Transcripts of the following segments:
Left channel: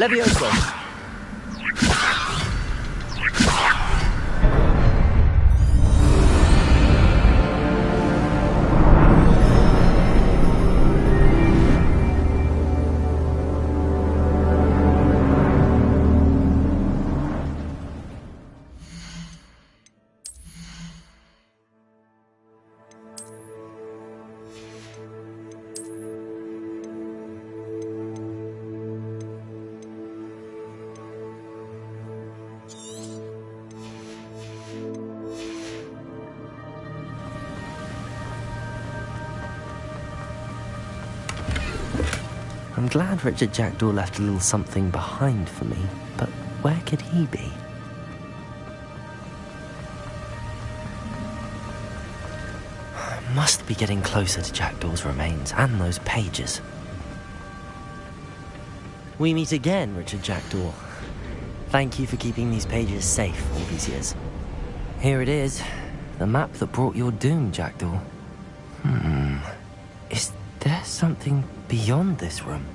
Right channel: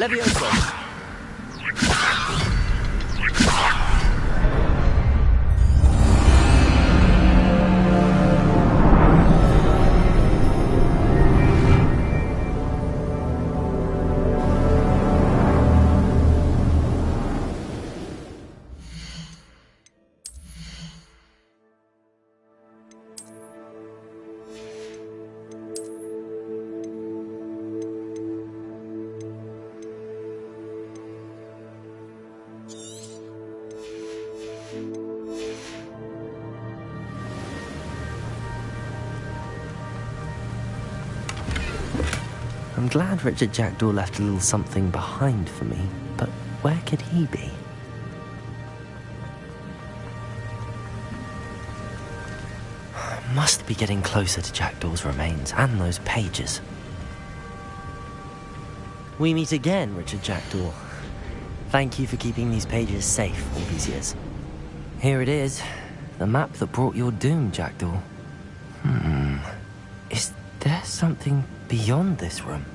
Levioso! I'm glad Richard Jackdaw left a little something behind for me, but where could he be? Must be getting closer to Jackdaw's remains and those pages. We meet again, Richard Jackdaw. Thank you for keeping these pages safe all these years. Here it is, the map that brought your doom, Jackdaw. Is there something beyond this room?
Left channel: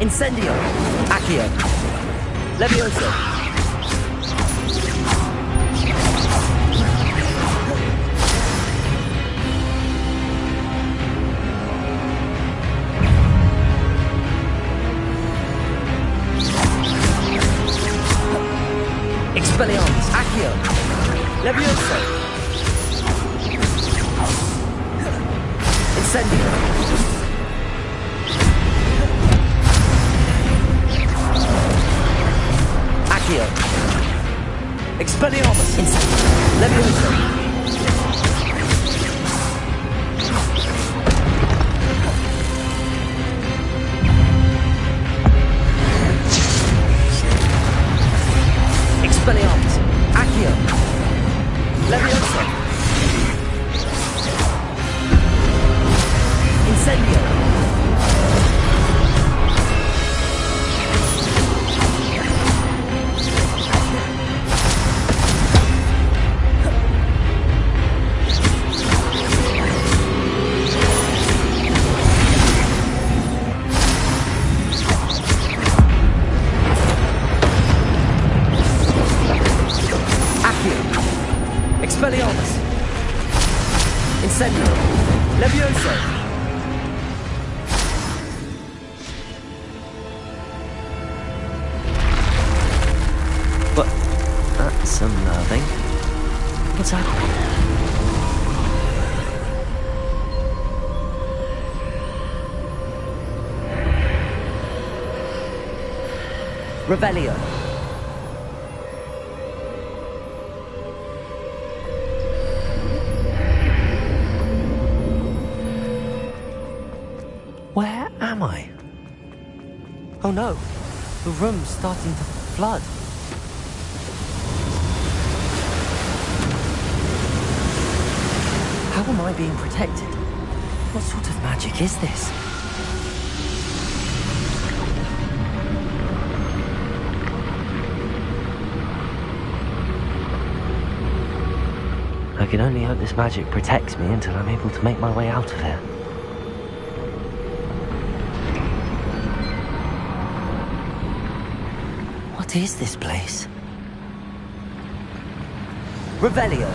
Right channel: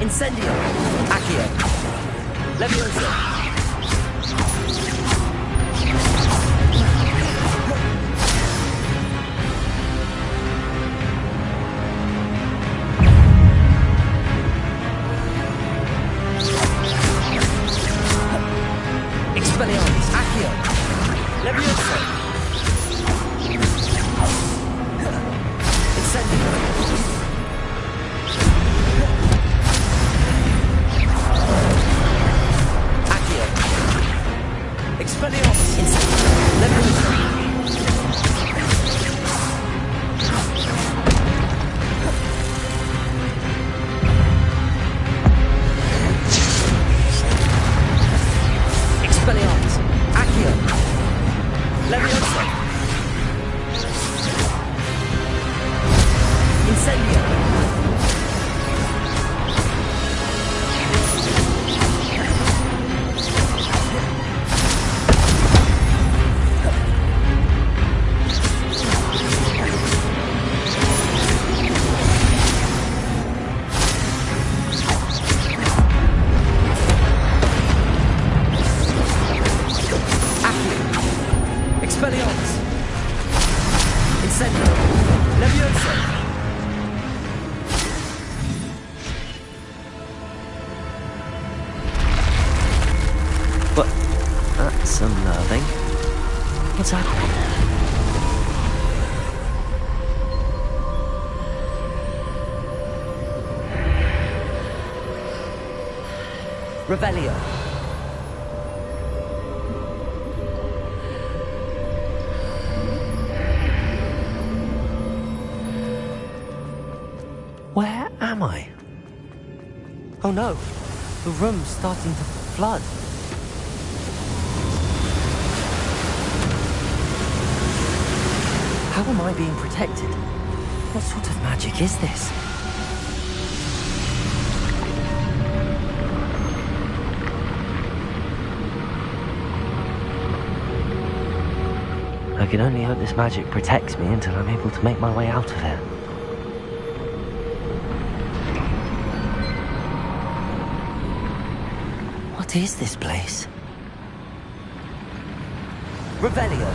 Incendio! Accio! Levioso! Expelliarmus! Accio! Levioso! Incendio! Expelliarmus! Incendio! Levioso! Expelliarmus! Accio! Levioso! Incendio! Expelliarmus! Incendio! Levioso! But that's unnerving. What's happening? Revelio! Where am I? Oh no, the room's starting to flood. How am I being protected? What sort of magic is this? I can only hope this magic protects me until I'm able to make my way out of here. What is this place? Revelio.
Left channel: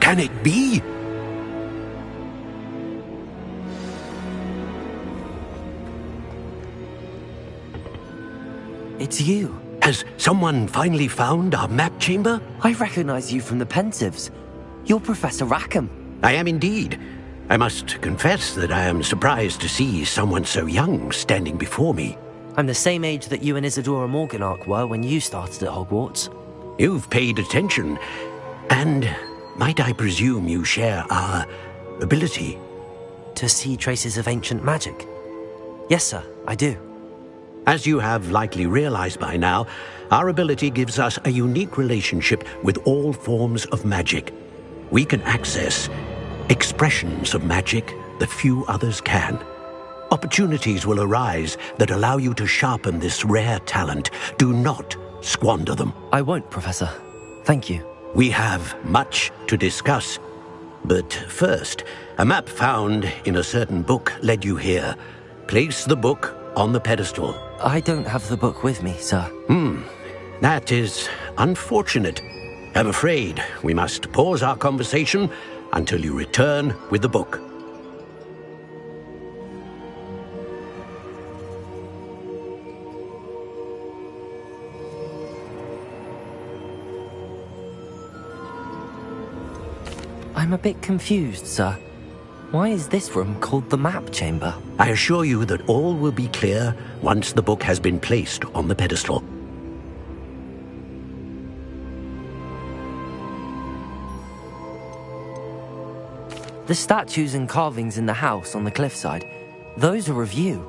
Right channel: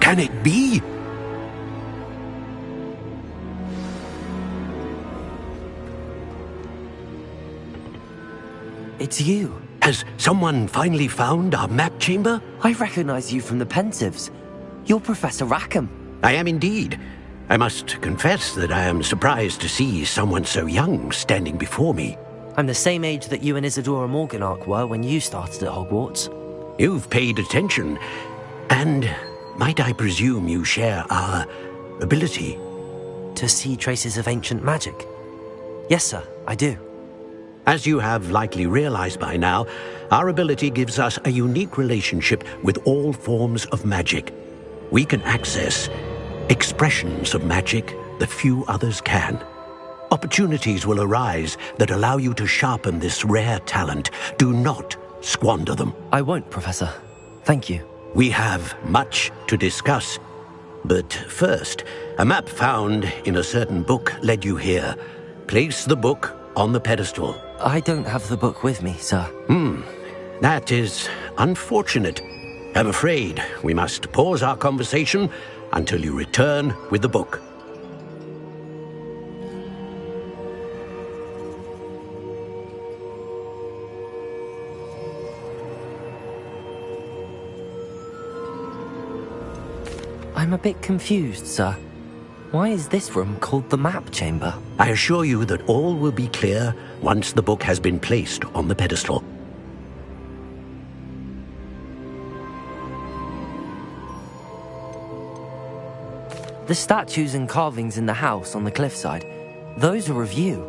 Can it be? It's you. Has someone finally found our map chamber? I recognize you from the Pensives. You're Professor Rackham. I am indeed. I must confess that I am surprised to see someone so young standing before me. I'm the same age that you and Isadora Morganach were when you started at Hogwarts. You've paid attention, and might I presume you share our ability? To see traces of ancient magic? Yes, sir, I do. As you have likely realized by now, our ability gives us a unique relationship with all forms of magic. We can access expressions of magic that few others can. Opportunities will arise that allow you to sharpen this rare talent. Do not squander them. I won't, Professor. Thank you. We have much to discuss. But first, a map found in a certain book led you here. Place the book on the pedestal. I don't have the book with me, sir. That is unfortunate. I'm afraid we must pause our conversation until you return with the book. I'm a bit confused, sir. Why is this room called the map chamber? I assure you that all will be clear once the book has been placed on the pedestal. The statues and carvings in the house on the cliffside, those are of you.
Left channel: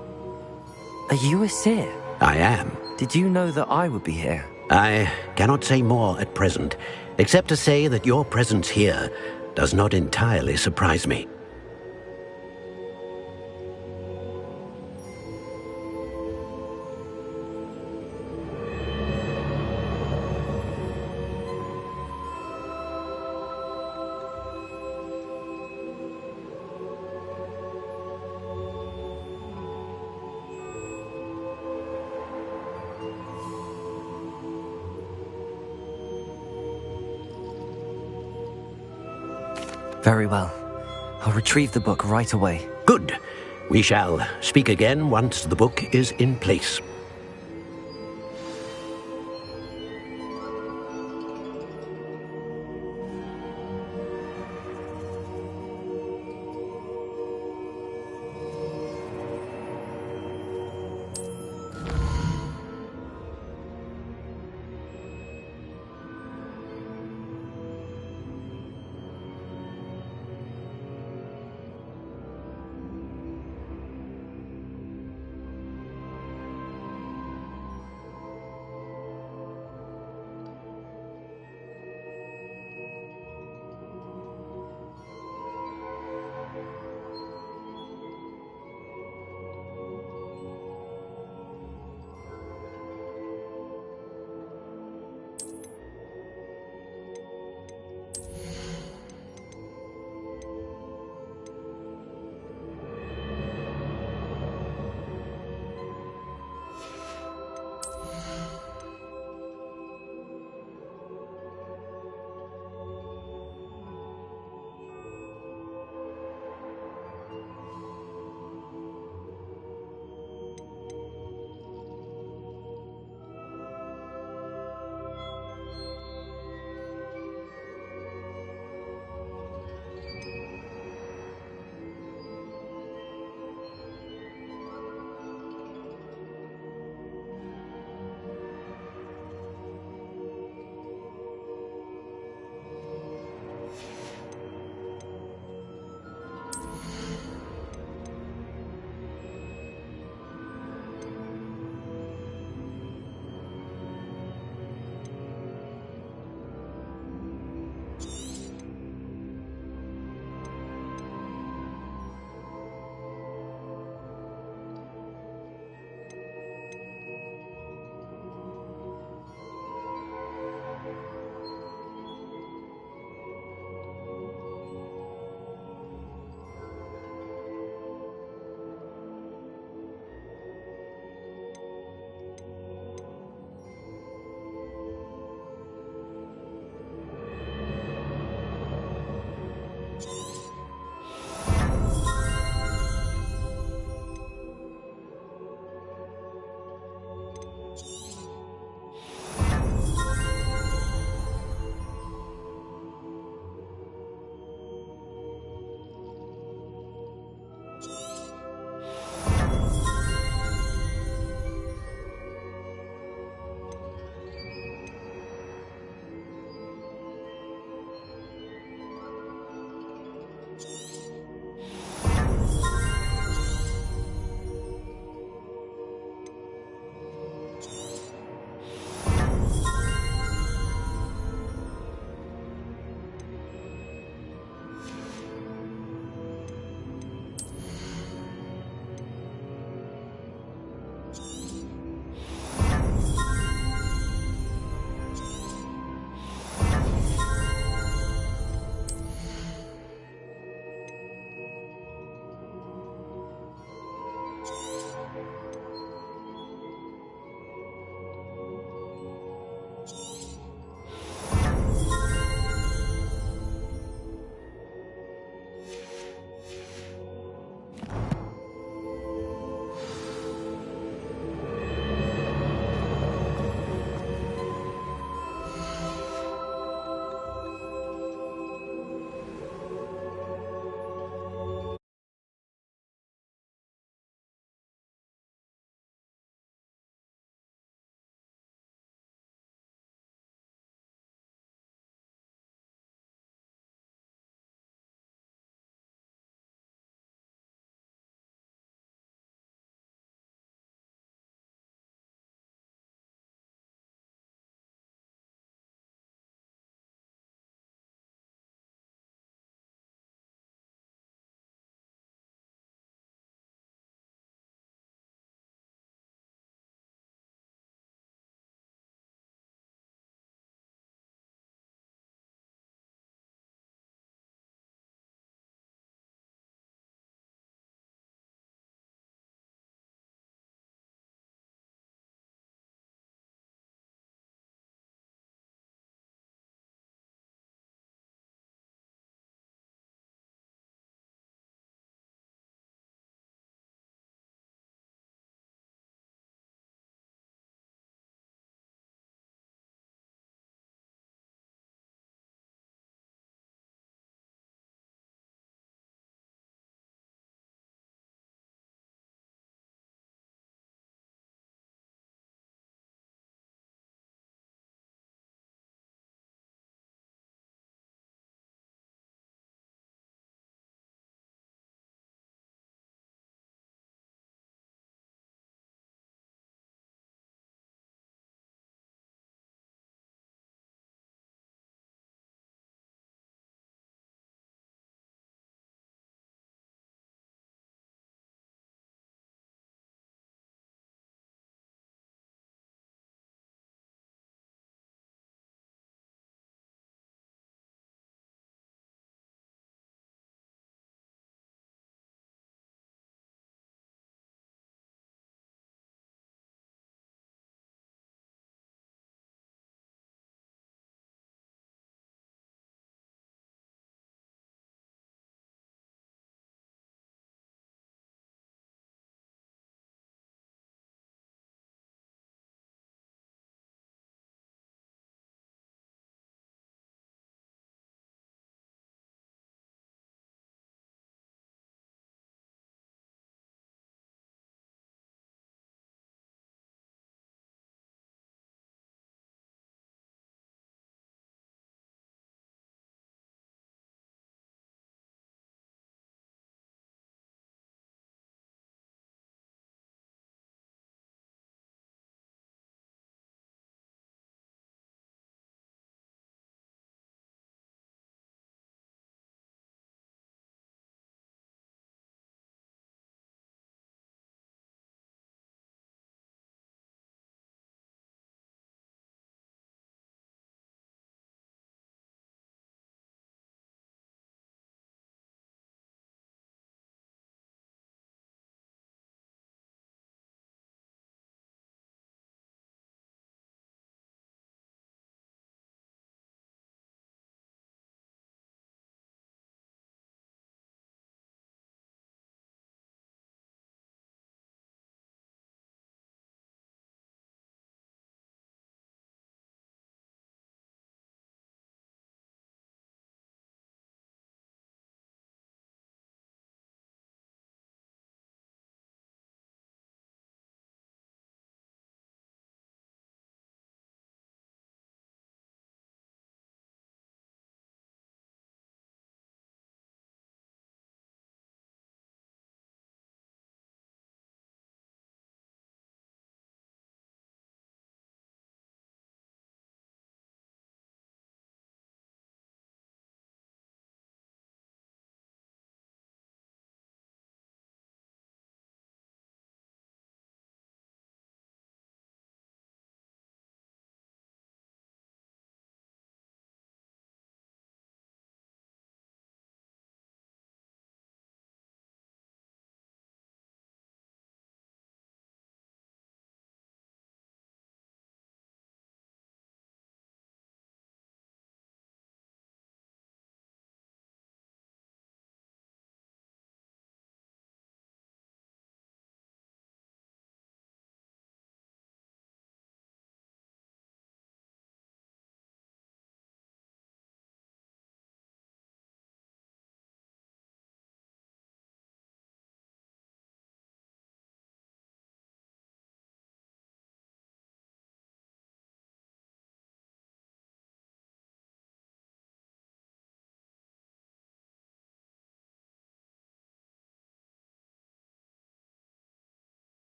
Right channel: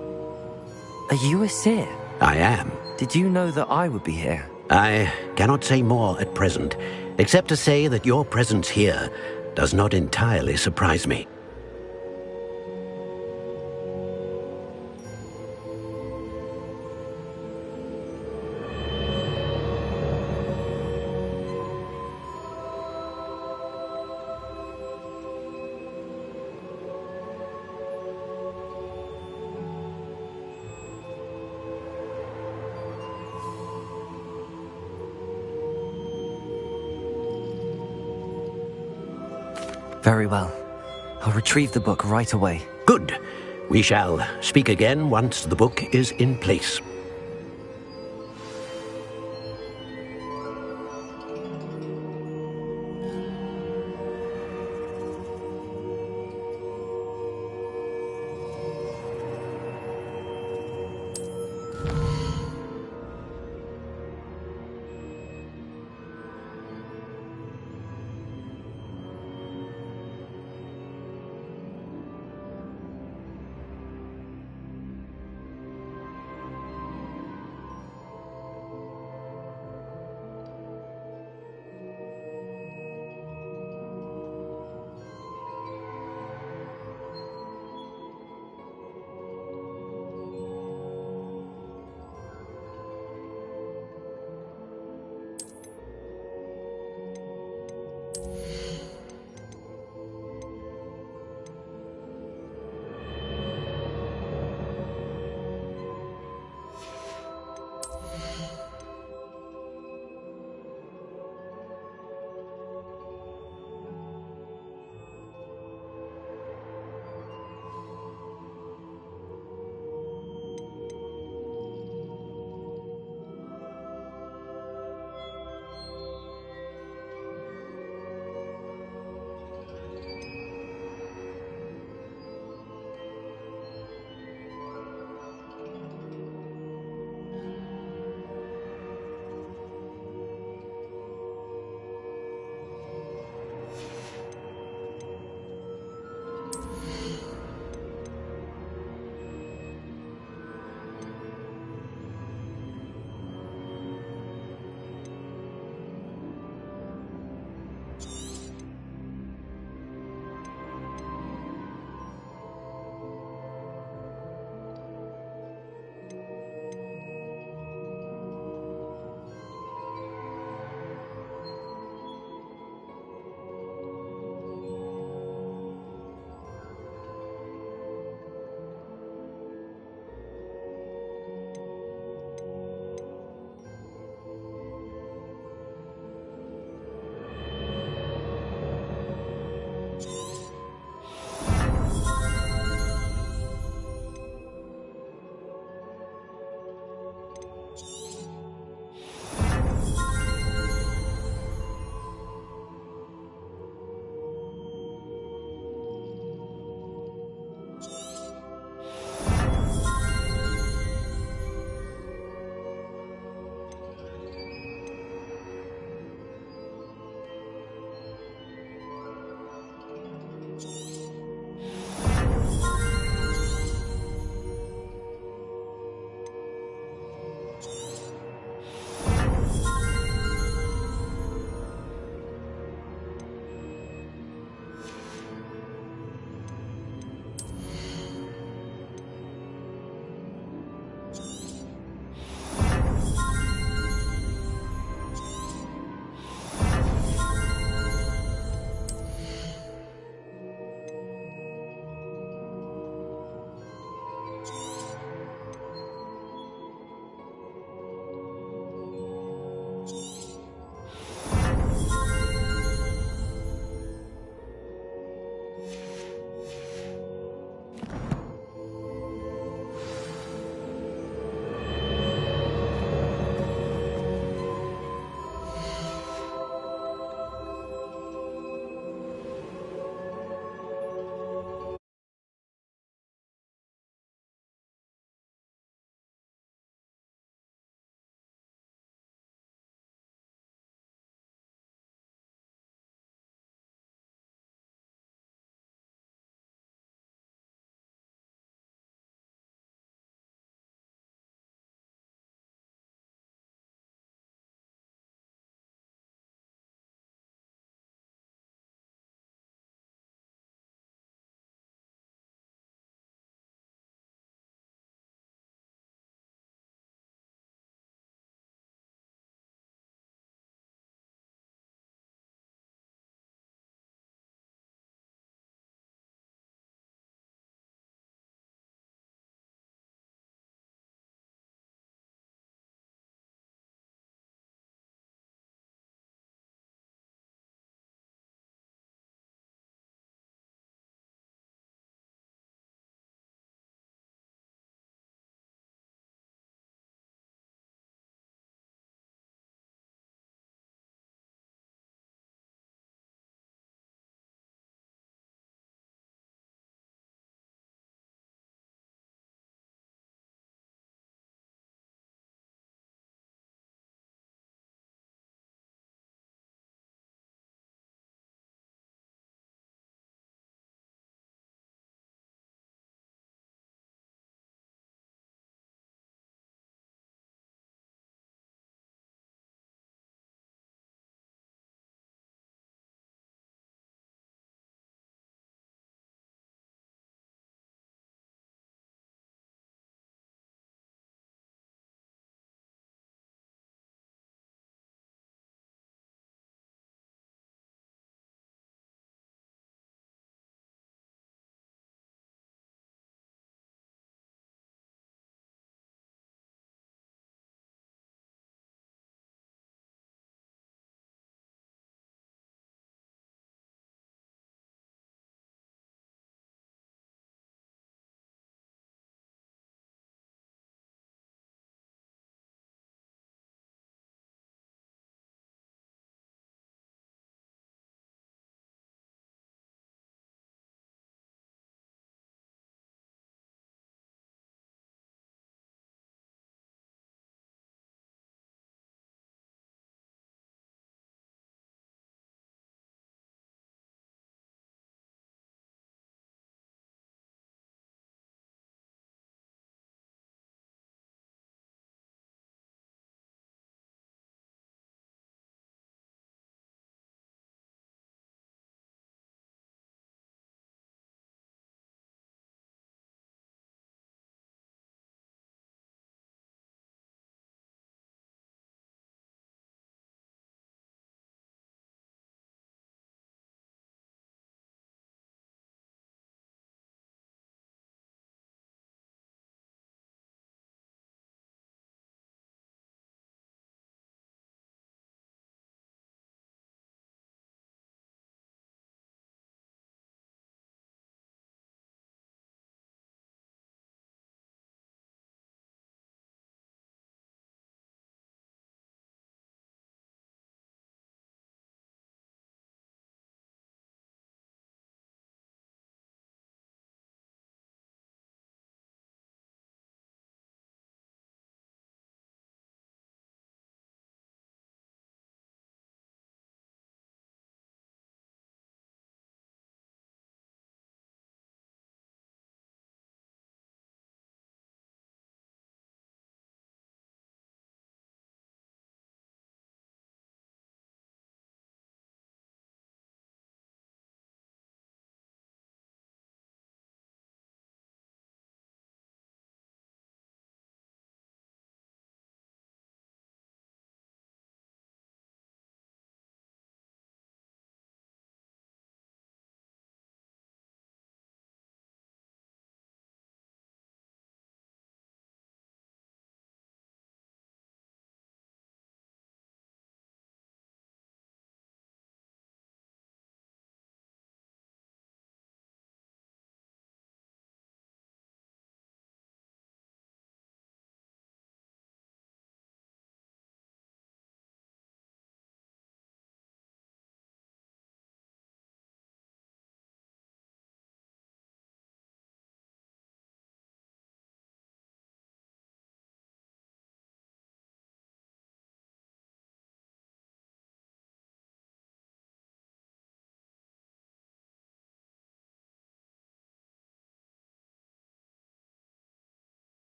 Are you a seer? I am. Did you know that I would be here? I cannot say more at present, except to say that your presence here does not entirely surprise me. Very well. I'll retrieve the book right away. Good. We shall speak again once the book is in place.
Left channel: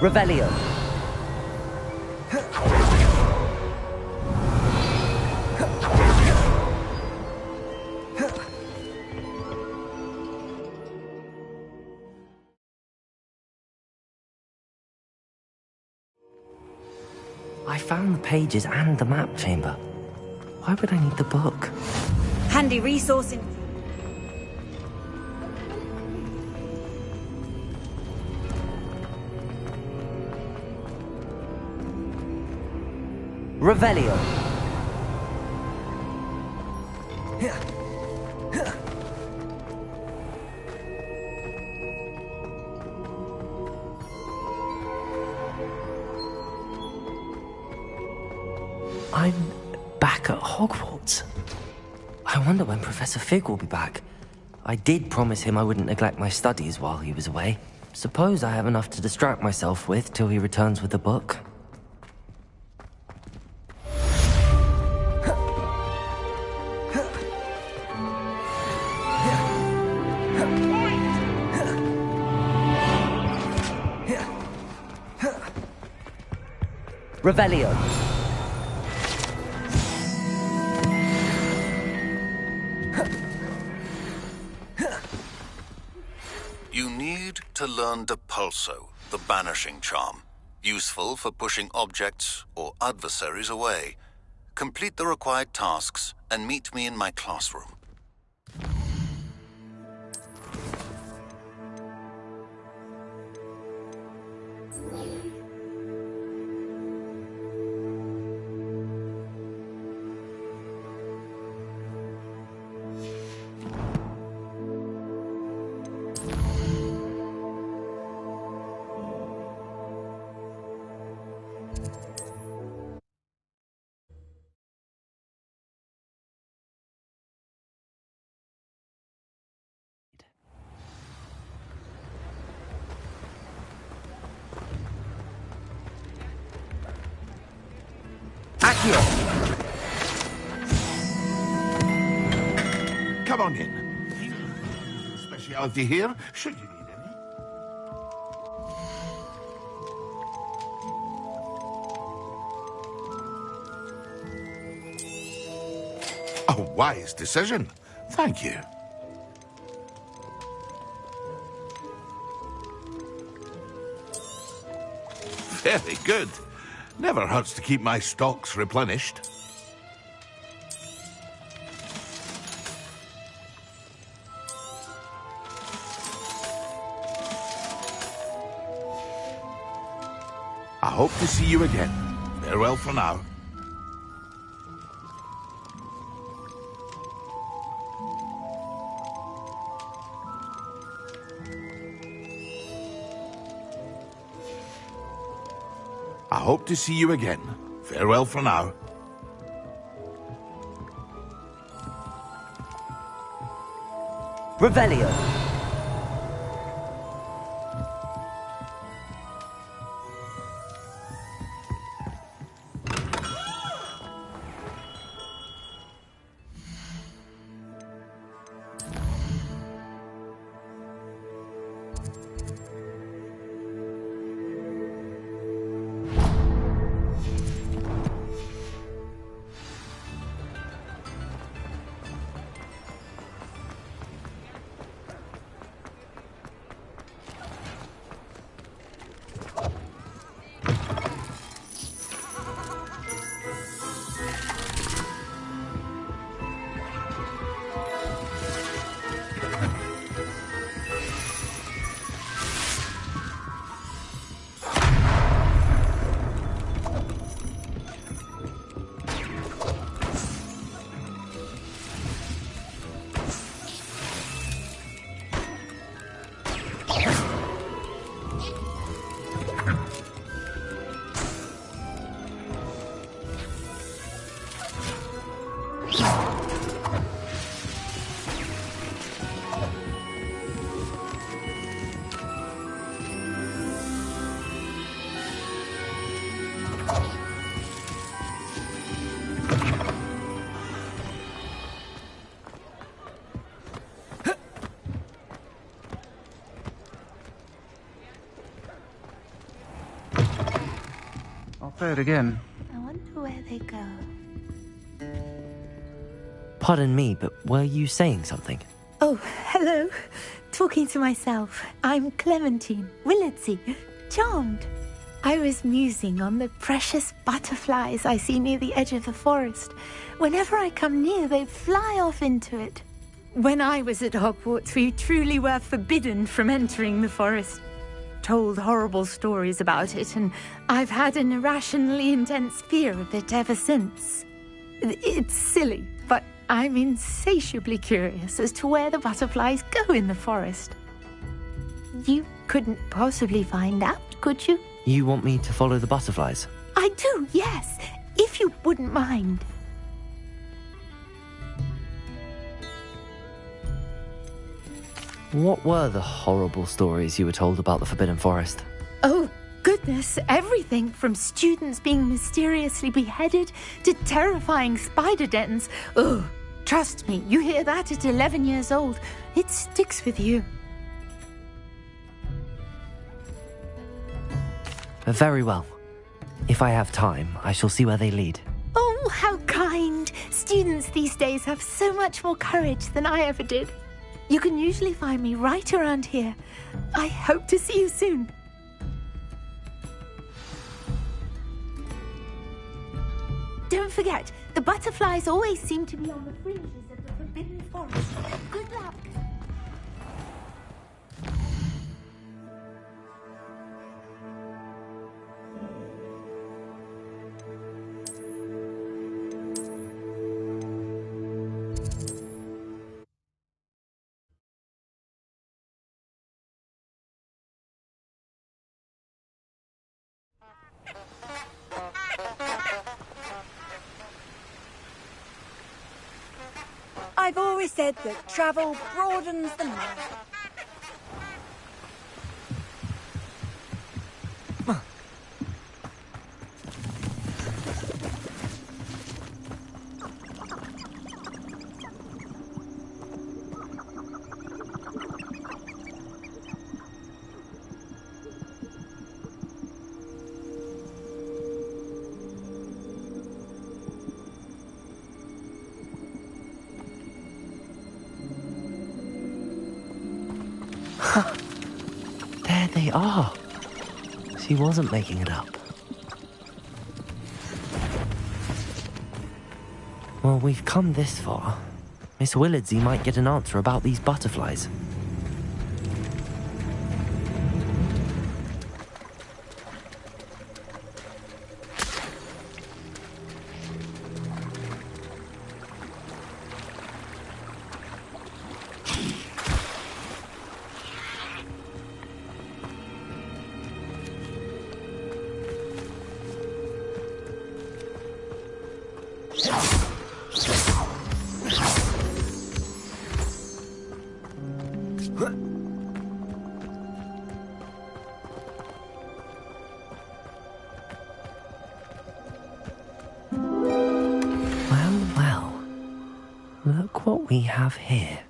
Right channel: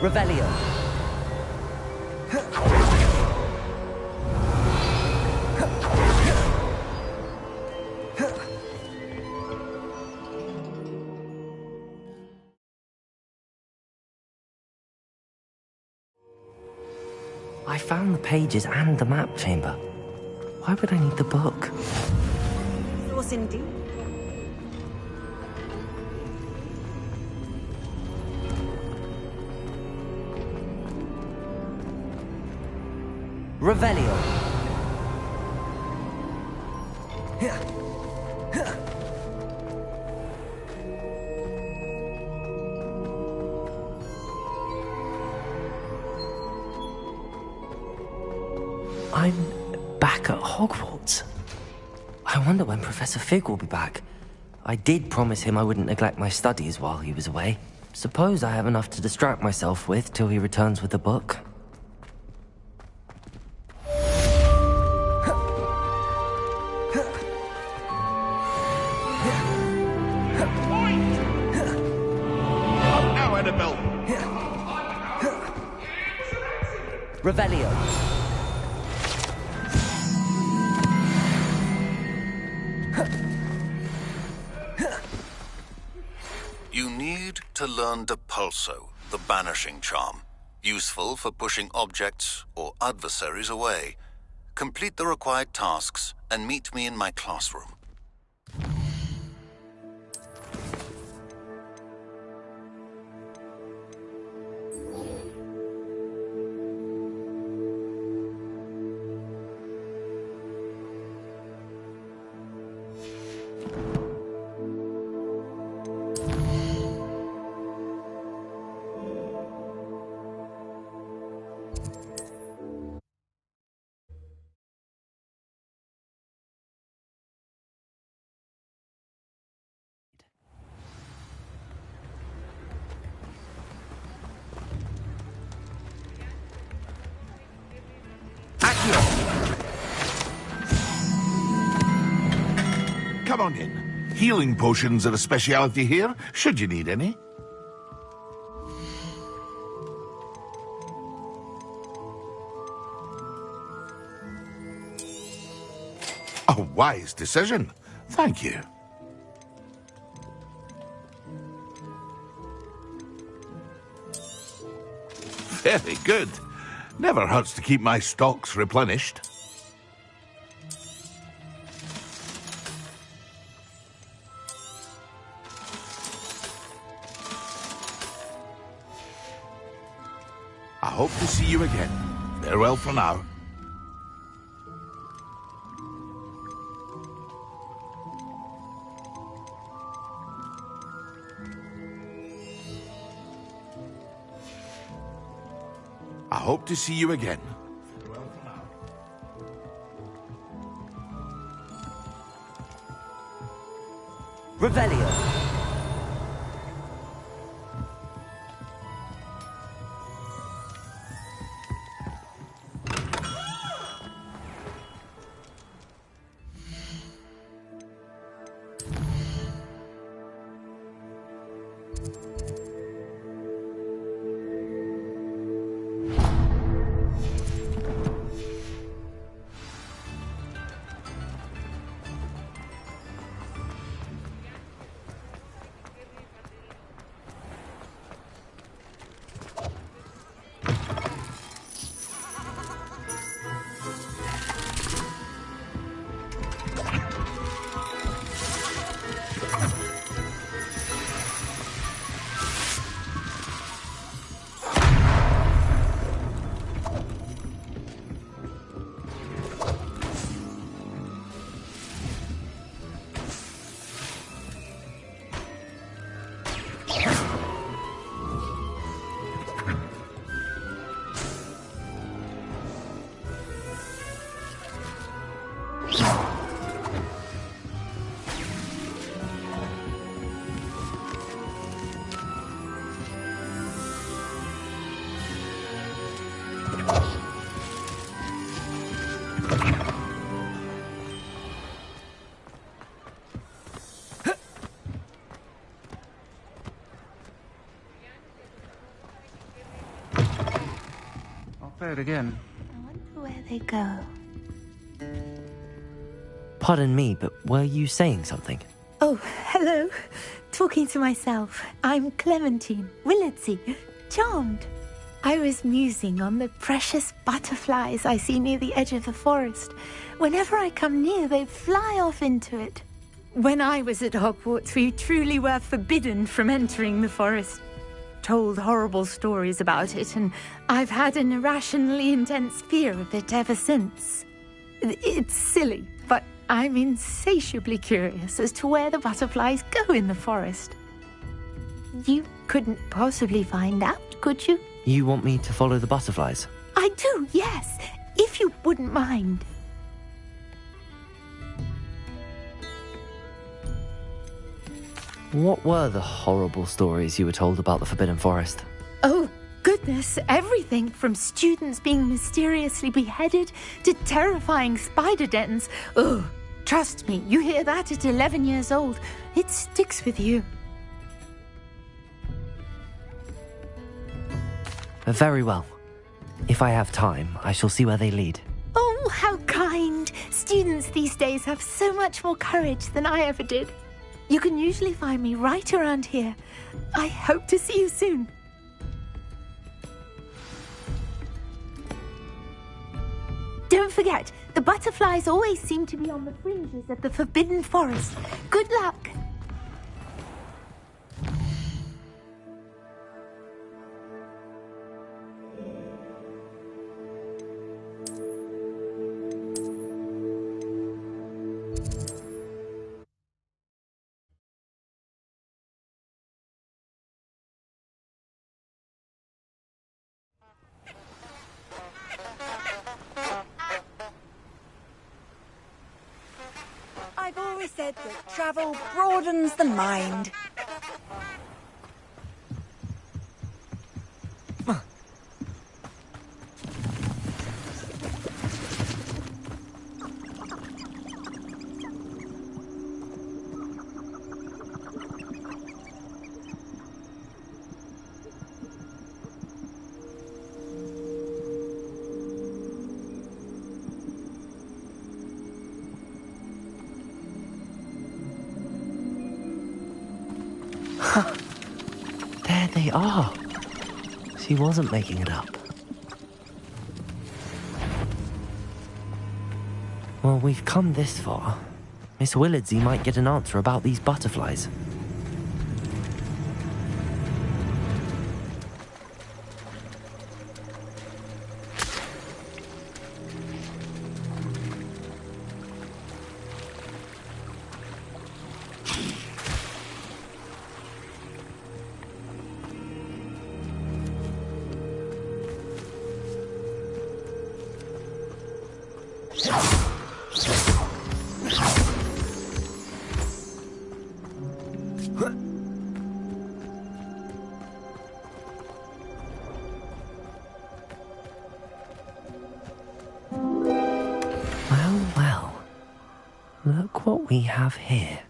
Revelio. I found the pages and the map chamber. Why would I need the book? Handy resource indeed. Revelio. I'm back at Hogwarts. I wonder when Professor Fig will be back. I did promise him I wouldn't neglect my studies while he was away. Suppose I have enough to distract myself with till he returns with the book. Revelio. You need to learn Depulso, the banishing charm. Useful for pushing objects or adversaries away. Complete the required tasks and meet me in my classroom. Come on in. Healing potions are a speciality here, should you need any. A wise decision. Thank you. Very good. Never hurts to keep my stocks replenished. I hope to see you again. Farewell for now. I hope to see you again. Farewell for now. Revelio. Say it again. I wonder where they go. Pardon me, but were you saying something? Oh, hello. Talking to myself. I'm Clementine Willardsey. Charmed. I was musing on the precious butterflies I see near the edge of the forest. Whenever I come near, they fly off into it. When I was at Hogwarts, we truly were forbidden from entering the forest. Told horrible stories about it, and I've had an irrationally intense fear of it ever since. It's silly, but I'm insatiably curious as to where the butterflies go in the forest. You couldn't possibly find out, could you? You want me to follow the butterflies? I do, yes, if you wouldn't mind. What were the horrible stories you were told about the Forbidden Forest? Oh, goodness, everything from students being mysteriously beheaded to terrifying spider dens. Oh, trust me, you hear that at 11 years old, it sticks with you. Very well. If I have time, I shall see where they lead. Oh, how kind. Students these days have so much more courage than I ever did. You can usually find me right around here. I hope to see you soon. Don't forget, the butterflies always seem to be on the fringes of the Forbidden Forest. Good luck. I've always said that travel broadens the mind. There they are. She wasn't making it up. Well, we've come this far. Miss Willardsey might get an answer about these butterflies. Well, look what we have here.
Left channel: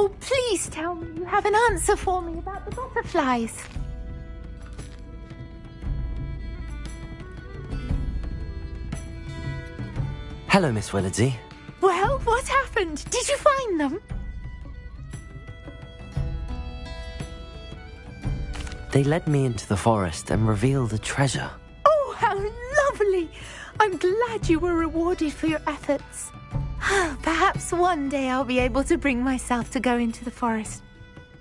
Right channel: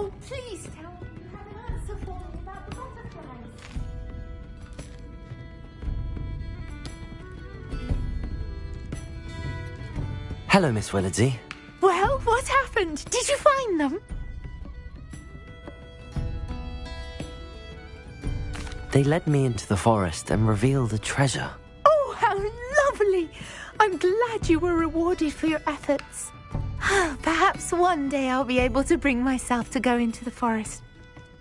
Oh, please tell me you have an answer for me about the butterflies. Hello, Miss Willardsey. Well, what happened? Did you find them? They led me into the forest and revealed a treasure. Oh, how lovely! I'm glad you were rewarded for your efforts. Perhaps one day I'll be able to bring myself to go into the forest.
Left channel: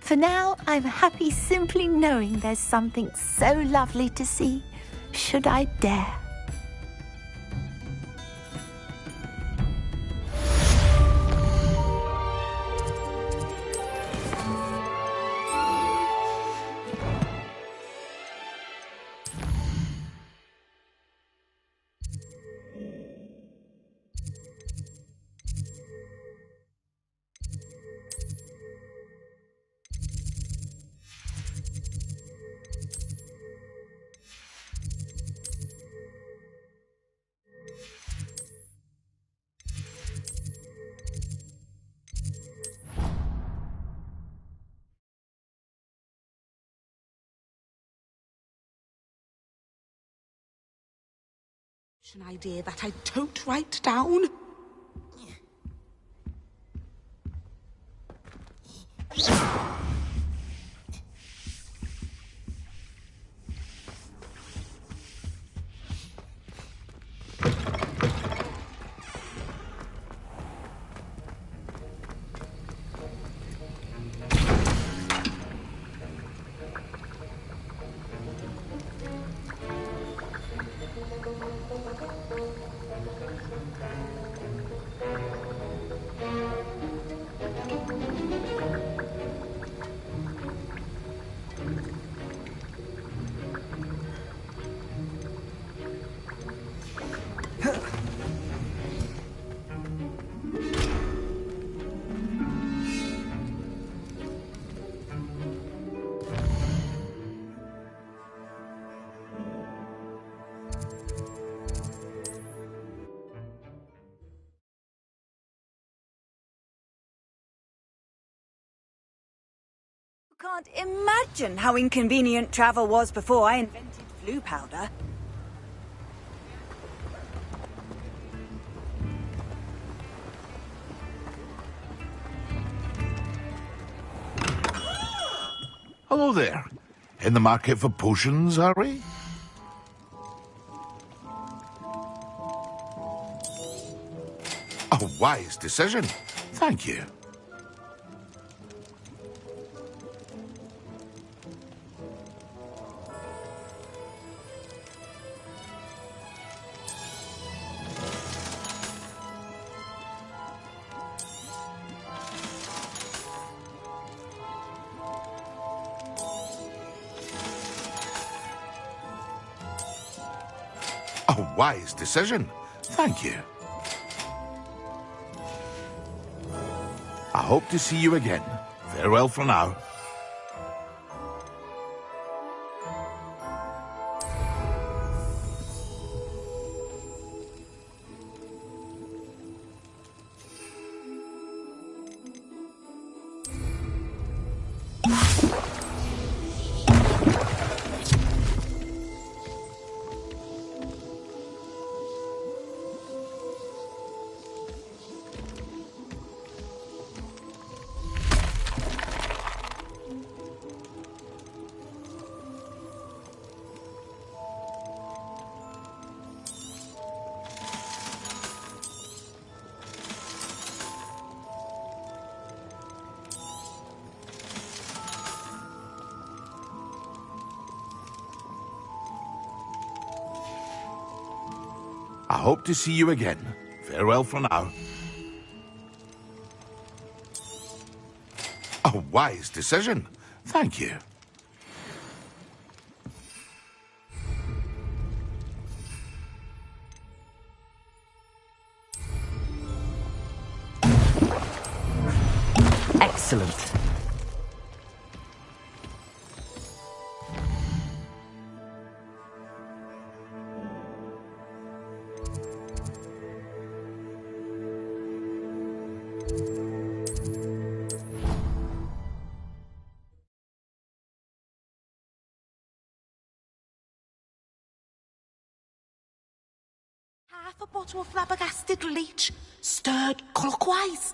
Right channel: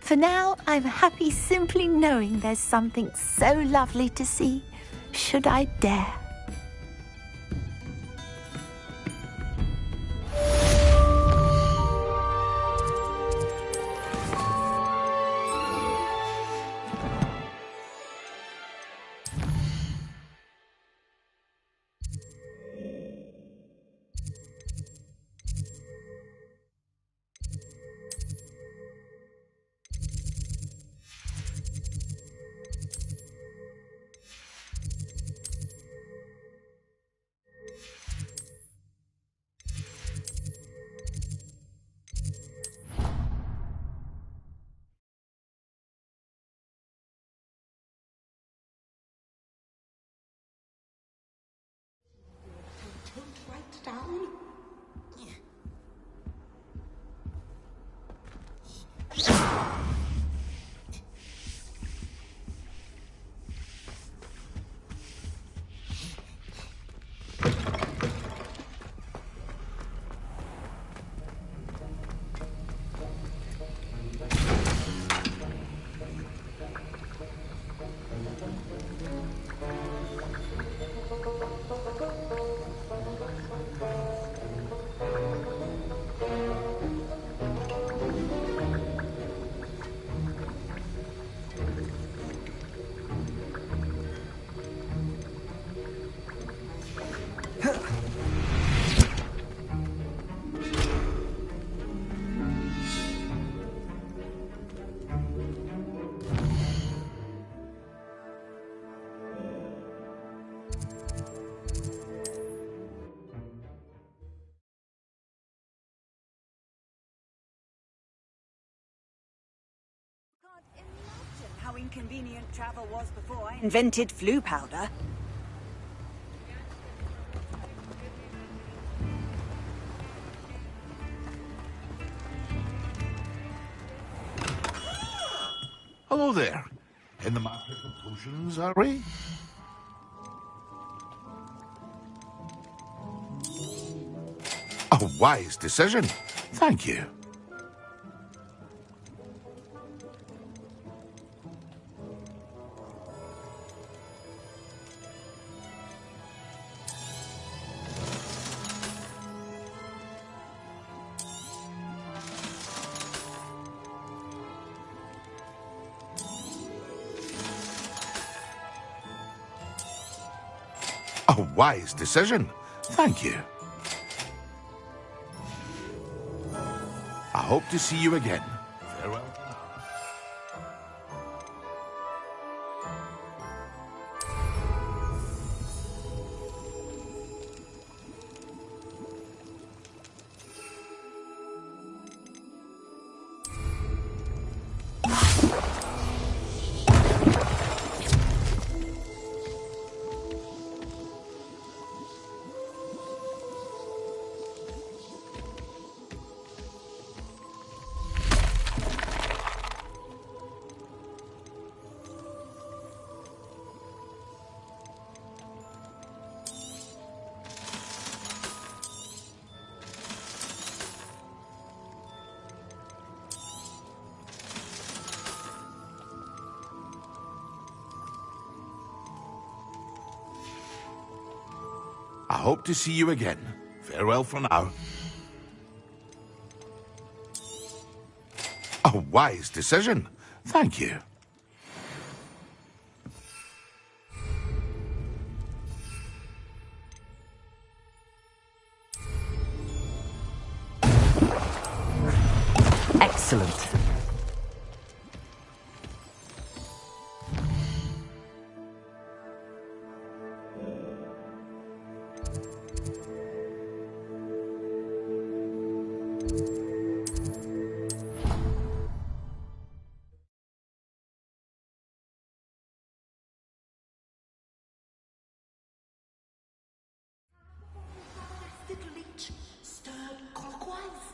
For now, I'm happy simply knowing there's something so lovely to see, should I dare. An idea that I don't write down. Can't imagine how inconvenient travel was before I invented flu powder. Hello there. In the market for potions, are we? A wise decision. Thank you. A wise decision. Thank you. I hope to see you again. Farewell for now. I hope to see you again. Farewell for now. A wise decision. Thank you. Excellent. Half a bottle of flabbergasted leech, stirred clockwise.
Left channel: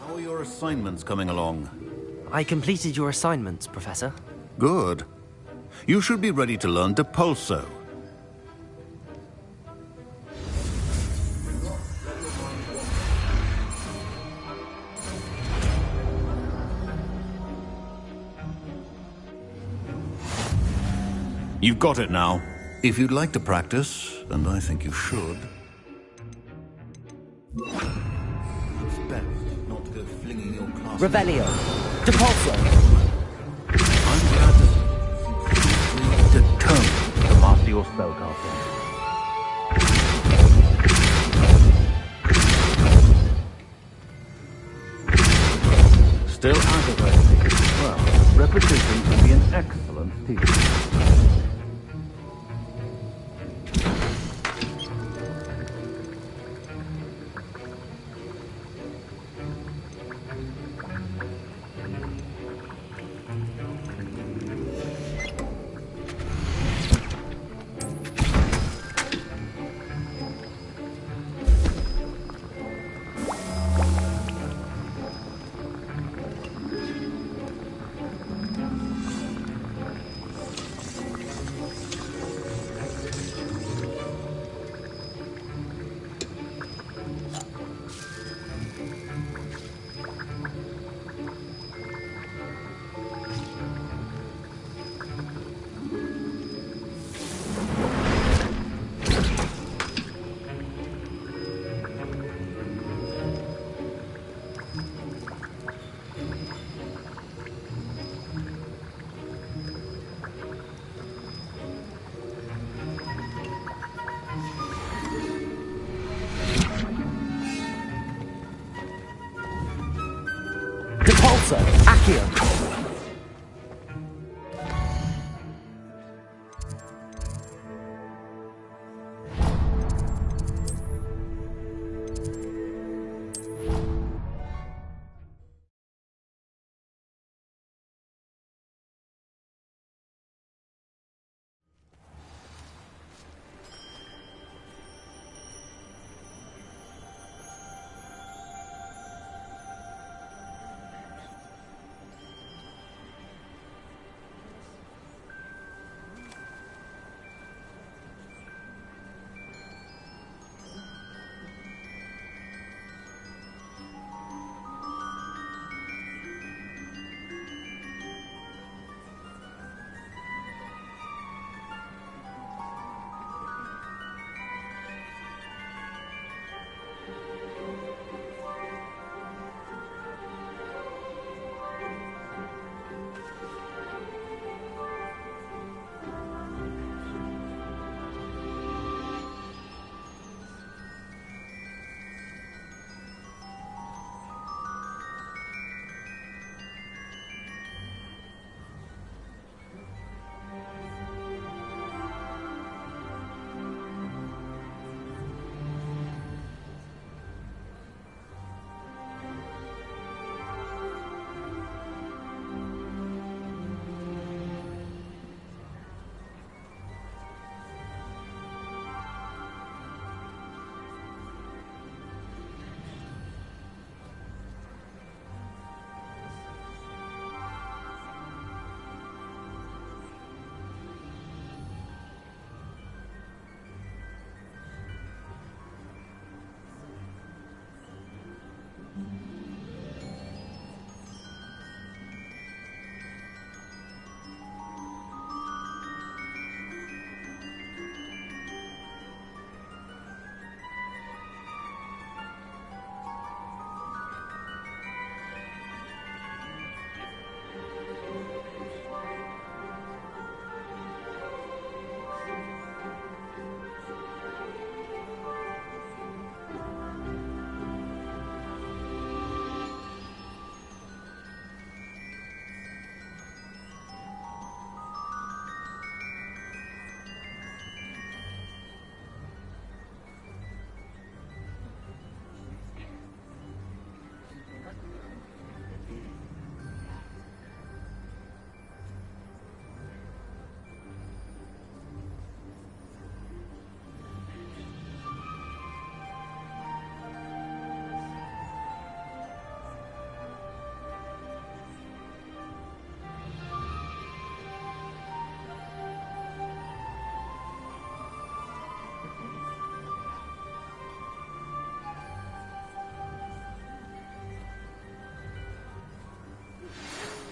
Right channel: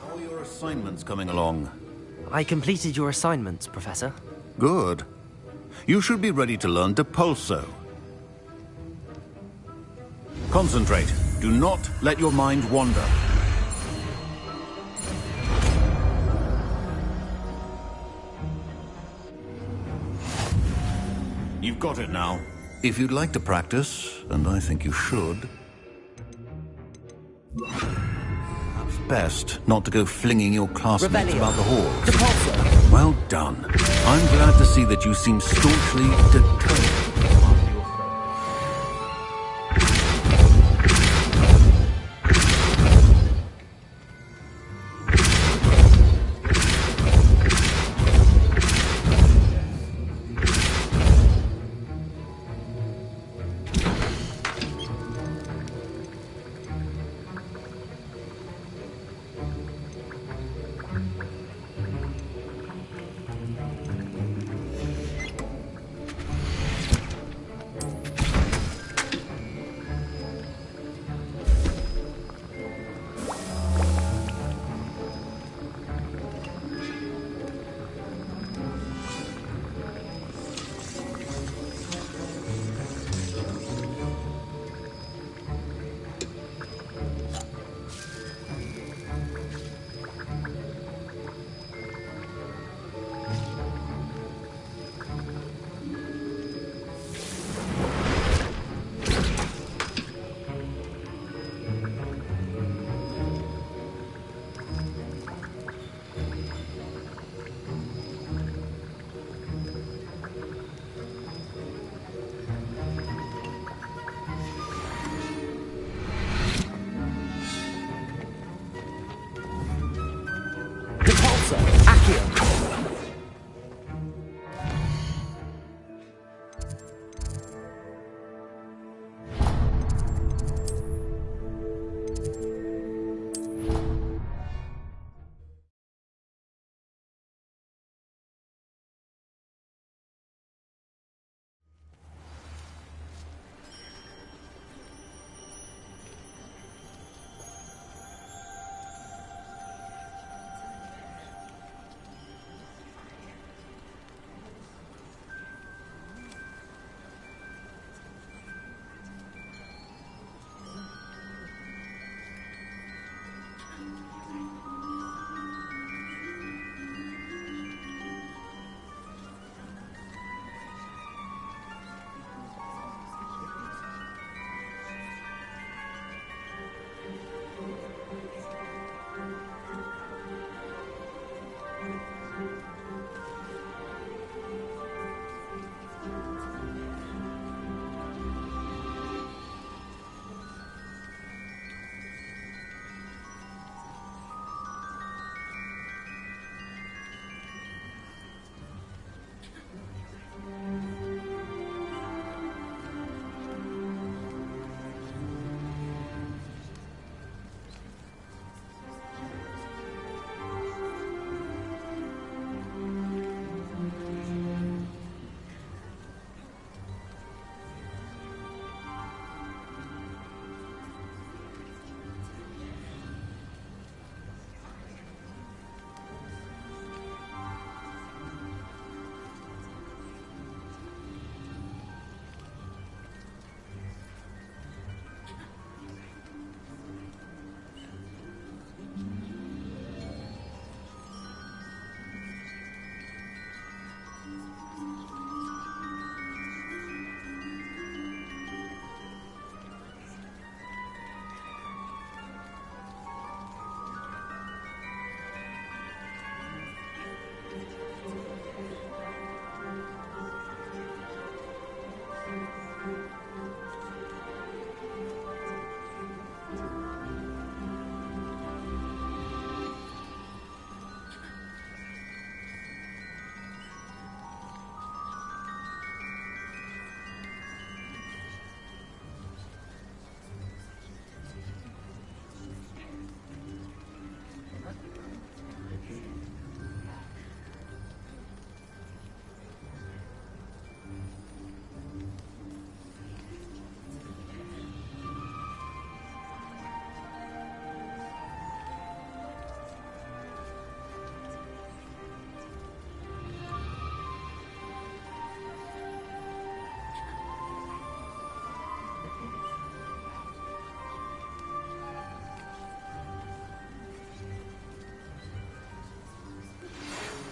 How are your assignments coming along? I completed your assignments, Professor. Good. You should be ready to learn Depulso. Concentrate. Do not let your mind wander. You've got it now. If you'd like to practice, and I think you should, perhaps best not to go flinging your classmates Revelio. about the hall. Depulso. Well done. I'm glad to see that you seem staunchly determined to master your spellcasting. Still activated. Well, repetition can be an excellent teacher. Depulso. Accio.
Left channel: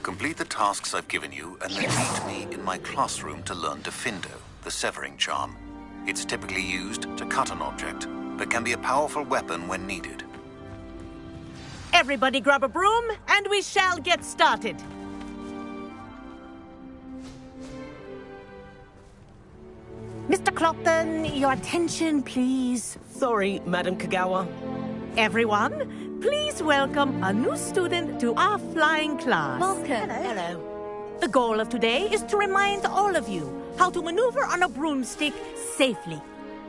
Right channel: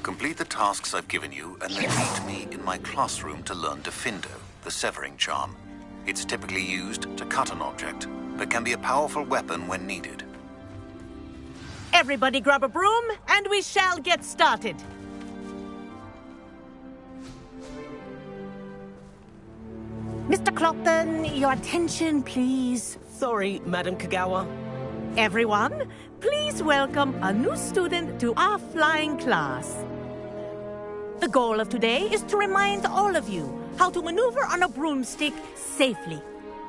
Complete the tasks I've given you, and then meet me in my classroom to learn Defindo, the severing charm. It's typically used to cut an object, but can be a powerful weapon when needed. Everybody grab a broom, and we shall get started. Mr. Clopton, your attention, please. Sorry, Madam Kagawa. Everyone, please welcome a new student to our flying class. Hello. The goal of today is to remind all of you how to maneuver on a broomstick safely,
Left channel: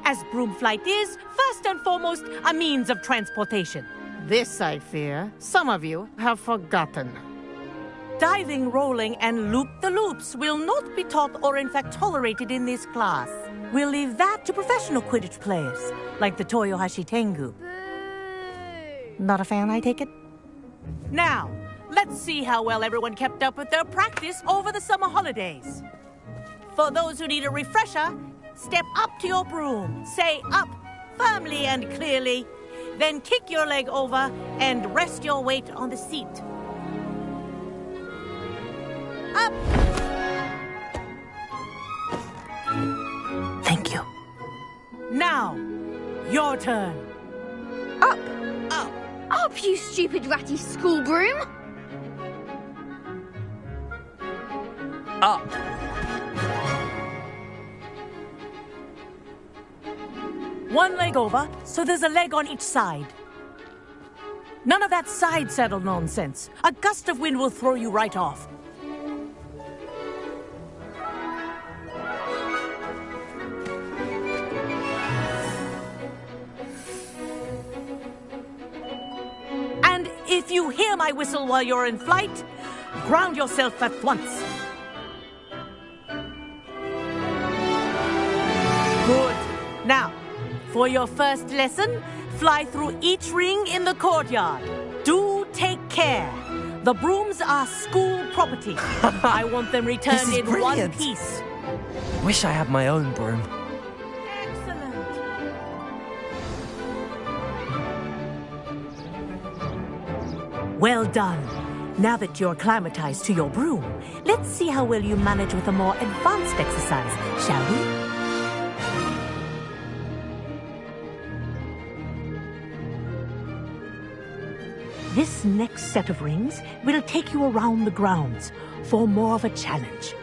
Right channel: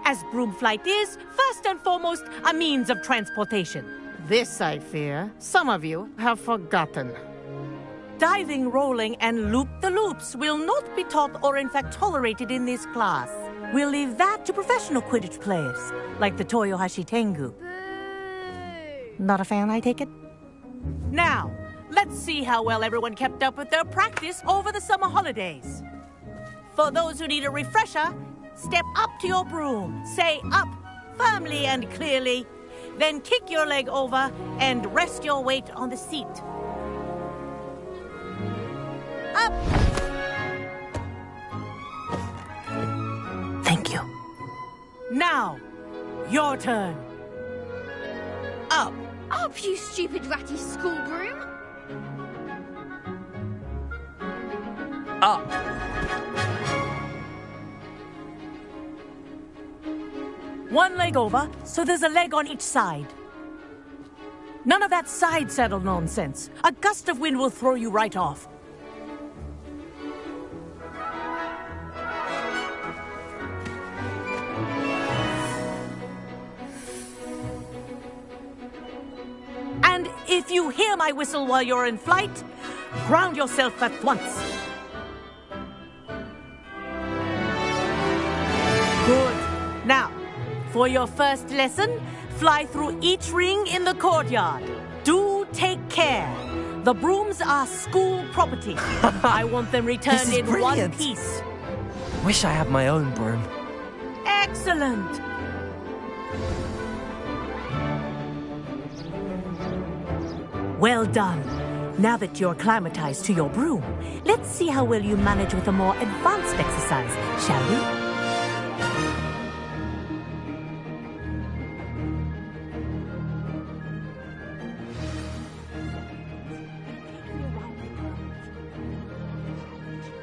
as broom flight is, first and foremost, a means of transportation. This, I fear, some of you have forgotten. Diving, rolling, and loop-the-loops will not be taught or in fact tolerated in this class. We'll leave that to professional Quidditch players, like the Toyohashi Tengu. Not a fan, I take it? Now, let's see how well everyone kept up with their practice over the summer holidays. For those who need a refresher, step up to your broom, say up firmly and clearly, then kick your leg over and rest your weight on the seat. Up! Thank you. Now, your turn. Up! Up! Up, you stupid ratty school broom! Up! One leg over, so there's a leg on each side. None of that side saddle nonsense. A gust of wind will throw you right off. And if you hear my whistle while you're in flight, ground yourself at once. Good. Now, for your first lesson, fly through each ring in the courtyard. Do take care. The brooms are school property. I want them returned in one piece. Wish I had my own broom. Excellent. Well done. Now that you're acclimatized to your broom, let's see how well you manage with a more advanced exercise, shall we? This next set of rings will take you around the grounds for more of a challenge.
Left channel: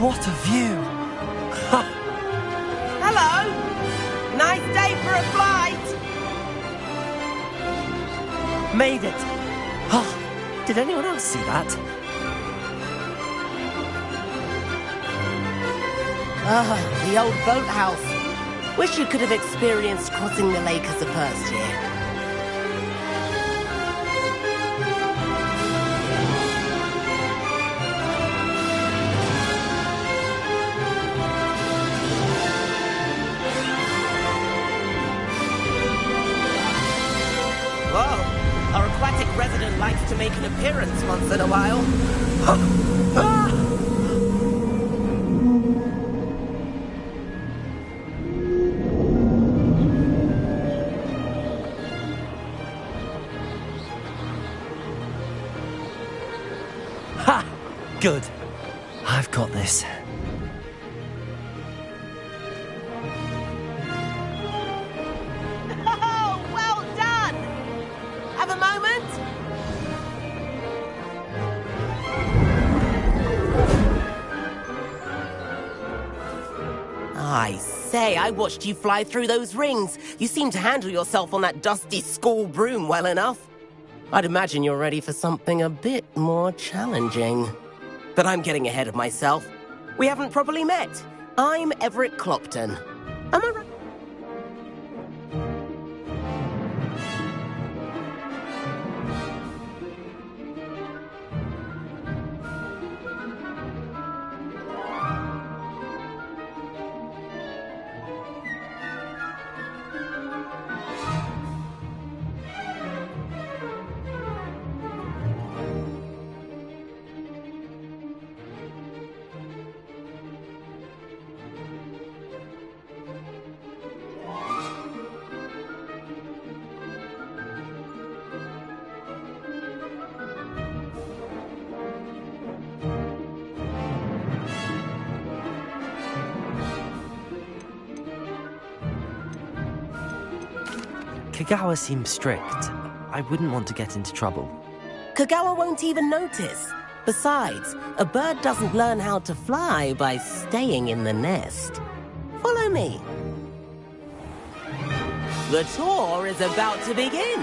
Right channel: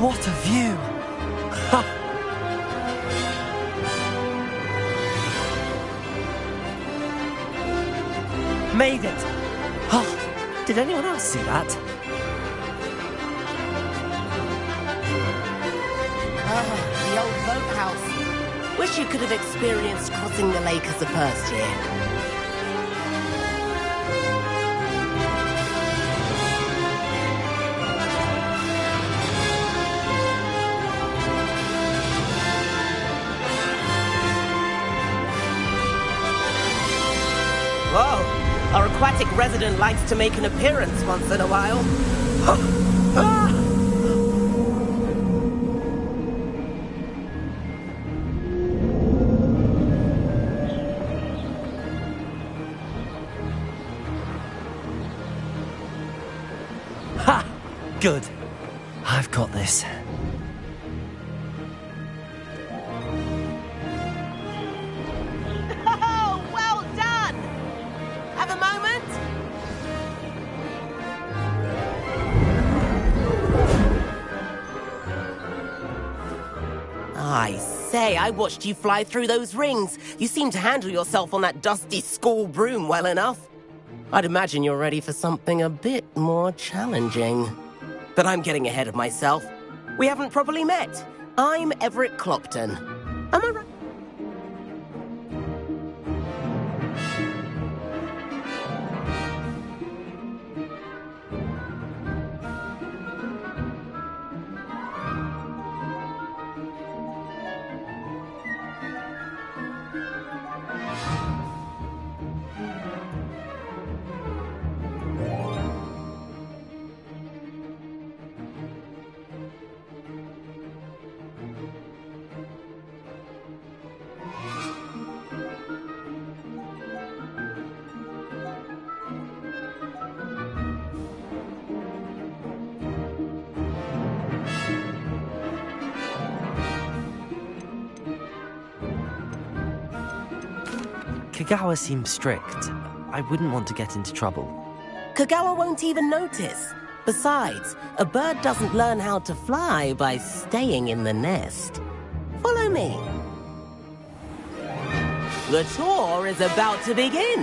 What a view! Hello! Nice day for a flight! Made it! Oh, did anyone else see that? Ah, the old boathouse. Wish you could have experienced crossing the lake as a first year. Whoa! Our aquatic resident likes to make an appearance once in a while. Ha! Good. I've got this. Oh, well done! Have a moment? I say, I watched you fly through those rings. You seem to handle yourself on that dusty school broom well enough. I'd imagine you're ready for something a bit more challenging. But I'm getting ahead of myself. We haven't properly met. I'm Everett Clopton. Am I right? Kagawa seems strict. I wouldn't want to get into trouble. Kagawa won't even notice. Besides, a bird doesn't learn how to fly by staying in the nest. Follow me. The tour is about to begin.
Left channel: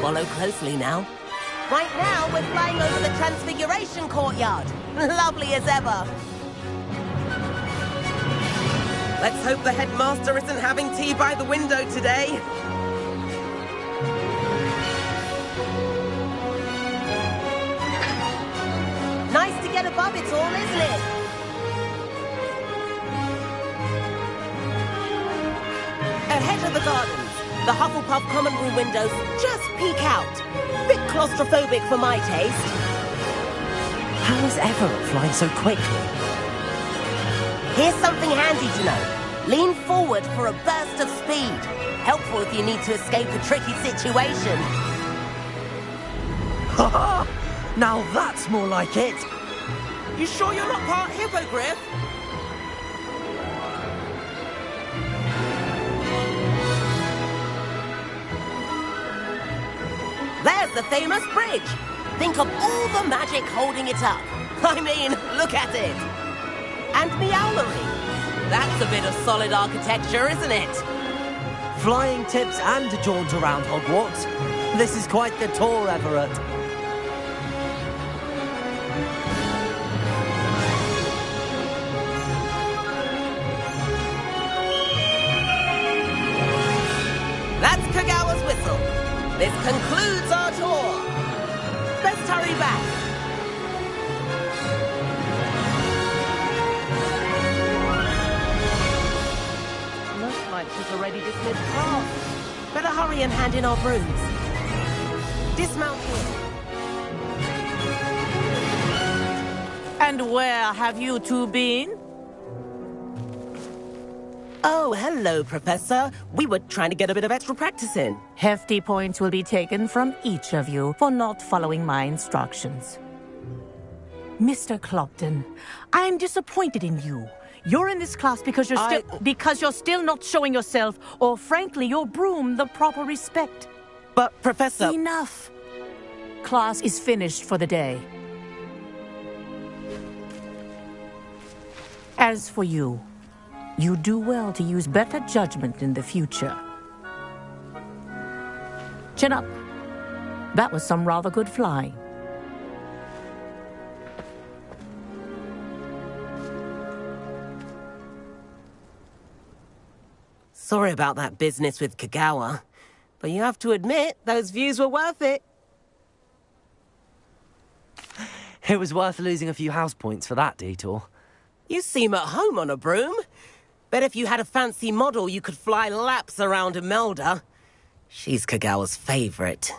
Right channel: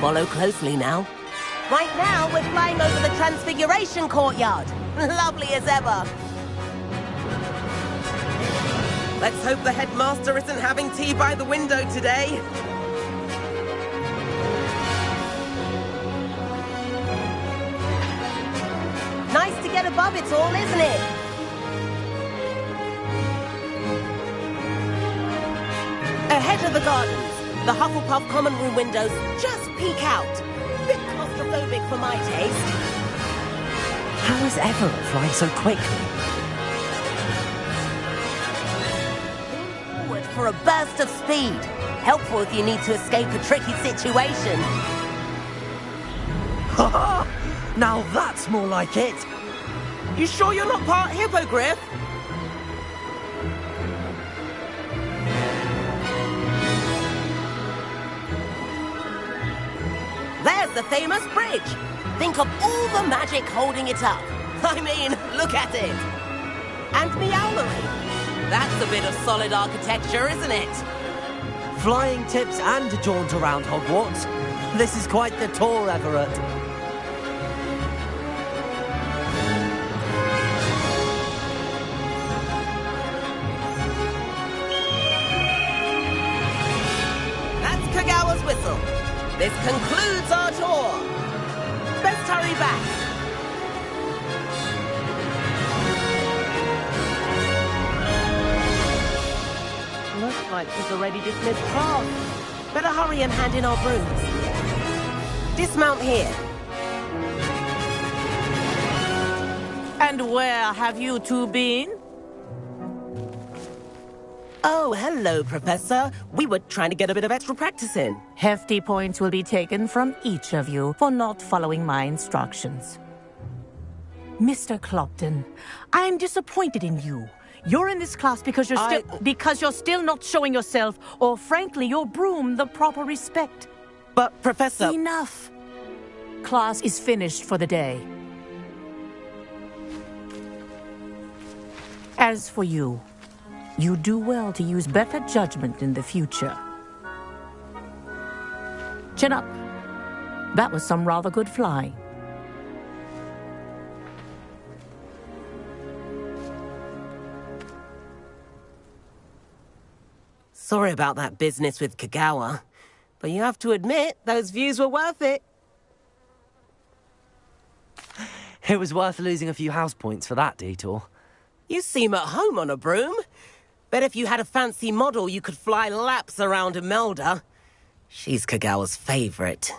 Follow closely now. Right now, we're flying over the Transfiguration Courtyard. Lovely as ever. Let's hope the headmaster isn't having tea by the window today. Nice to get above it all, isn't it? Ahead of the gardens, the Hufflepuff common room windows just peek out. Bit claustrophobic for my taste. How is Everett flying so quickly? Here's something handy to know. Lean forward for a burst of speed. Helpful if you need to escape a tricky situation. Ha! Now that's more like it! You sure you're not part hippogriff? There's the famous bridge. Think of all the magic holding it up. I mean, look at it. And Meowlery. That's a bit of solid architecture, isn't it? Flying tips and a jaunt around Hogwarts. This is quite the tour, Everett. That's Kagawa's whistle. This concludes our tour. Best hurry back. Looks like she's already dismissed class. Better hurry and hand in our brooms. Dismount here. And where have you two been? Oh, hello, Professor. We were trying to get a bit of extra practice in. Hefty points will be taken from each of you for not following my instructions. Mr. Clopton, I'm disappointed in you. You're in this class because you're still not showing yourself, or frankly, your broom, the proper respect. But, Professor... Enough. Class is finished for the day. As for you, you do well to use better judgment in the future. Chin up. That was some rather good flying. Sorry about that business with Kagawa, but you have to admit, those views were worth it. It was worth losing a few house points for that detour. You seem at home on a broom. Bet if you had a fancy model, you could fly laps around Imelda. She's Kagawa's favorite.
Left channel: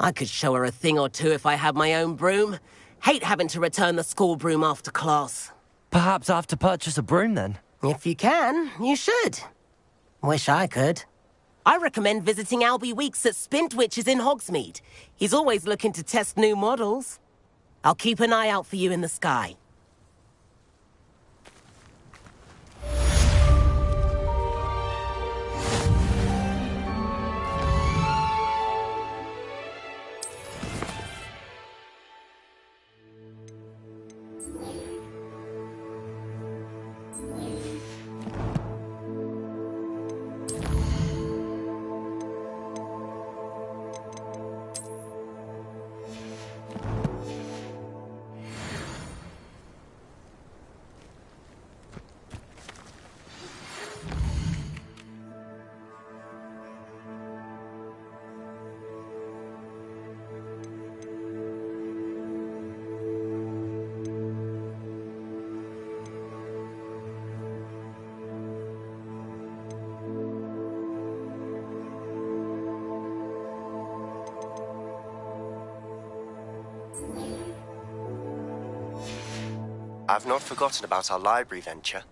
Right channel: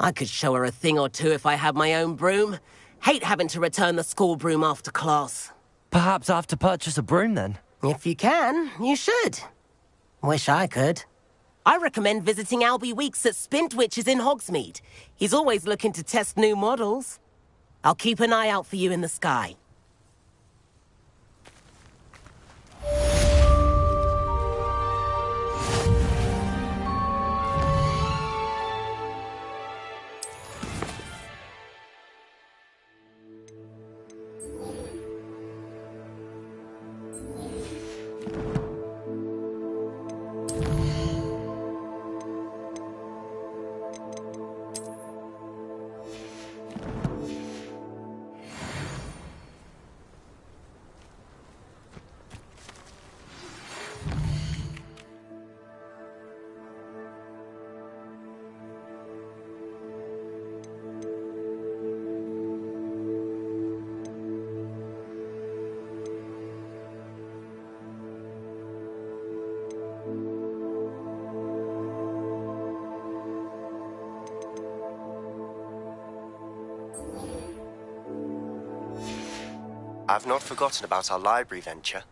I could show her a thing or two if I had my own broom. Hate having to return the school broom after class. Perhaps I have to purchase a broom then? If you can, you should. Wish I could. I recommend visiting Albie Weeks at Spintwitches in Hogsmeade. He's always looking to test new models. I'll keep an eye out for you in the sky. I've not forgotten about our library venture.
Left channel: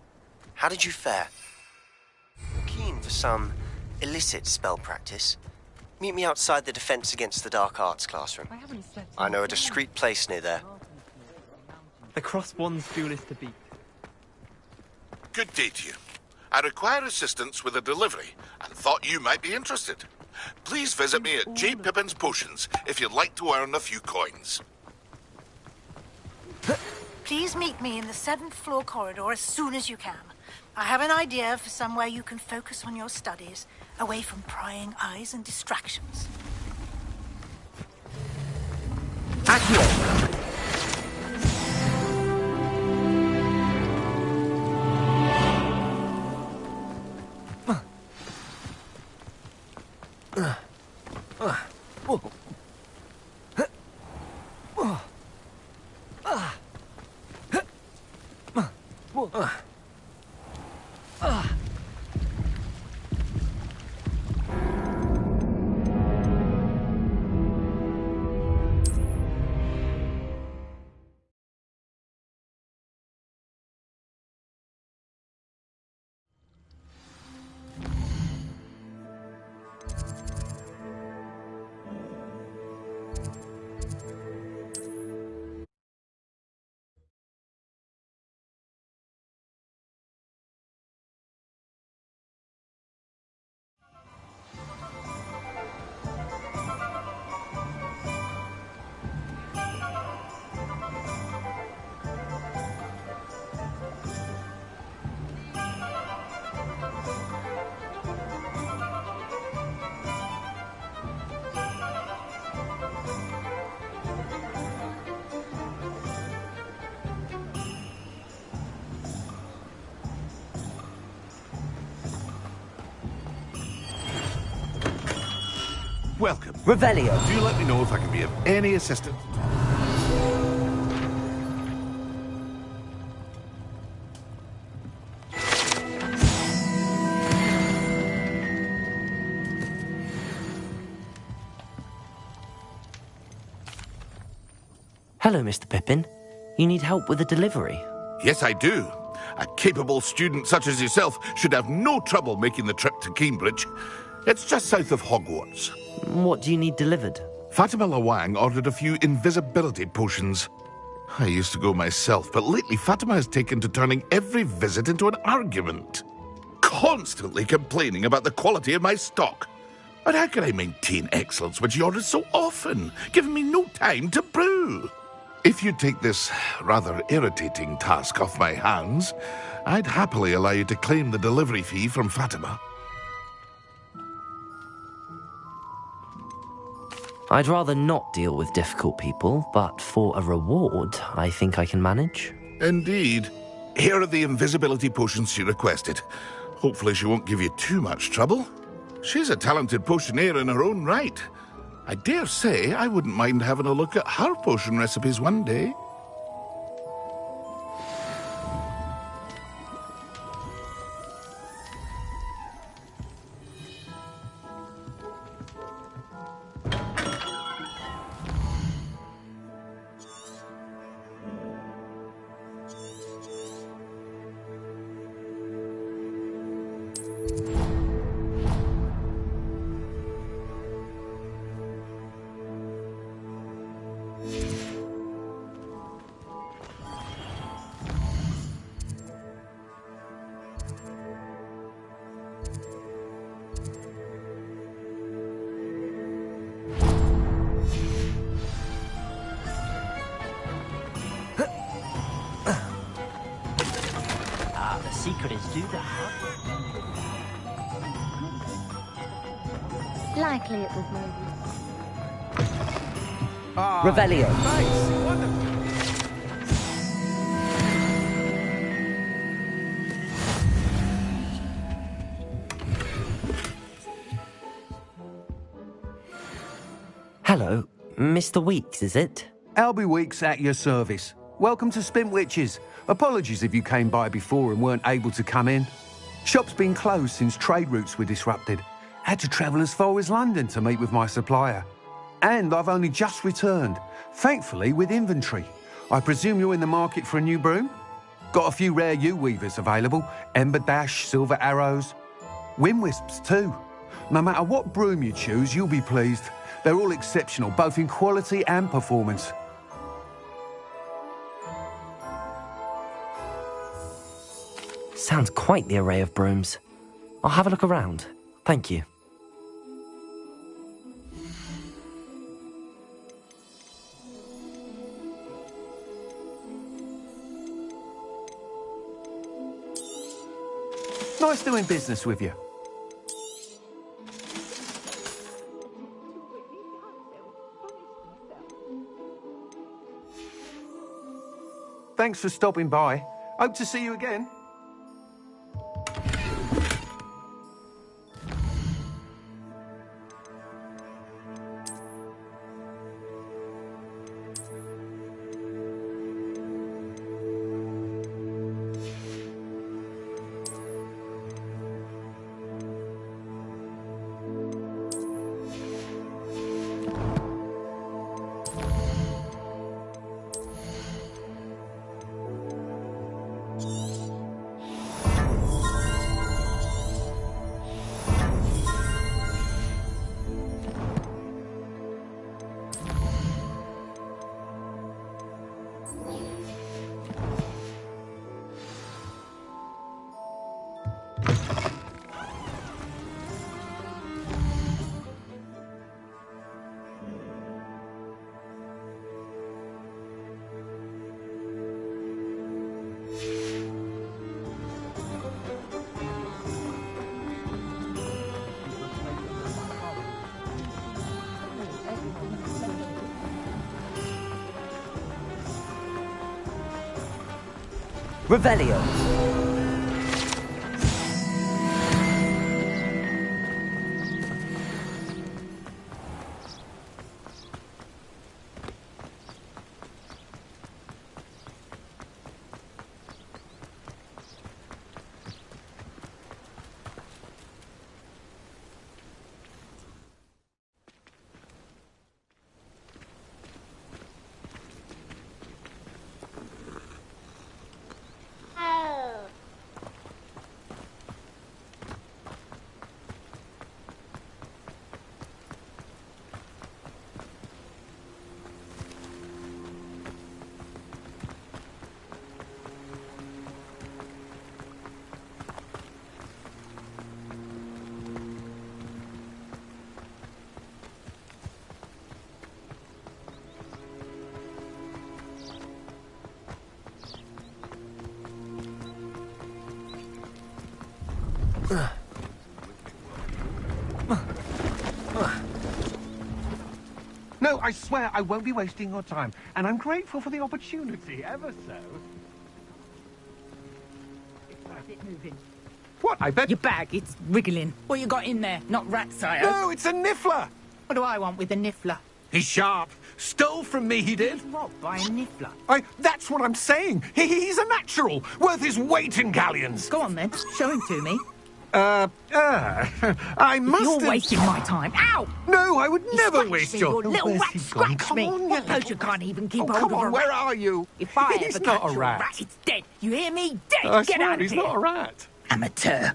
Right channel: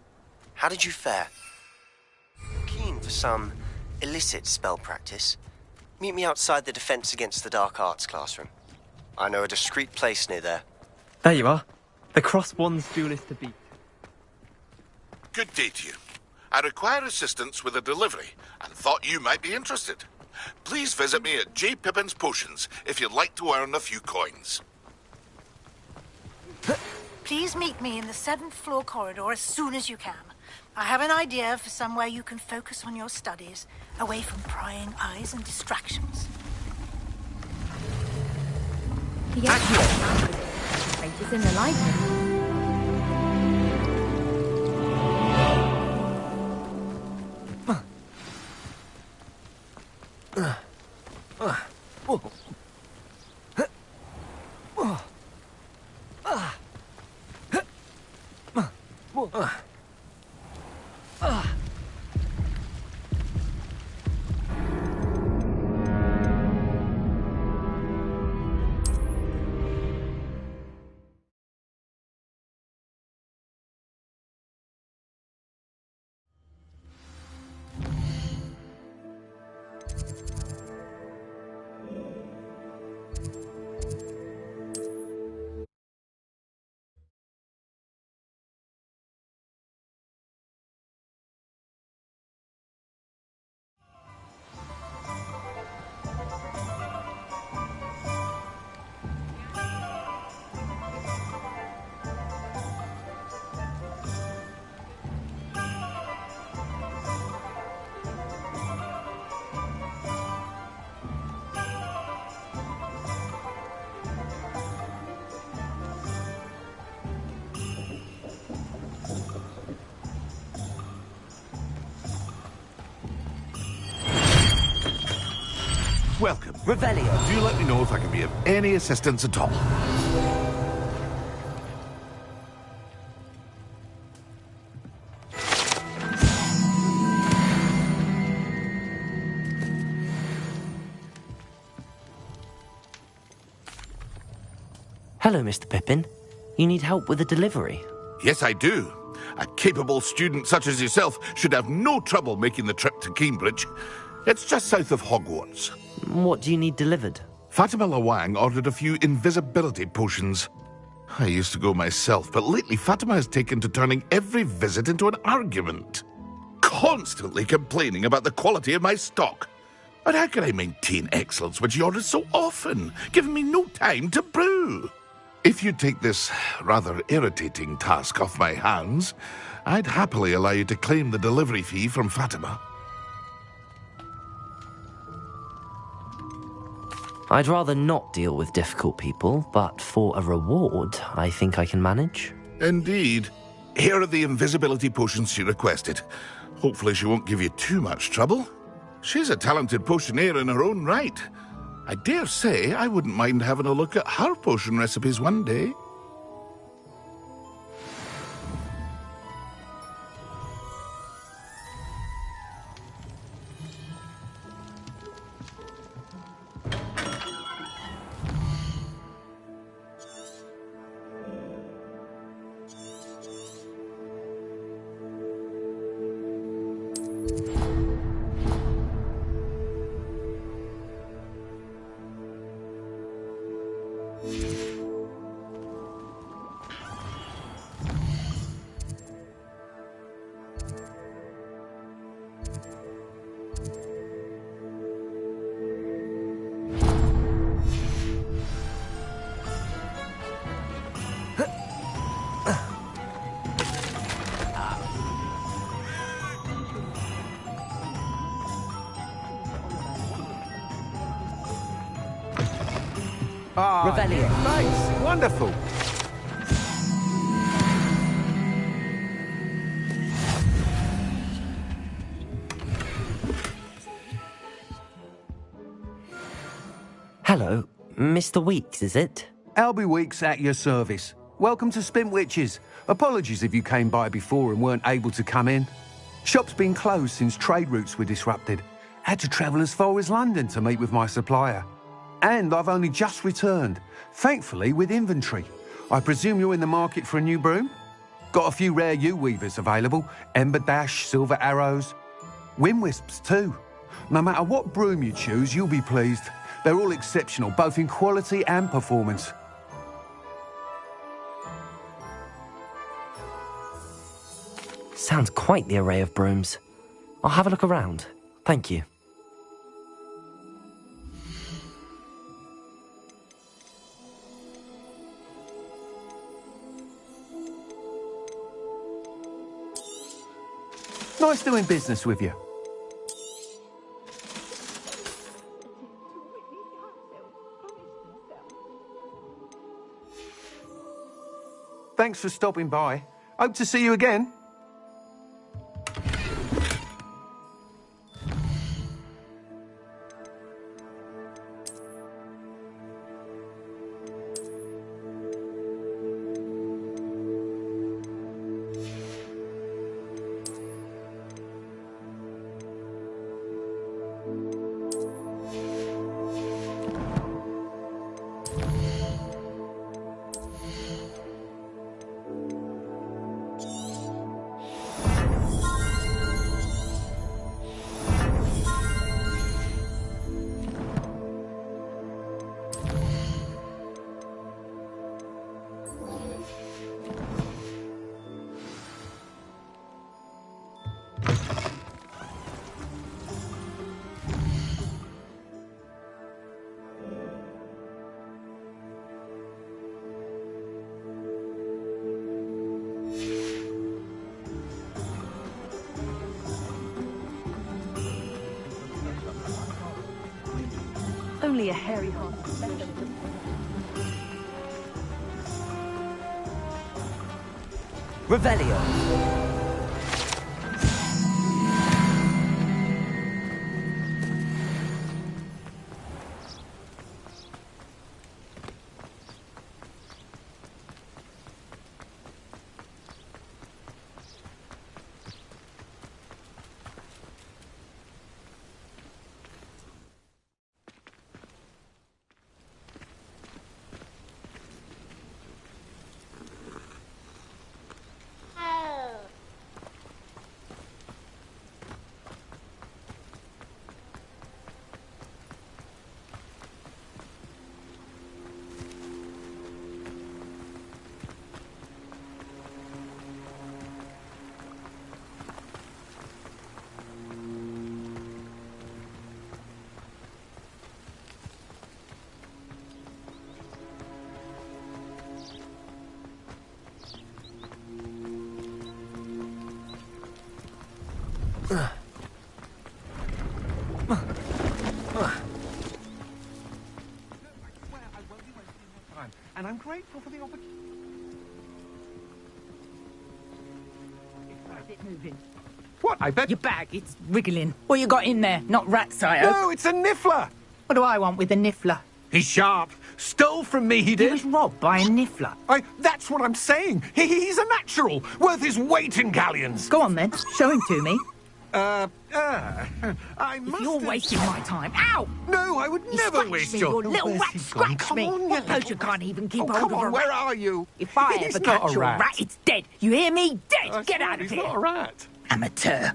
How did you fare? You're keen for some illicit spell practice? Meet me outside the Defense Against the Dark Arts classroom. I know a discreet place near there. There you are. The Crosswands duelist to beat. Good day to you. I require assistance with a delivery and thought you might be interested. please visit me at J. Pippin's Potions if you'd like to earn a few coins. Please meet me in the 7th floor corridor as soon as you can. I have an idea for somewhere you can focus on your studies, away from prying eyes and distractions. Accio! Papers in the light. Welcome. Revelio. Do let me know if I can be of any assistance at all. Hello, Mr. Pippin. You need help with a delivery? Yes, I do. A capable student such as yourself should have no trouble making the trip to Cambridge. It's just south of Hogwarts. What do you need delivered? Fatima Lawang ordered a few invisibility potions. I used to go myself, but lately Fatima has taken to turning every visit into an argument. Constantly complaining about the quality of my stock. But how can I maintain excellence when she orders so often, giving me no time to brew? If you take this rather irritating task off my hands, I'd happily allow you to claim the delivery fee from Fatima. I'd rather not deal with difficult people, but for a reward, I think I can manage. Indeed. Here are the invisibility potions she requested. Hopefully she won't give you too much trouble. She's a talented potioneer in her own right. I dare say I wouldn't mind having a look at her potion recipes one day. Likely it was maybe. Revelio. Thanks. Wonderful. Hello, Mr. Weeks, is it? Albie Weeks at your service. Welcome to Spintwitches. Apologies if you came by before and weren't able to come in. Shop's been closed since trade routes were disrupted. Had to travel as far as London to meet with my supplier. And I've only just returned, thankfully with inventory. I presume you're in the market for a new broom? Got a few rare yew-weavers available, Ember Dash, Silver Arrows. Wind Wisps too. No matter what broom you choose, you'll be pleased. They're all exceptional, both in quality and performance. Sounds quite the array of brooms. I'll have a look around. Thank you. Nice doing business with you. Thanks for stopping by. Hope to see you again. Only a hairy heart. Revelio. No, I swear I won't be wasting your time, and I'm grateful for the opportunity, ever so. Is it moving? What? I bet... Your bag, it's wriggling. What you got in there? Not rat sire. No, it's a niffler! What do I want with a niffler? He's sharp. Stole from me, he He did. was robbed by a niffler. That's what I'm saying. He's a natural, worth his weight in galleons. Go on then, show him to me. I must... You're wasting my time. Ow! No, I would never Scratch waste me, your... little Where's rat he gone? scratch Come me. on, I suppose you can't even keep hold come of on, a where rat. are you? If I He's ever not catch a your rat. rat, it's dead. You hear me? Dead. I Get swear, out of he's here. not a rat. Amateur.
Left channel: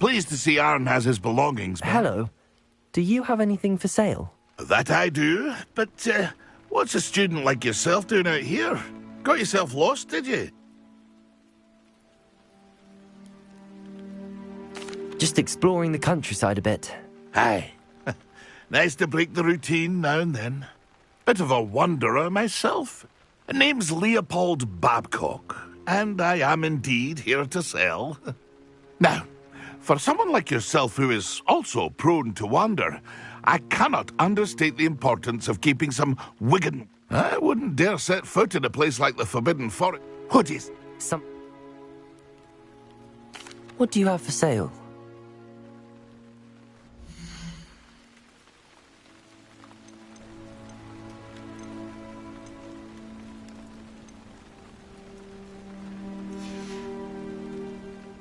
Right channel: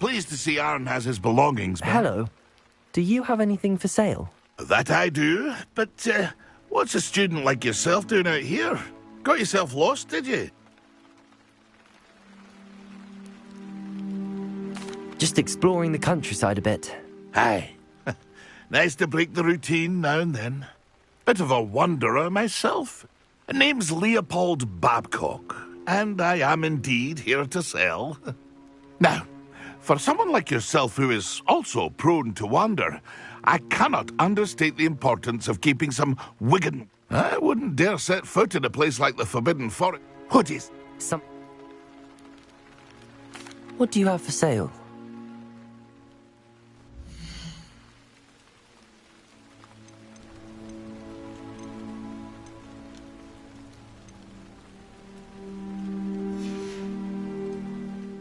Pleased to see Aaron has his belongings back. Hello. Do you have anything for sale? That I do, but what's a student like yourself doing out here? Got yourself lost, did you? Just exploring the countryside a bit. Aye. Nice to break the routine now and then. Bit of a wanderer myself. Name's Leopold Babcock, and I am indeed here to sell. Now, for someone like yourself who is also prone to wander, I cannot understate the importance of keeping some Wigan. I wouldn't dare set foot in a place like the Forbidden Forest. What is... What do you have for sale?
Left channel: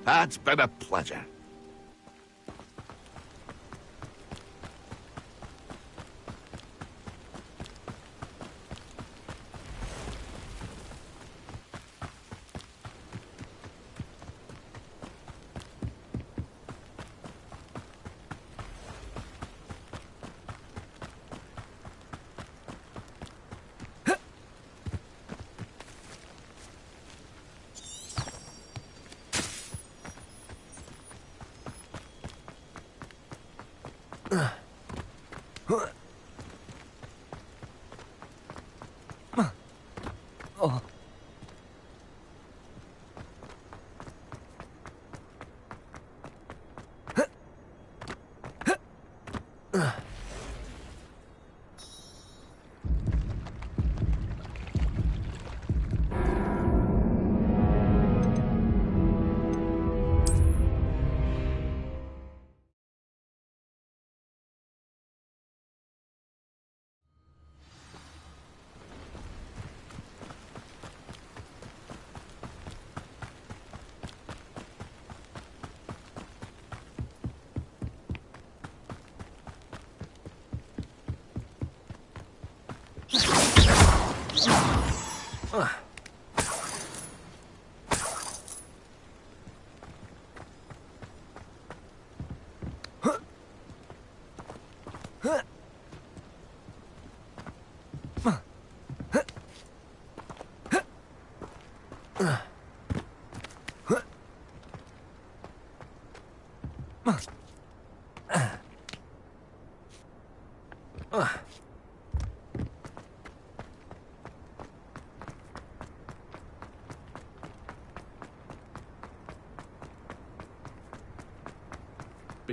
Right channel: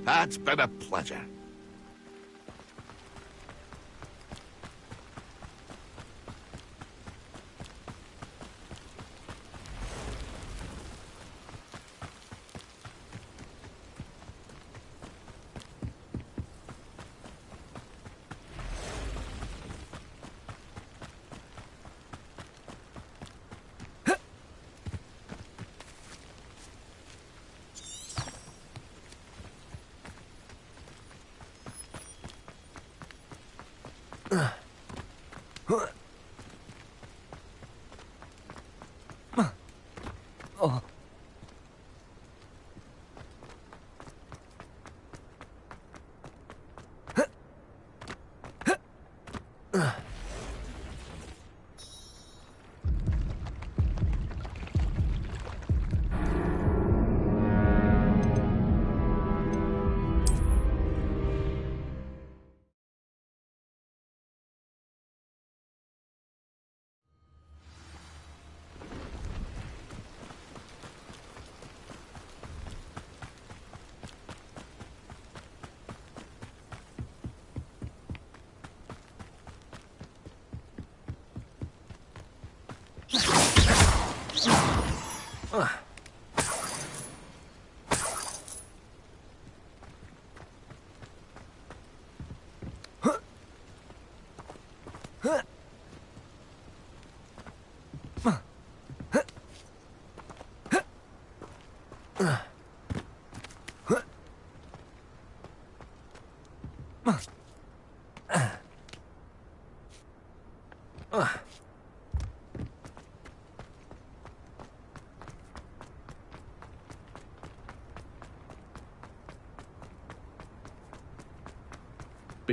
That's been a pleasure.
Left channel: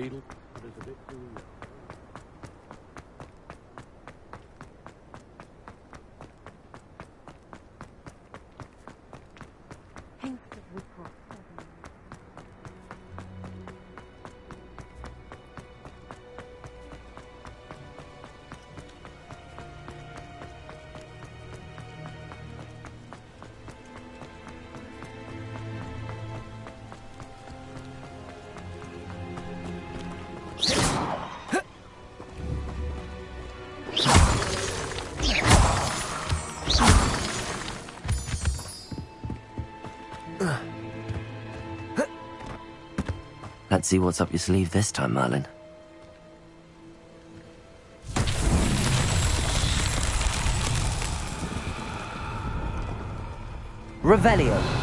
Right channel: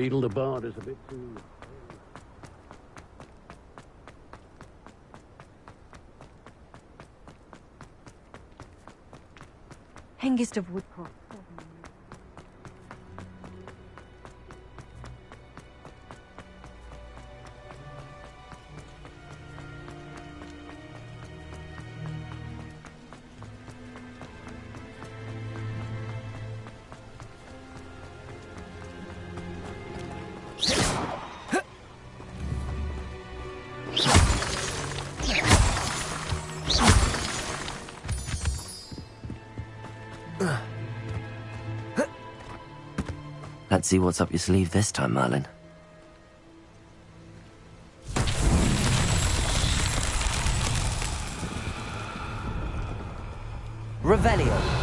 Beetle the Bard is a bit too... Hengist of Woodcroft. Let's see what's up your sleeve this time, Merlin. Revelio.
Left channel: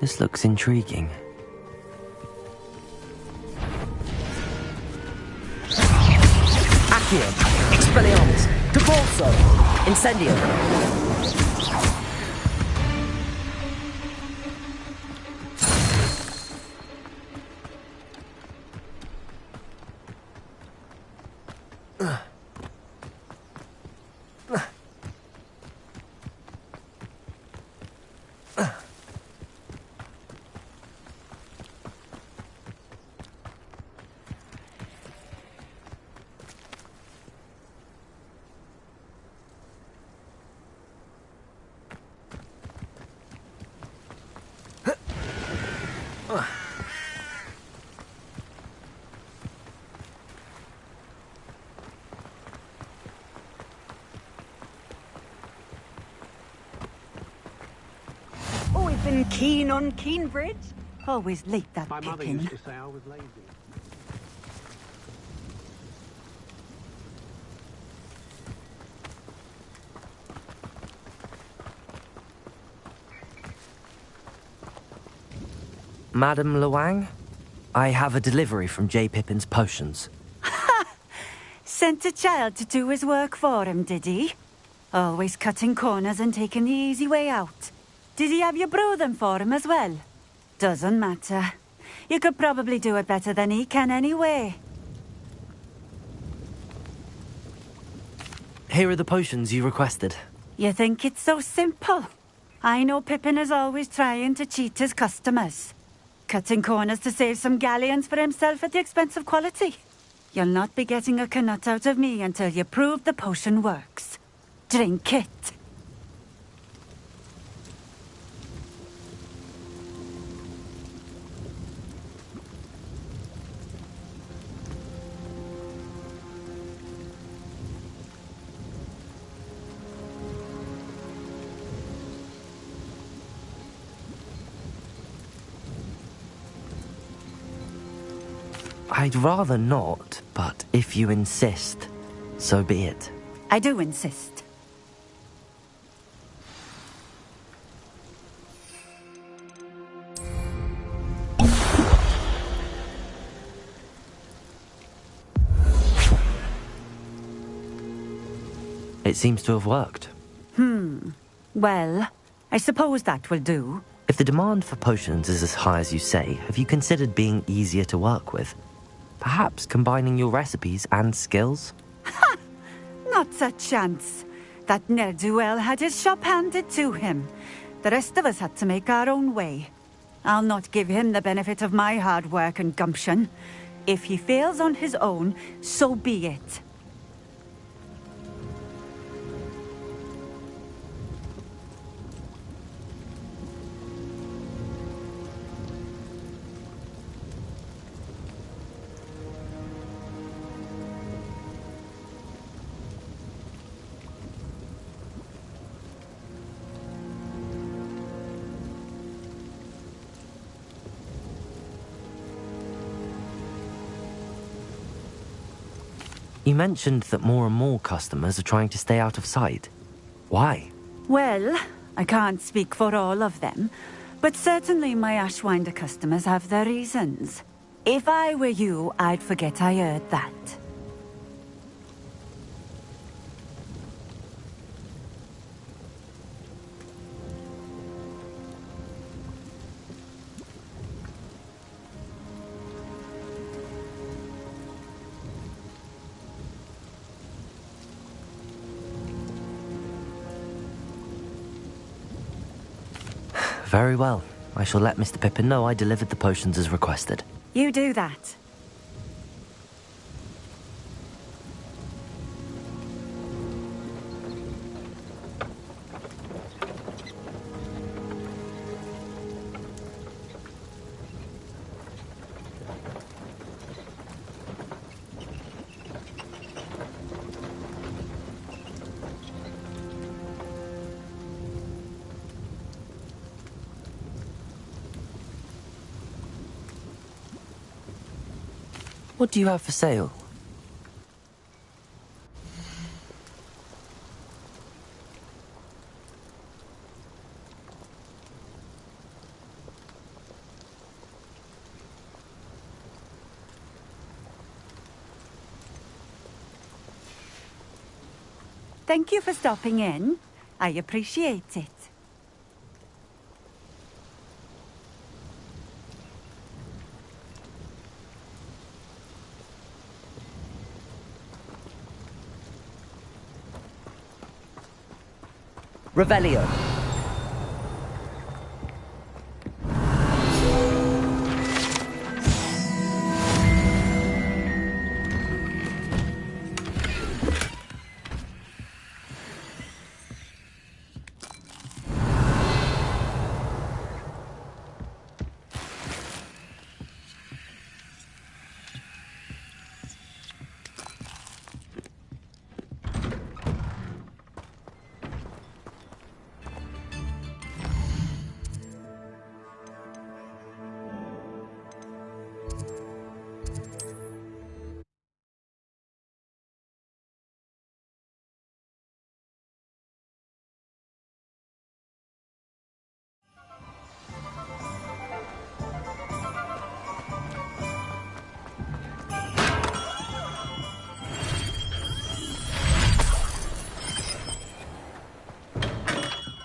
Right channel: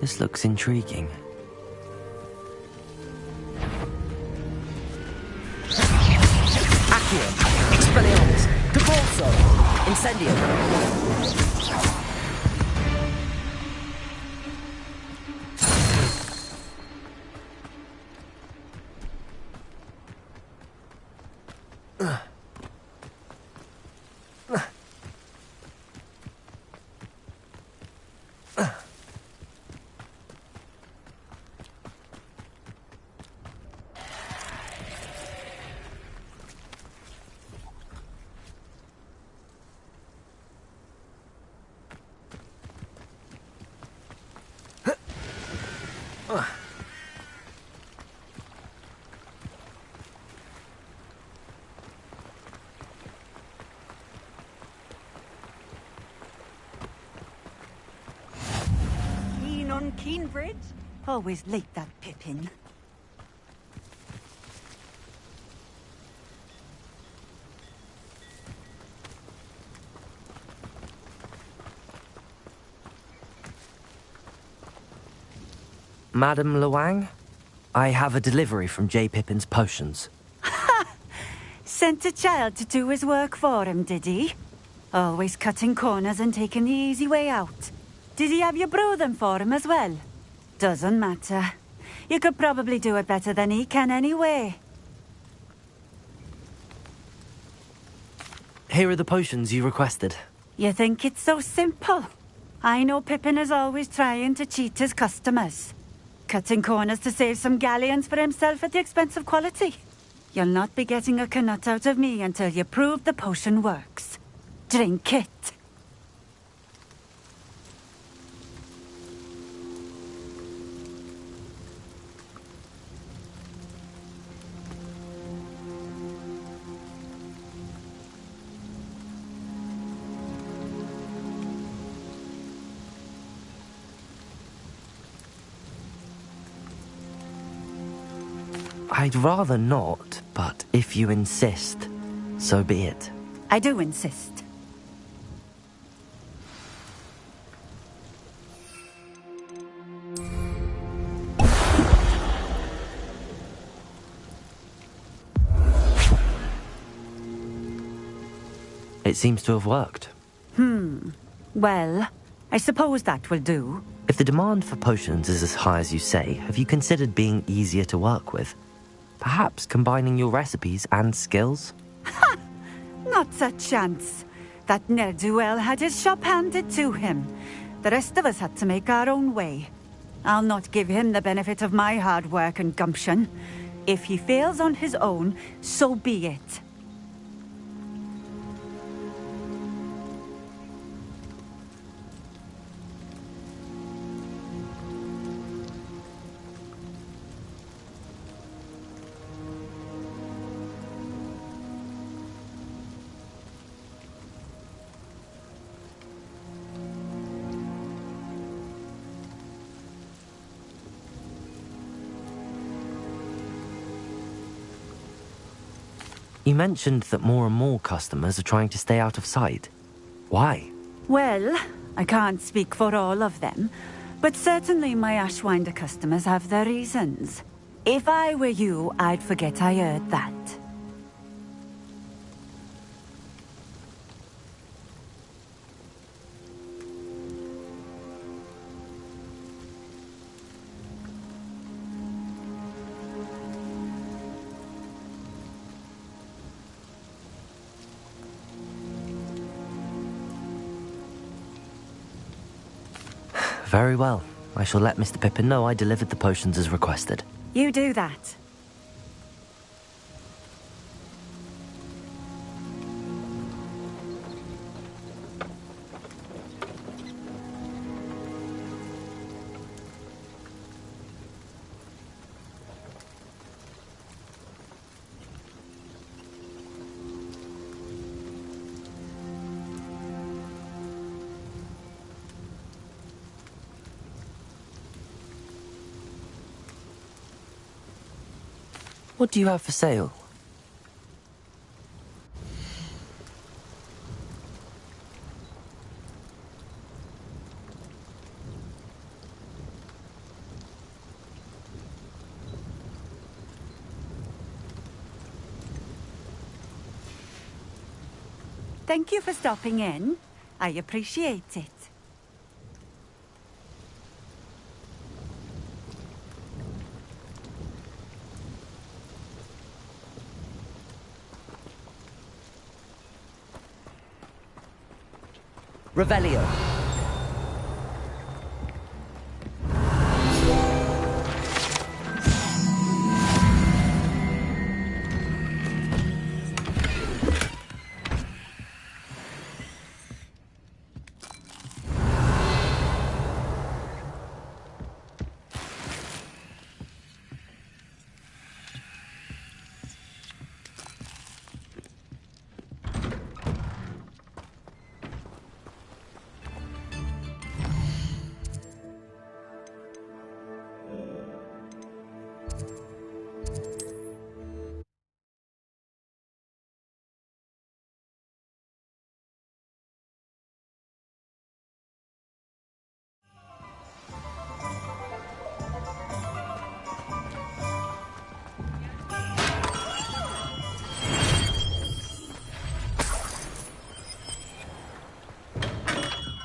This looks intriguing. Accio, Expelliarmus, Depulso, Incendio. Always been keen on Keenbridge. Always late, that Pippin. Madam Luang, I have a delivery from J. Pippin's potions. Sent a child to do his work for him, did he? Always cutting corners and taking the easy way out. Did he have you brew them for him as well? Doesn't matter. You could probably do it better than he can anyway. Here are the potions you requested. You think it's so simple? I know Pippin is always trying to cheat his customers. Cutting corners to save some galleons for himself at the expense of quality. You'll not be getting a canut out of me until you prove the potion works. Drink it. I'd rather not, but if you insist, so be it. I do insist. It seems to have worked. Well, I suppose that will do. If the demand for potions is as high as you say, have you considered being easier to work with? Perhaps combining your recipes and skills? Not a chance. That ne'er-do-well had his shop handed to him. The rest of us had to make our own way. I'll not give him the benefit of my hard work and gumption. If he fails on his own, so be it. You mentioned that more and more customers are trying to stay out of sight. Why? Well, I can't speak for all of them, but certainly my Ashwinder customers have their reasons. If I were you, I'd forget I heard that. Very well. I shall let Mr. Pippin know I delivered the potions as requested. You do that. What do you have for sale? Thank you for stopping in. I appreciate it. Revelio.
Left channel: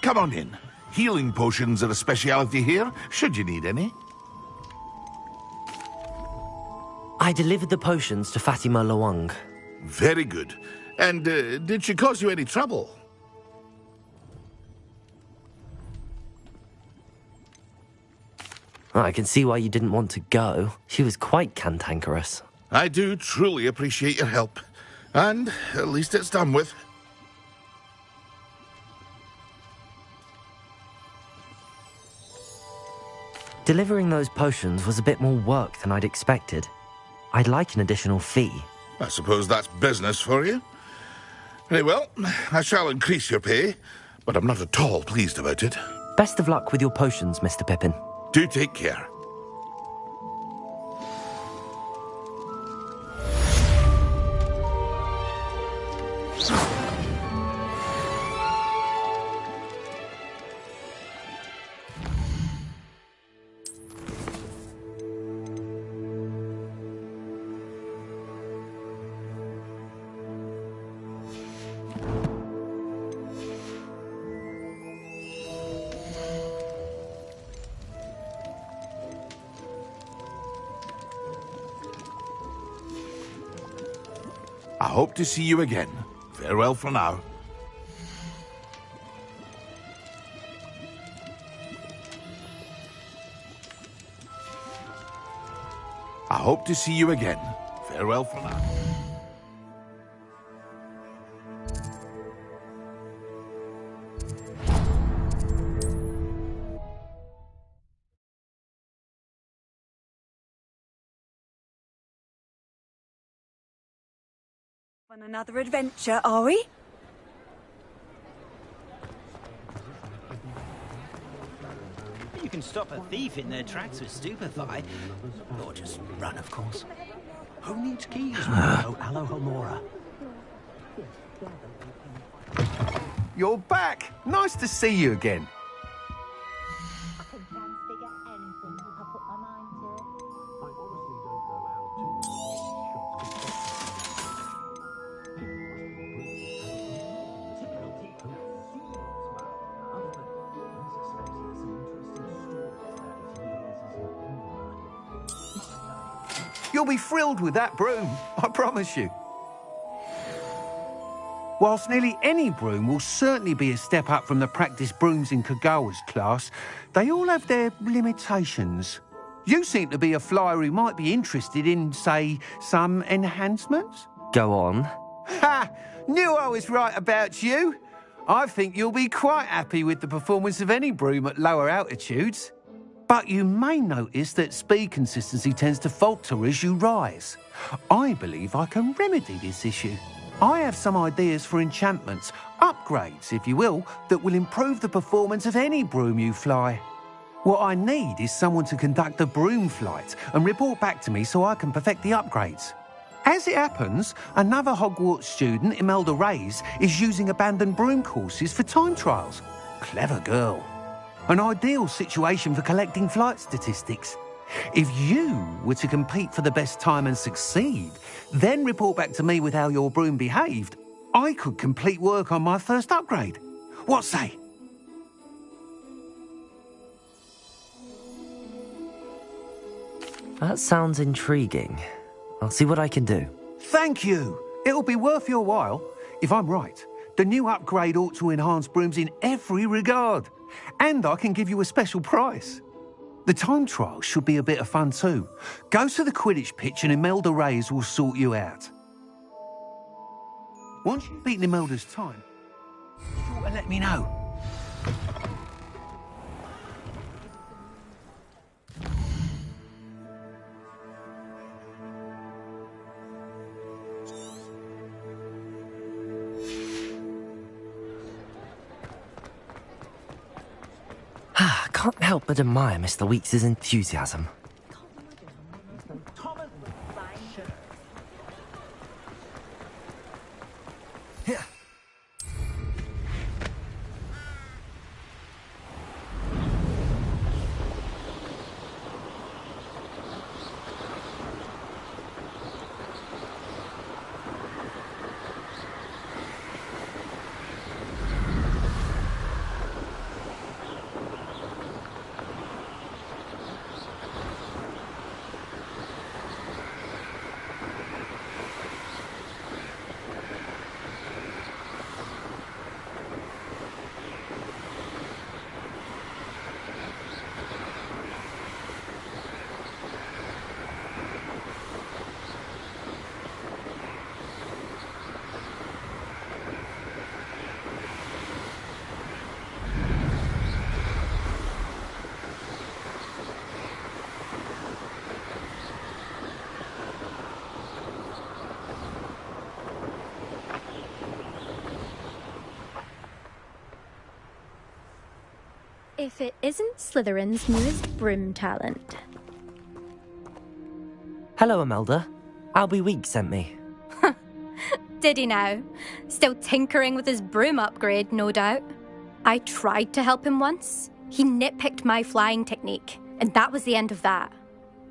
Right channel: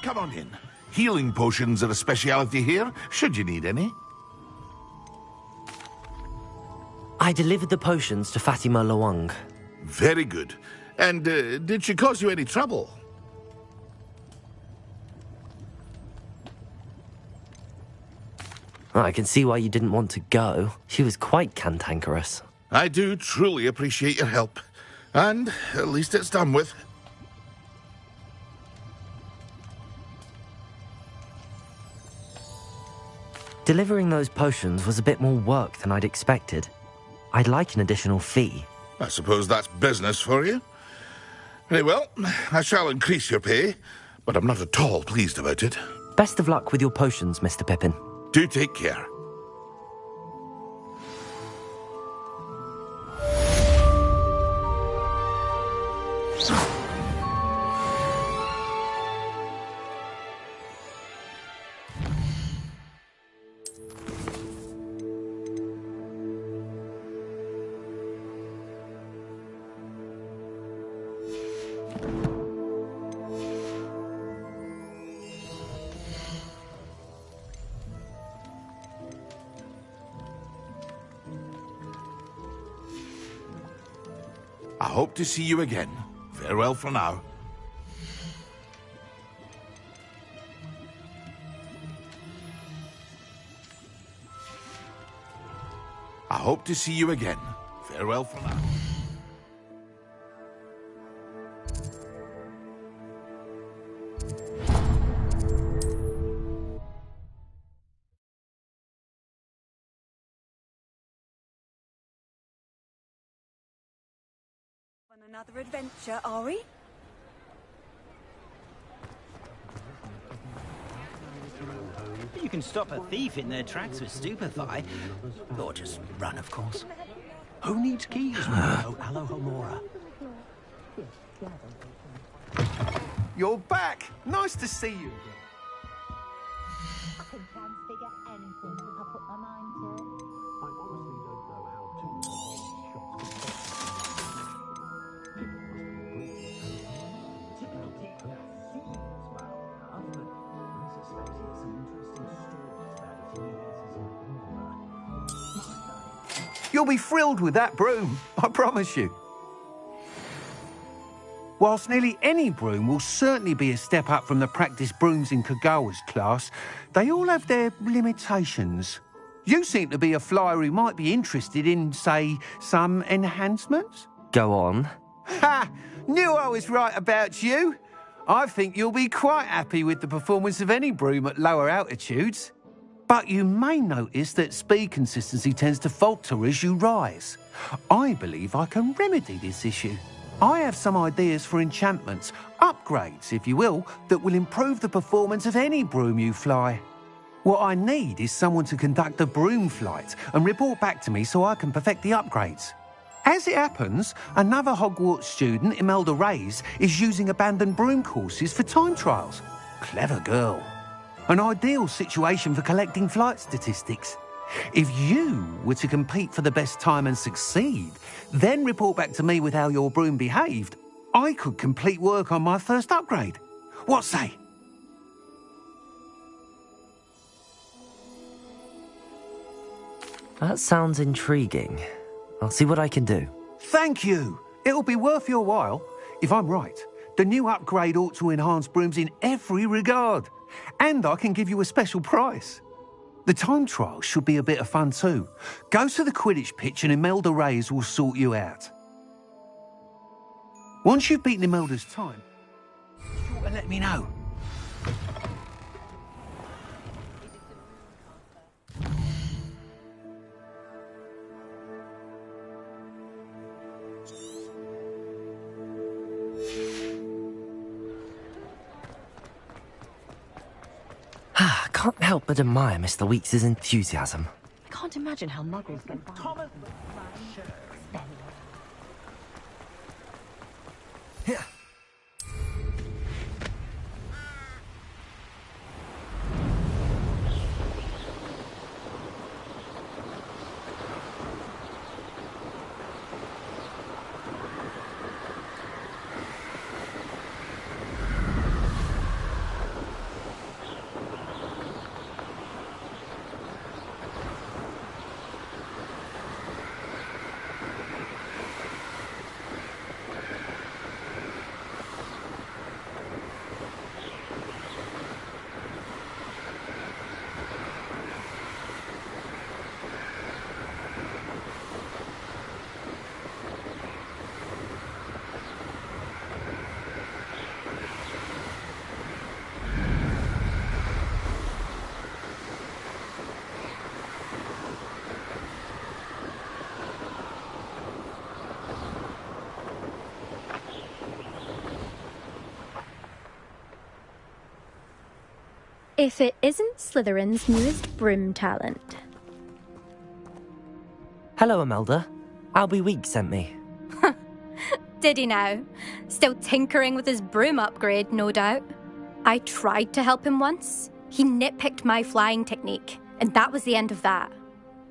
Come on in. Healing potions are a speciality here, should you need any. I delivered the potions to Fatima Lawang. Very good. And did she cause you any trouble? I can see why you didn't want to go. She was quite cantankerous. I do truly appreciate your help. And at least it's done with. Delivering those potions was a bit more work than I'd expected. I'd like an additional fee. I suppose that's business for you. Very well, I shall increase your pay, but I'm not at all pleased about it. Best of luck with your potions, Mr. Pippin. Do take care. I hope to see you again. Farewell for now. I hope to see you again. Farewell for now. On another adventure, are we? You can stop a thief in their tracks with stupefy. Or just run, of course. Who needs keys when you know Alohomora? You're back! Nice to see you again. I can figure anything if I put my mind to it. I honestly don't know how two shots could You'll be thrilled with that broom, I promise you. Whilst nearly any broom will certainly be a step up from the practice brooms in Kagawa's class, they all have their limitations. You seem to be a flyer who might be interested in, say, some enhancements? Go on. Ha! Knew I was right about you. I think you'll be quite happy with the performance of any broom at lower altitudes. But you may notice that speed consistency tends to falter as you rise. I believe I can remedy this issue. I have some ideas for enchantments, upgrades, if you will, that will improve the performance of any broom you fly. What I need is someone to conduct a broom flight and report back to me so I can perfect the upgrades. As it happens, another Hogwarts student, Imelda Reyes, is using abandoned broom courses for time trials. Clever girl. An ideal situation for collecting flight statistics. If you were to compete for the best time and succeed, then report back to me with how your broom behaved, I could complete work on my first upgrade. What say? That sounds intriguing. I'll see what I can do. Thank you. It'll be worth your while. If I'm right, the new upgrade ought to enhance brooms in every regard. And I can give you a special price. The time trial should be a bit of fun too. Go to the Quidditch pitch and Imelda Reyes will sort you out. Once you've beaten Imelda's time, be sure to let me know. Can't help but admire Mr. Weekes' enthusiasm. I can't imagine how muggles can Thomas. If it isn't Slytherin's newest broom talent. Hello, Imelda. Albie Weeks sent me. Did he now? Still tinkering with his broom upgrade, no doubt. I tried to help him once. He nitpicked my flying technique, and that was the end of that.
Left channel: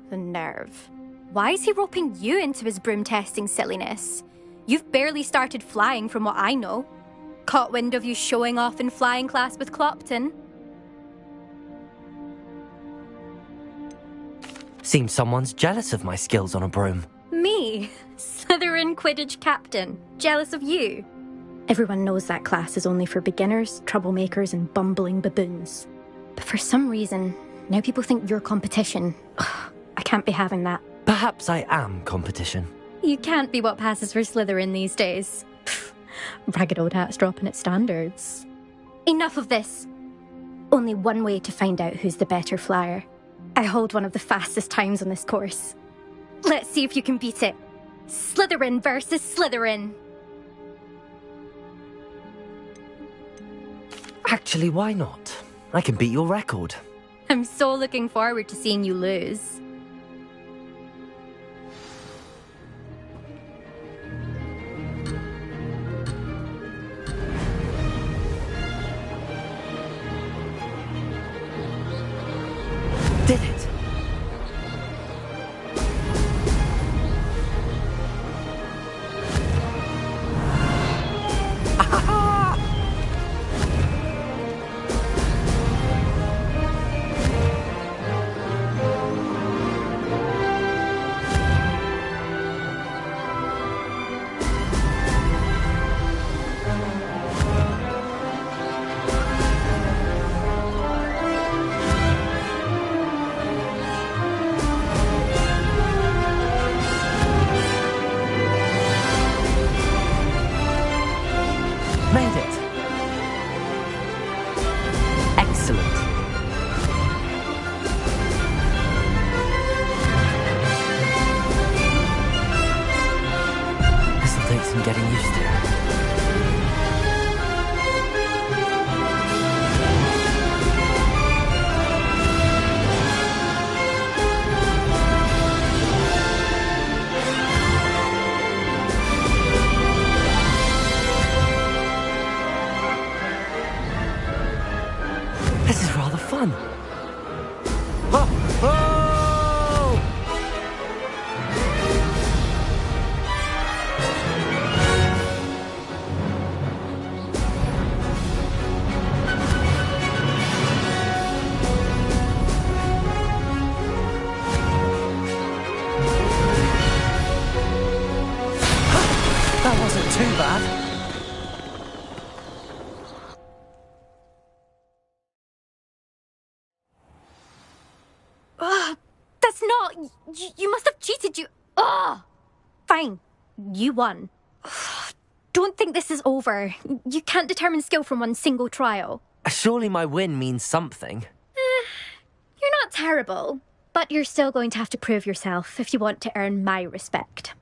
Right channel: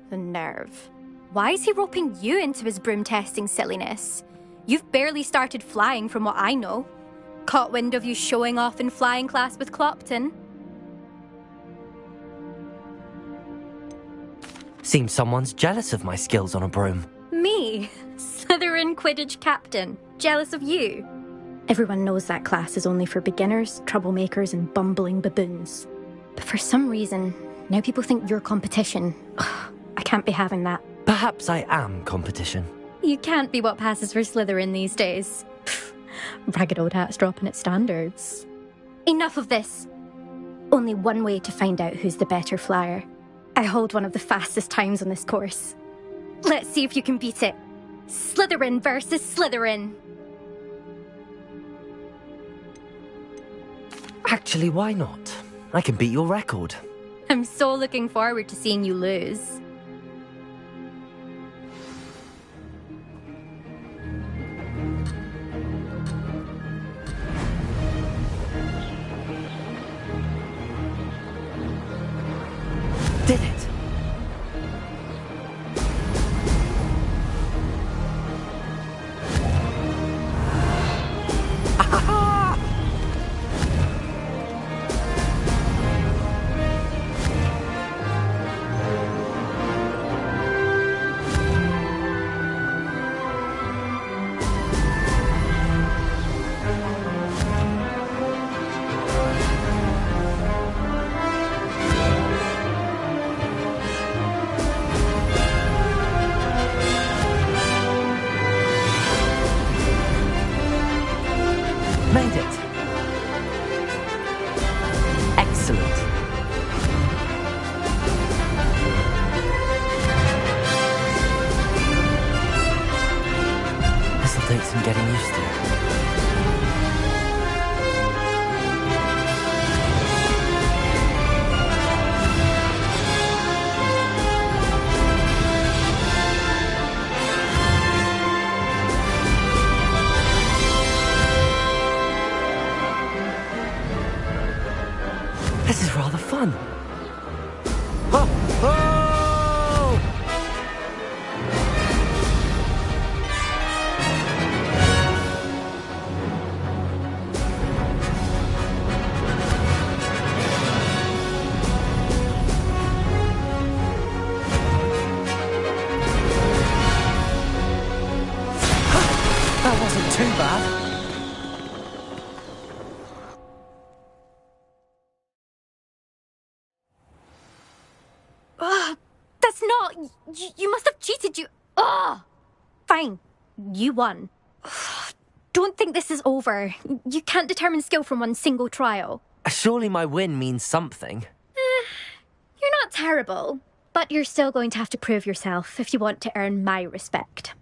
The nerve. Why is he roping you into his broom testing silliness? You've barely started flying from what I know. Caught wind of you showing off in flying class with Clopton. Seems someone's jealous of my skills on a broom. Me? Slytherin Quidditch captain. Jealous of you? Everyone knows that class is only for beginners, troublemakers, and bumbling baboons. But for some reason, now people think you're competition. Ugh, I can't be having that. Perhaps I am competition. You can't be what passes for Slytherin these days. Pfft, ragged old hat's dropping its standards. Enough of this. Only one way to find out who's the better flyer. I hold one of the fastest times on this course. Let's see if you can beat it. Slytherin versus Slytherin. Actually, why not? I can beat your record. I'm so looking forward to seeing you lose. Did it! Made it. Excellent. This'll take some getting used to. This is rather fun. Ho, ho! That wasn't too bad. That's not... You must have cheated, you... Ugh! Fine. You won. Don't think this is over. You can't determine skill from one single trial. Surely my win means something. You're not terrible, but you're still going to have to prove yourself if you want to earn my respect.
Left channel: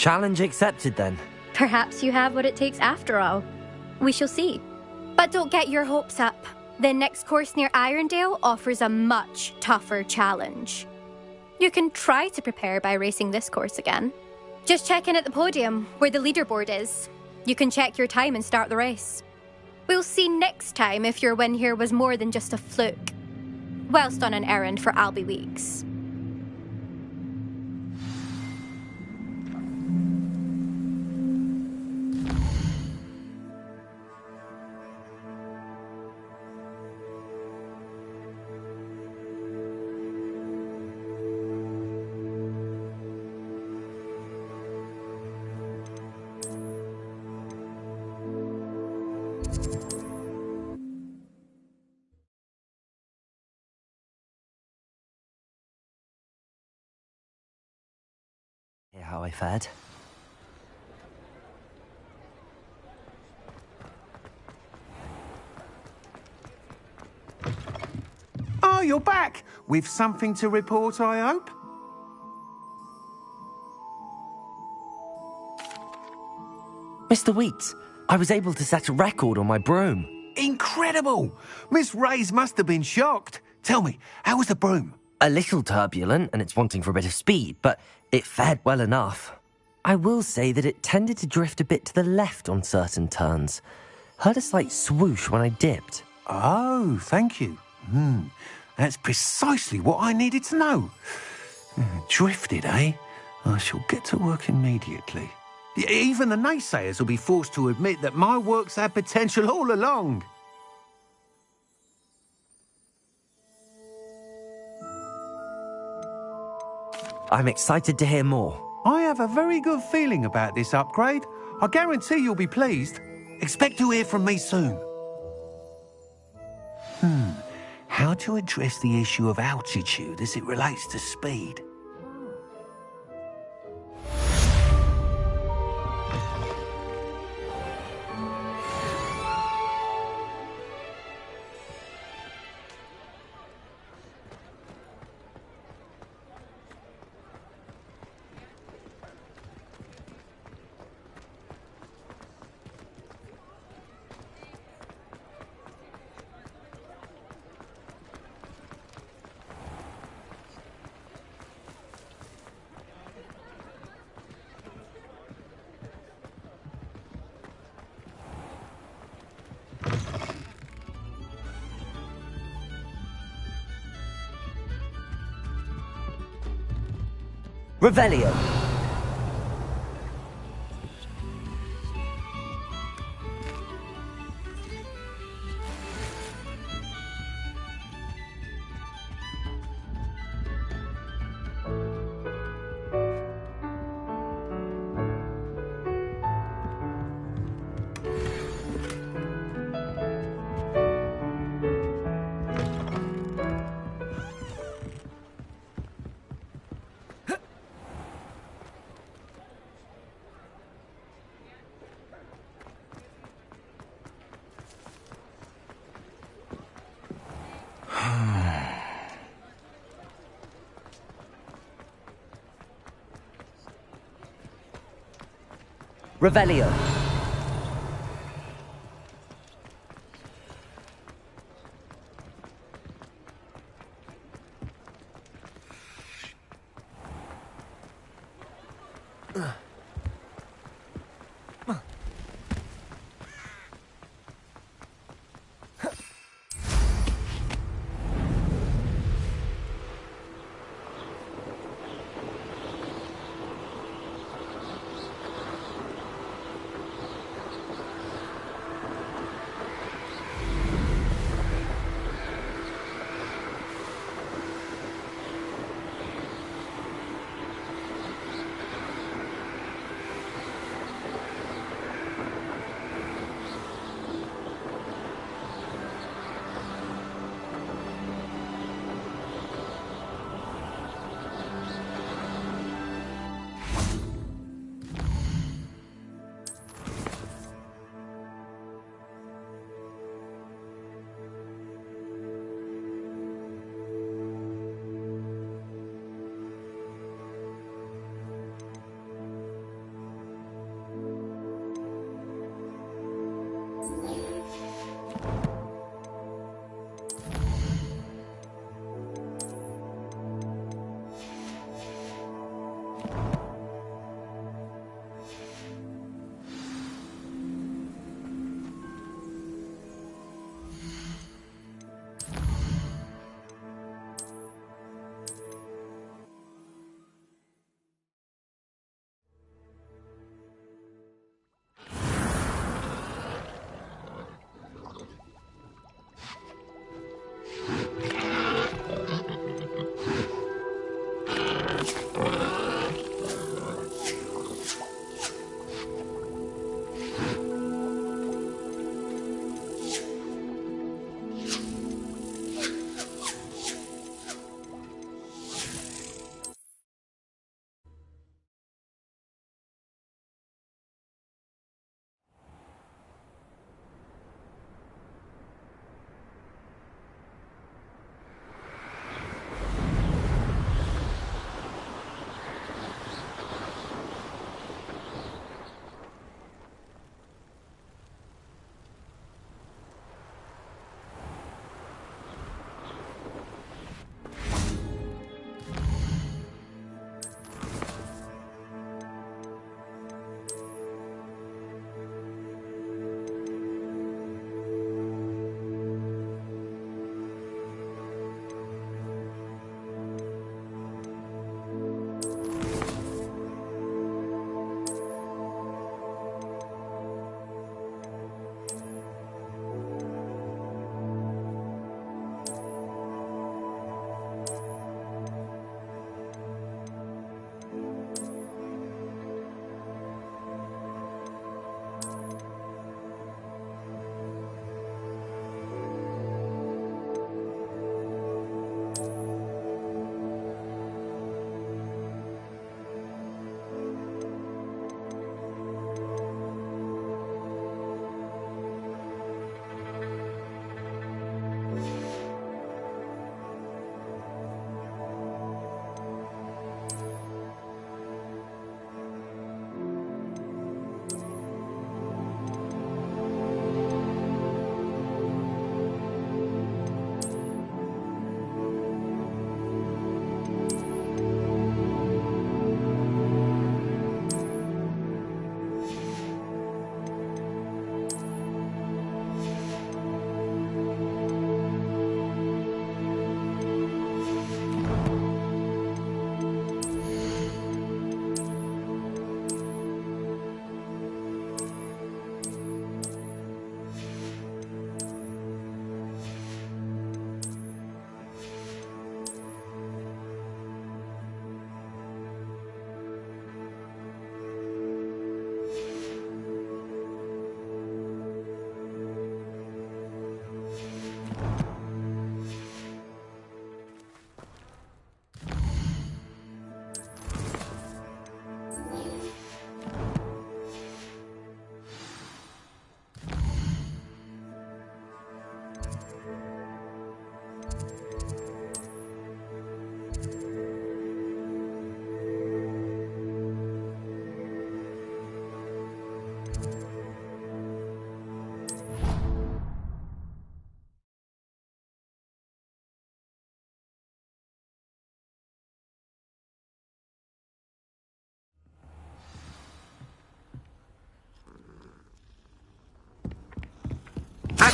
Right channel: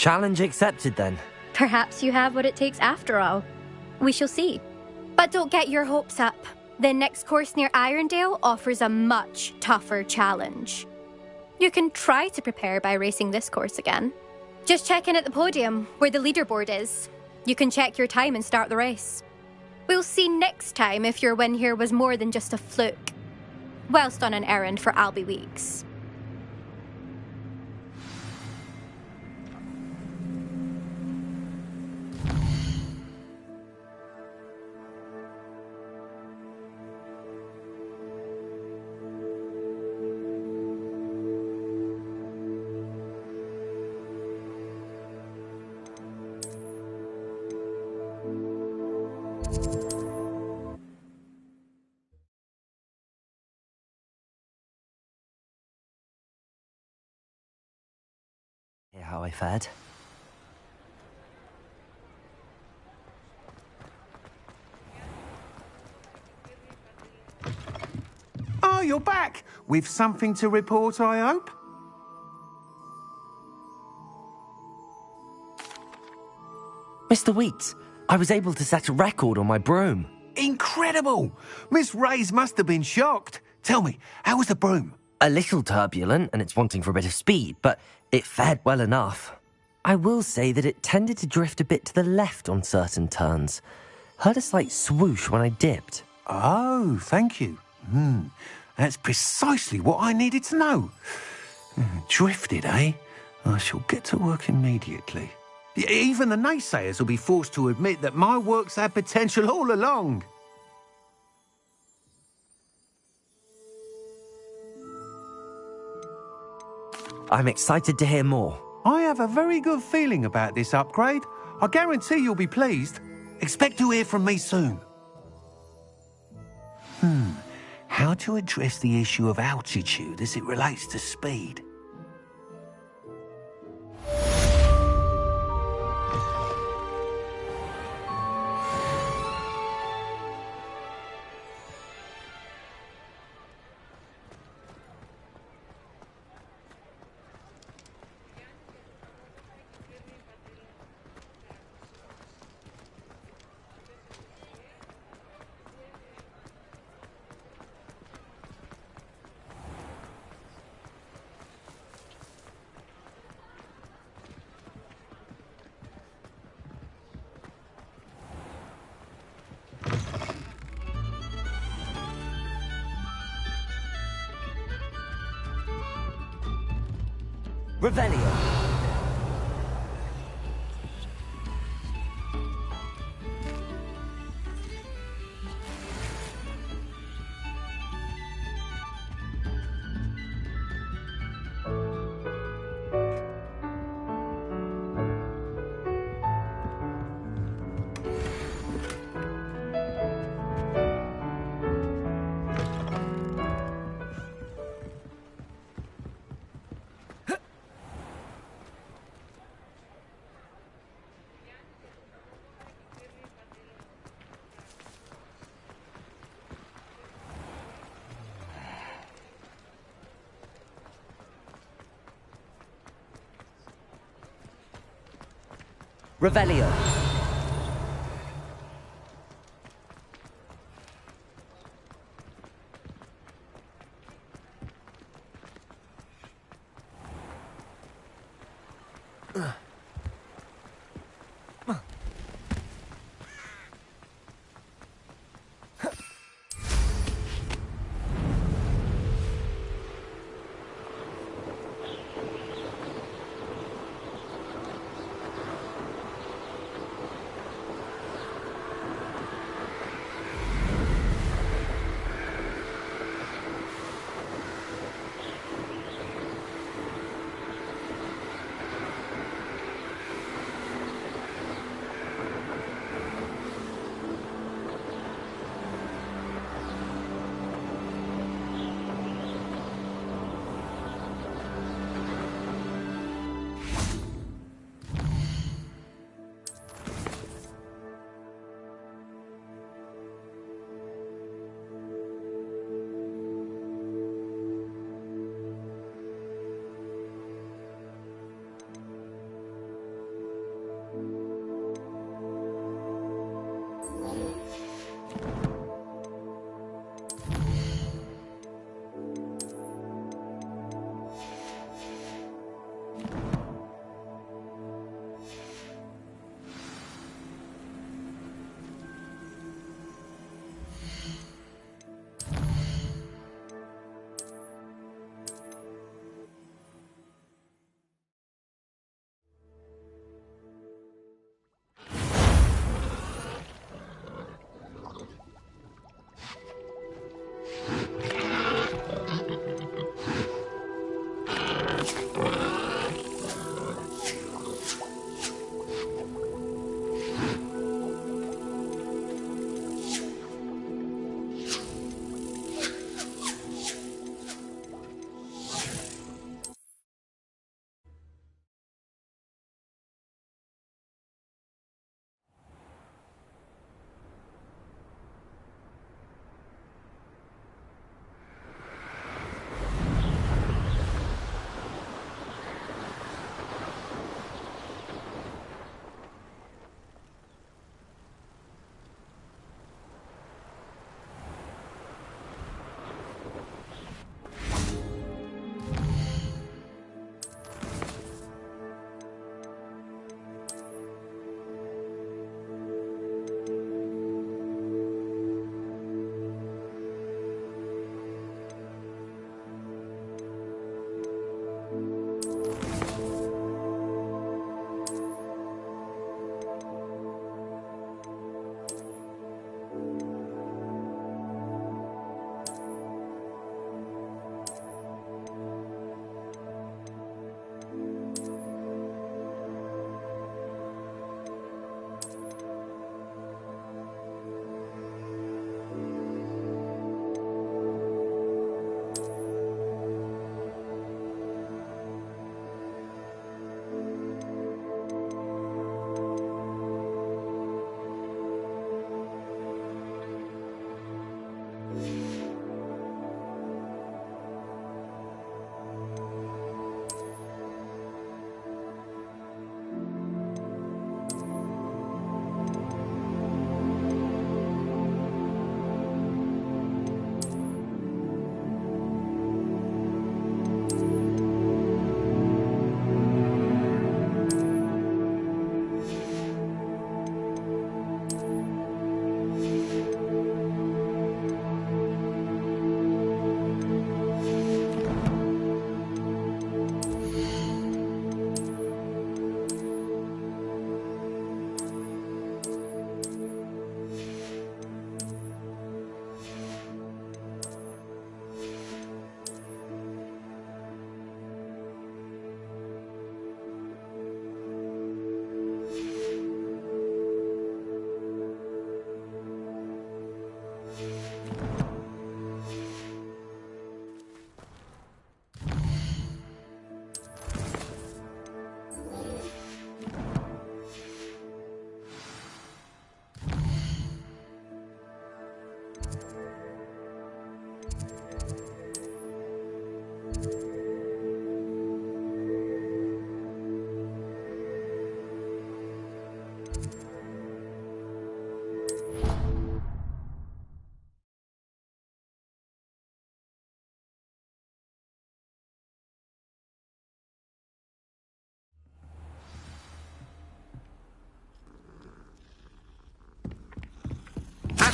Challenge accepted, then. Perhaps you have what it takes after all. We shall see. But don't get your hopes up. The next course near Irondale offers a much tougher challenge. You can try to prepare by racing this course again. Just check in at the podium, where the leaderboard is. You can check your time and start the race. We'll see next time if your win here was more than just a fluke. Whilst on an errand for Albie Weeks. Hear how I fared? Oh, you're back! With something to report, I hope? Mr. Wheats, I was able to set a record on my broom. Incredible! Miss Reyes must have been shocked. Tell me, how was the broom? A little turbulent, and it's wanting for a bit of speed, but it fared well enough. I will say that it tended to drift a bit to the left on certain turns. Heard a slight swoosh when I dipped. Oh, thank you. That's precisely what I needed to know. Drifted, eh? I shall get to work immediately. Even the naysayers will be forced to admit that my work's had potential all along. I'm excited to hear more. I have a very good feeling about this upgrade. I guarantee you'll be pleased. Expect to hear from me soon. How to address the issue of altitude as it relates to speed? Revelio. Revelio.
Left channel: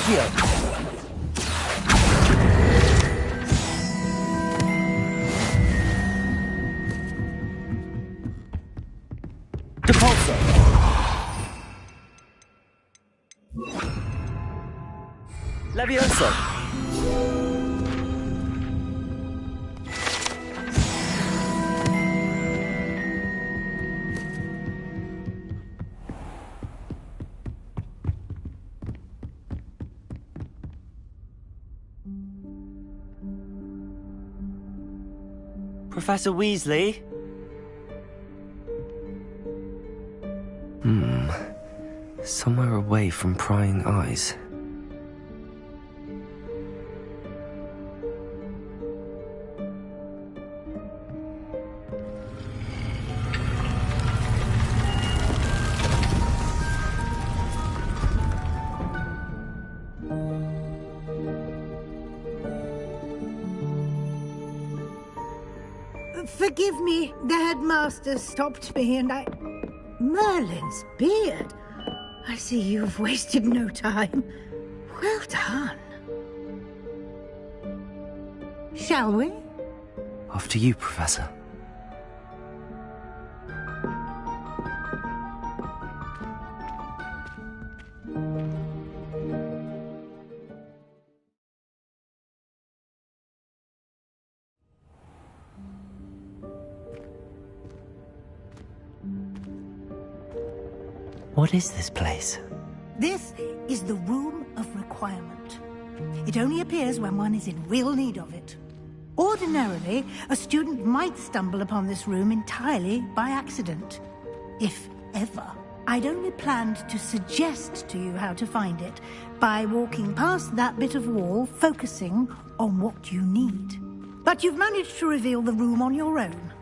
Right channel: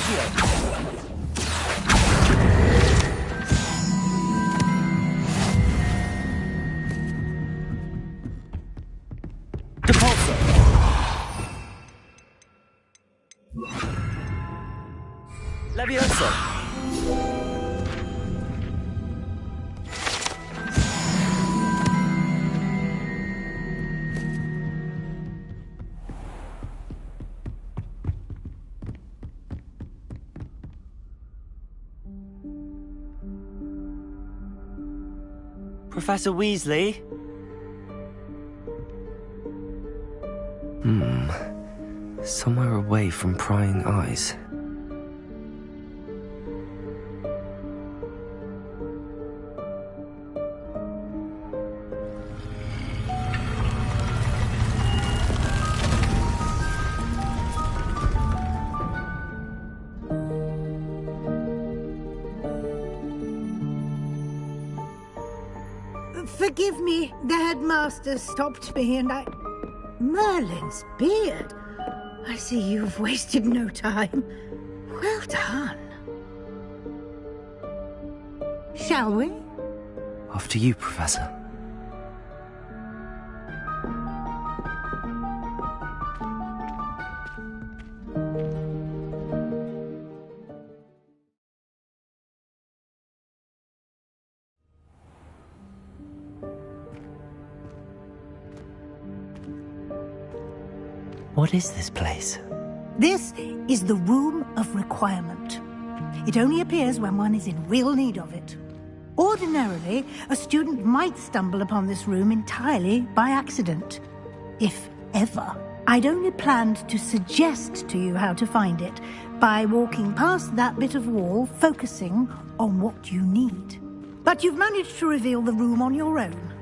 Accio! Depulso! Levioso! Professor Weasley? Somewhere away from prying eyes. Forgive me, the headmaster stopped me and I... Merlin's beard. I see you've wasted no time. Well done. Shall we? After you, Professor. What is this place? This is the Room of Requirement. It only appears when one is in real need of it. Ordinarily, a student might stumble upon this room entirely by accident. If ever. I'd only planned to suggest to you how to find it by walking past that bit of wall, focusing on what you need. But you've managed to reveal the room on your own.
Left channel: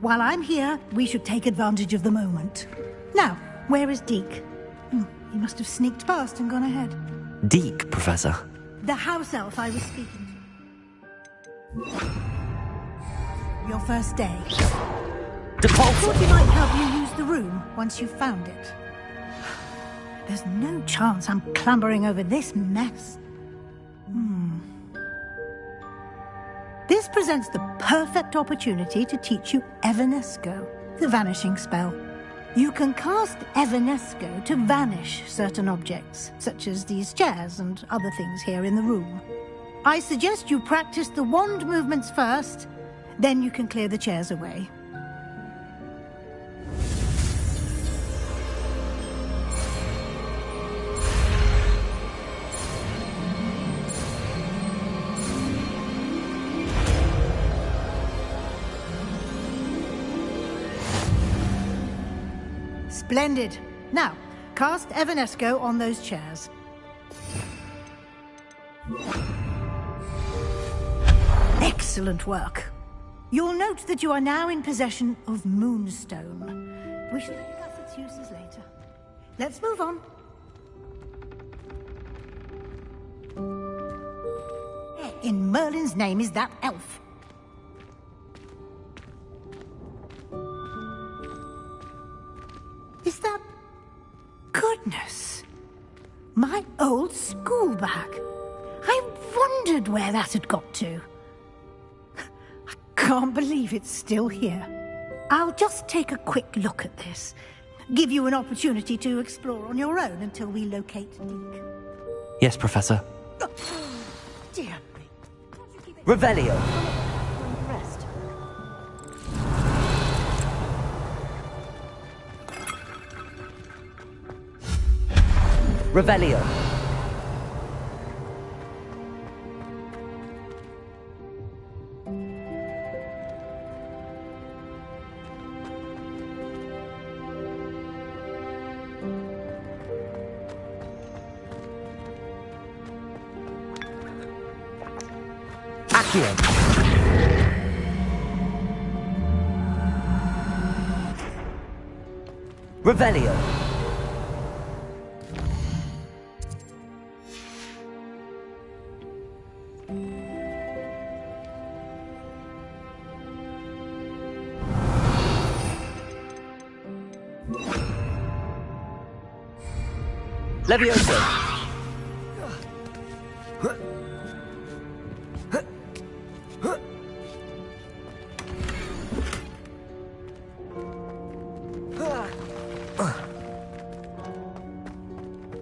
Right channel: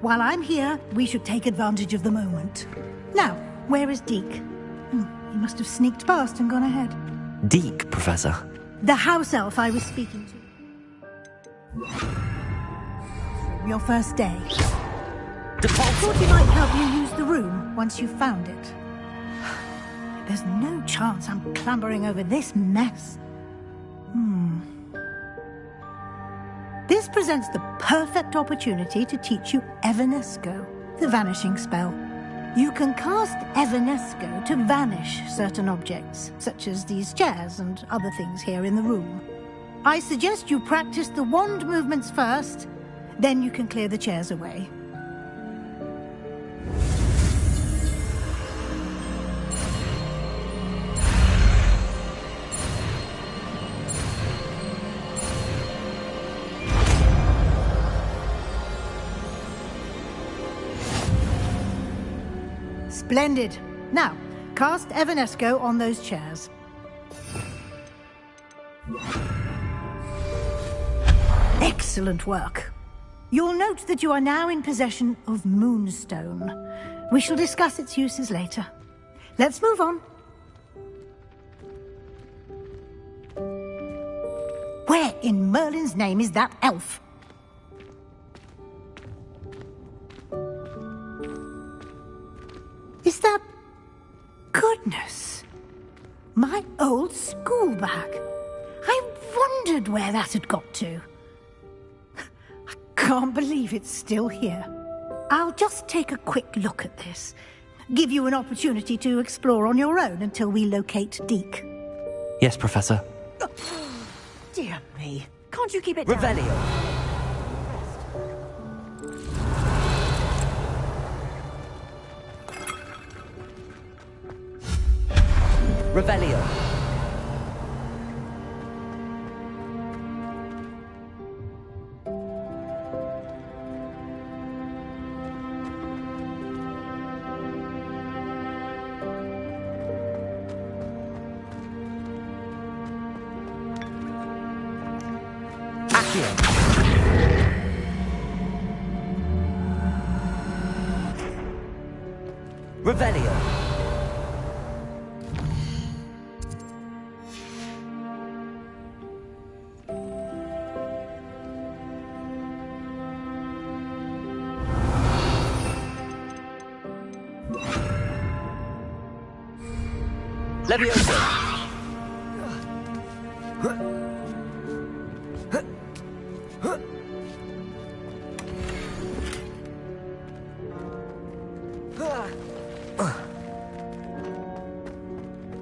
While I'm here, we should take advantage of the moment. Now, where is Deke? He must have sneaked past and gone ahead. Deke, Professor. The house elf I was speaking to. Your first day. Thought he might help you use the room once you've found it. There's no chance I'm clambering over this mess. This presents the perfect opportunity to teach you Evanesco, the vanishing spell. You can cast Evanesco to vanish certain objects, such as these chairs and other things here in the room. I suggest you practice the wand movements first, then you can clear the chairs away. Splendid. Now, cast Evanesco on those chairs. Excellent work. You'll note that you are now in possession of Moonstone. We shall discuss its uses later. Let's move on. Where in Merlin's name is that elf? Is that... Goodness! My old school bag. I wondered where that had got to. I can't believe it's still here. I'll just take a quick look at this. Give you an opportunity to explore on your own until we locate Deke. Yes, Professor. Dear me. Can't you keep it Revelio. Rest. Revelio. Accio. Revelio. Levioso.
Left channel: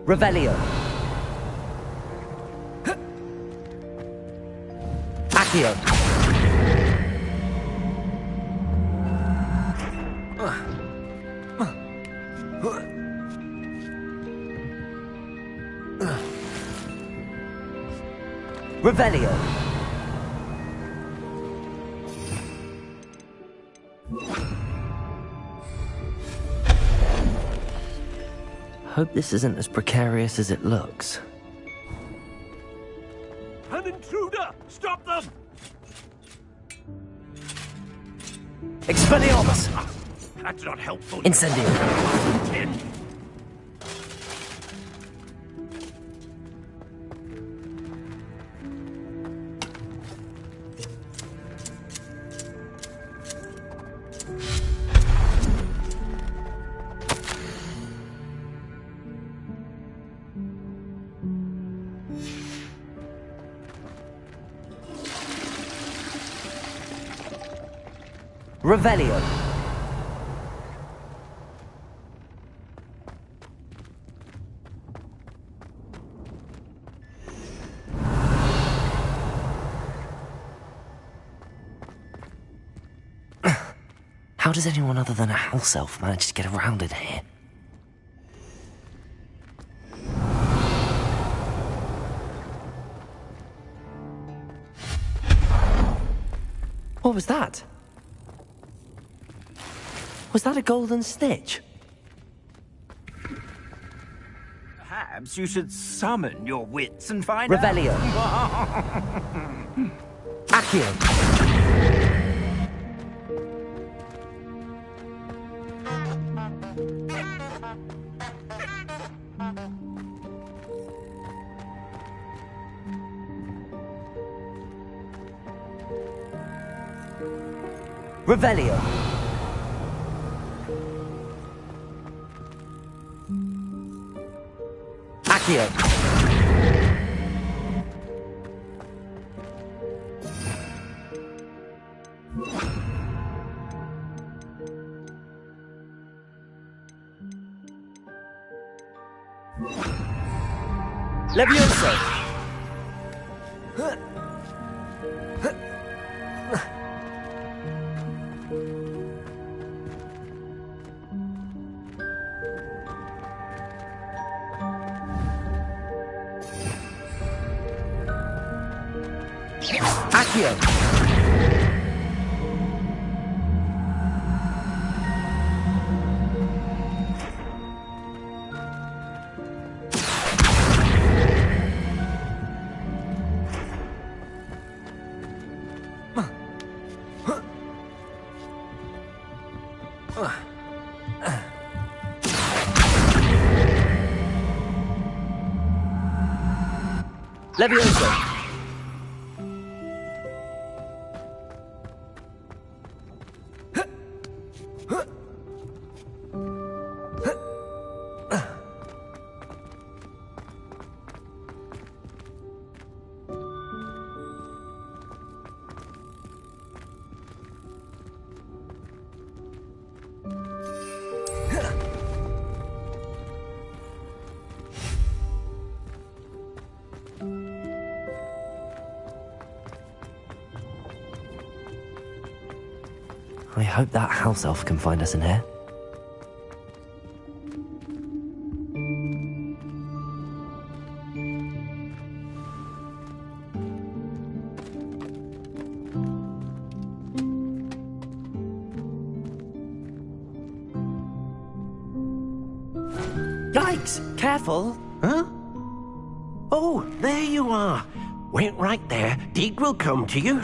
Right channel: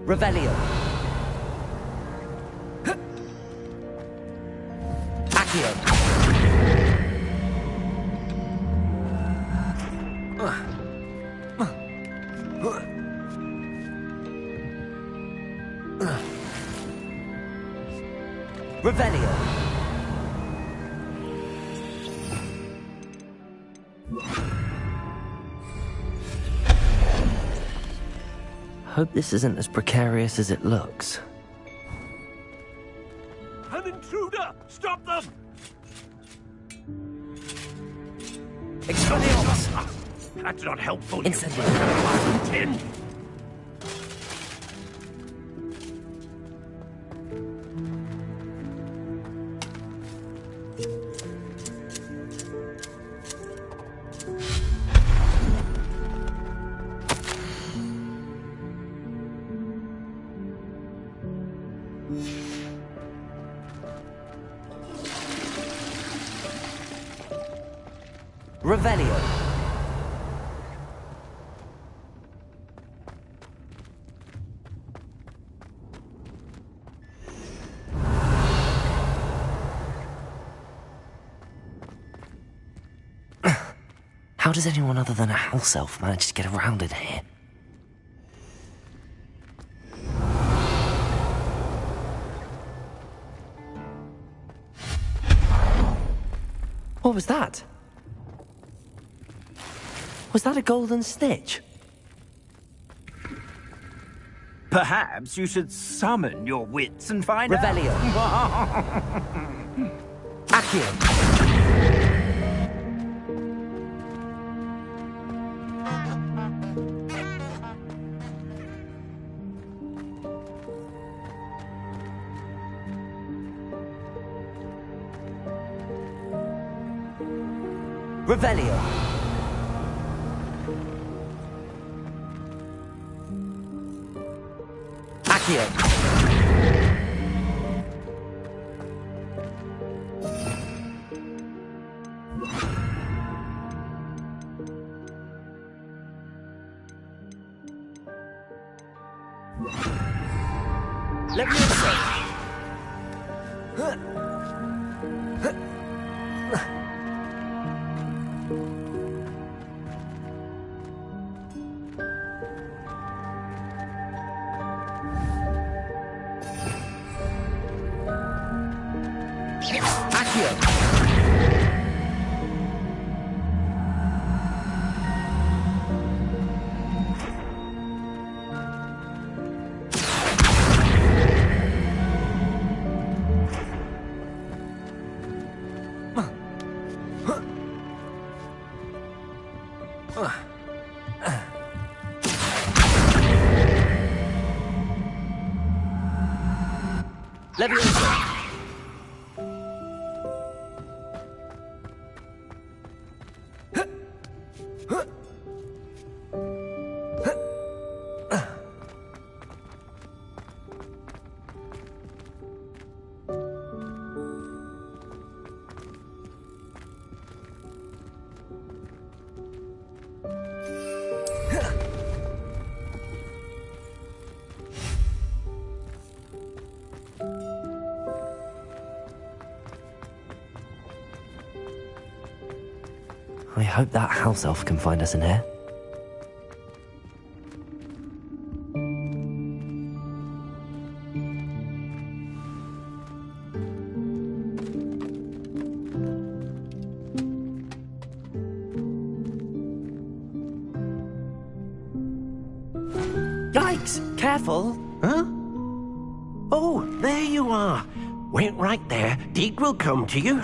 Revelio. Accio. Revelio. Hope this isn't as precarious as it looks. An intruder! Stop them! Expelliarmus! That's not helpful. Incendio. Revelio. How does anyone other than a house elf manage to get around in here? What was that? Was that a golden snitch? Perhaps you should summon your wits and find Revelio. out. Accio. Revelio. Accio. Levioso. Accio. Levioso. I hope that house elf can find us in here. Yikes! Careful! Huh? Oh, there you are. Wait right there. Deek will come to you.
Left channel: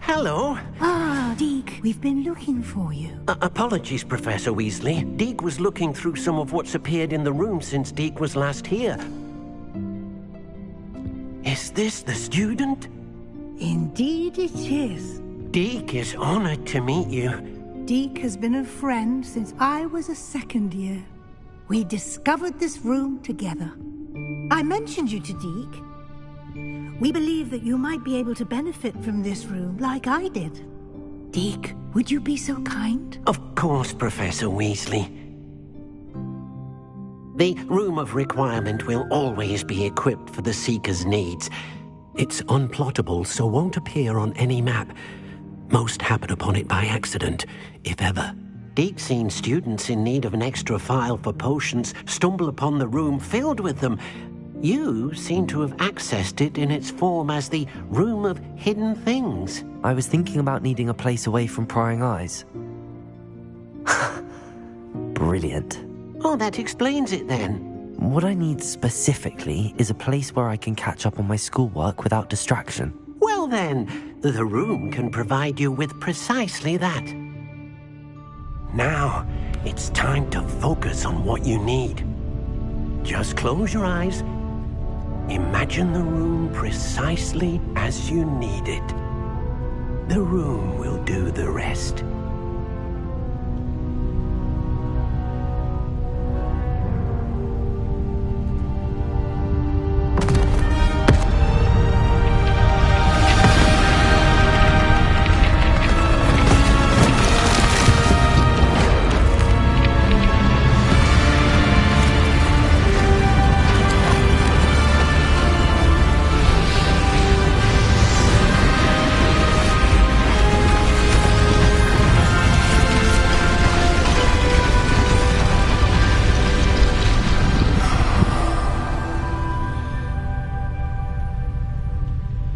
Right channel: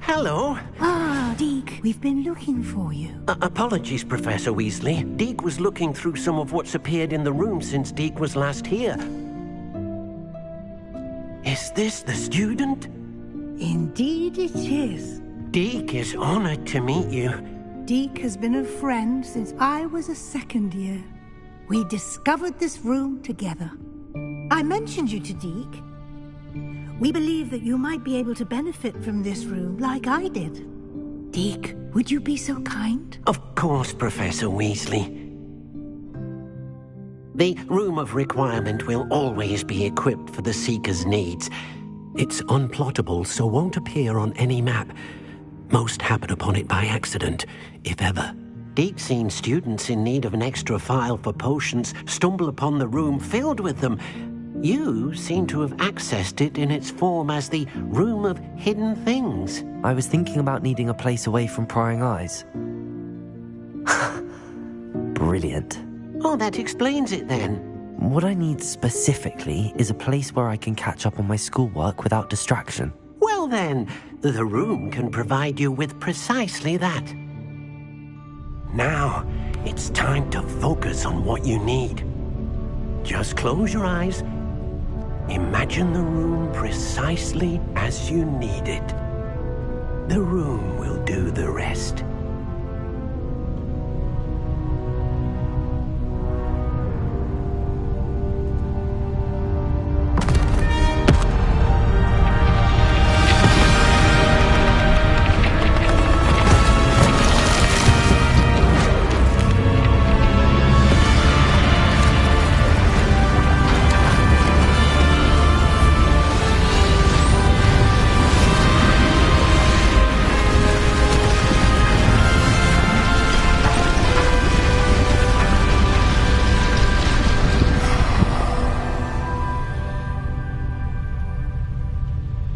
Hello. Ah, Deek, we've been looking for you. Apologies, Professor Weasley. Deek was looking through some of what's appeared in the room since Deek was last here. Is this the student? Indeed it is. Deek is honored to meet you. Deek has been a friend since I was a second year. We discovered this room together. I mentioned you to Deek. We believe that you might be able to benefit from this room like I did. Deke, would you be so kind? Of course, Professor Weasley. The Room of Requirement will always be equipped for the Seeker's needs. It's unplottable, so won't appear on any map. Most happen upon it by accident, if ever. Deke's seen students in need of an extra file for potions stumble upon the room filled with them. You seem to have accessed it in its form as the Room of Hidden Things. I was thinking about needing a place away from prying eyes. Brilliant. Oh, that explains it then. What I need specifically is a place where I can catch up on my schoolwork without distraction. Well then, the room can provide you with precisely that. Now, it's time to focus on what you need. Just close your eyes. Imagine the room precisely as you need it. The room will do the rest.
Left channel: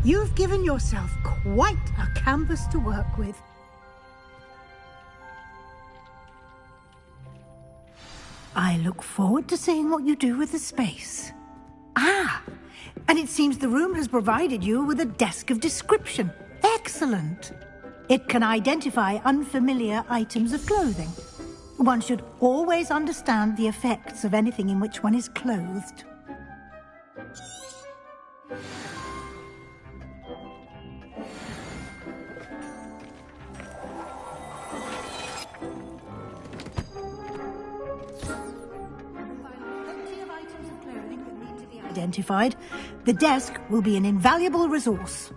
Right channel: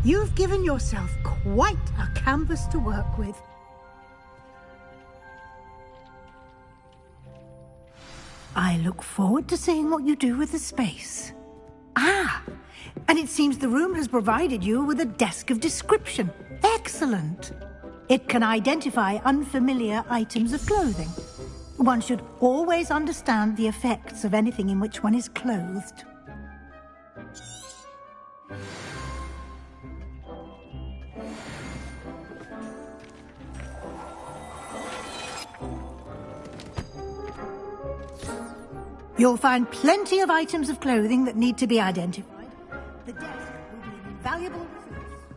You've given yourself quite a canvas to work with. I look forward to seeing what you do with the space. Ah, and it seems the room has provided you with a desk of description. Excellent. It can identify unfamiliar items of clothing. One should always understand the effects of anything in which one is clothed. You'll find plenty of items of clothing that need to be identified. The desk will be an invaluable resource.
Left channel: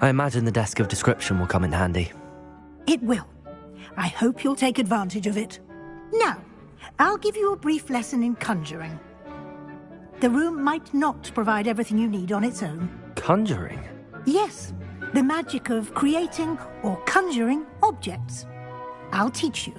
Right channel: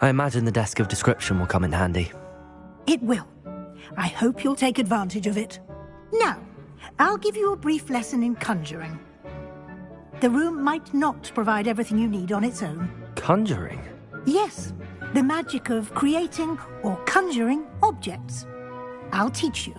I imagine the desk of description will come in handy. It will. I hope you'll take advantage of it. Now, I'll give you a brief lesson in conjuring. The room might not provide everything you need on its own. Conjuring? Yes, the magic of creating or conjuring objects. I'll teach you.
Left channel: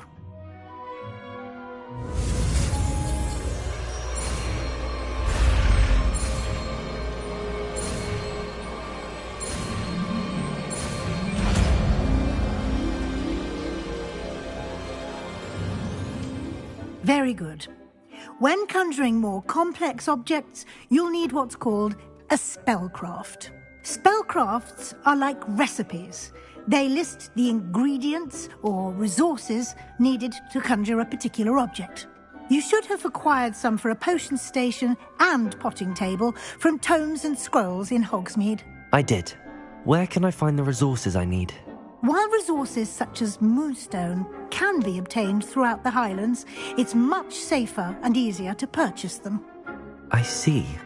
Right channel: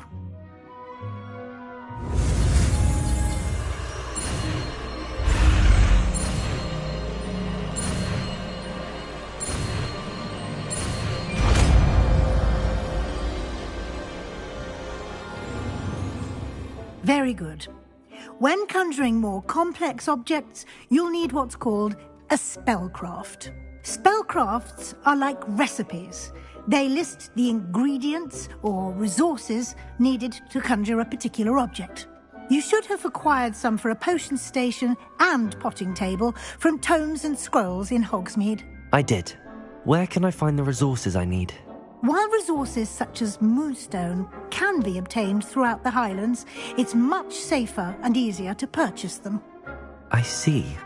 Very good. When conjuring more complex objects, you'll need what's called a spellcraft. Spellcrafts are like recipes. They list the ingredients or resources needed to conjure a particular object. You should have acquired some for a potion station and potting table from tomes and scrolls in Hogsmeade. I did. Where can I find the resources I need? While resources such as moonstone can be obtained throughout the Highlands, it's much safer and easier to purchase them. I see.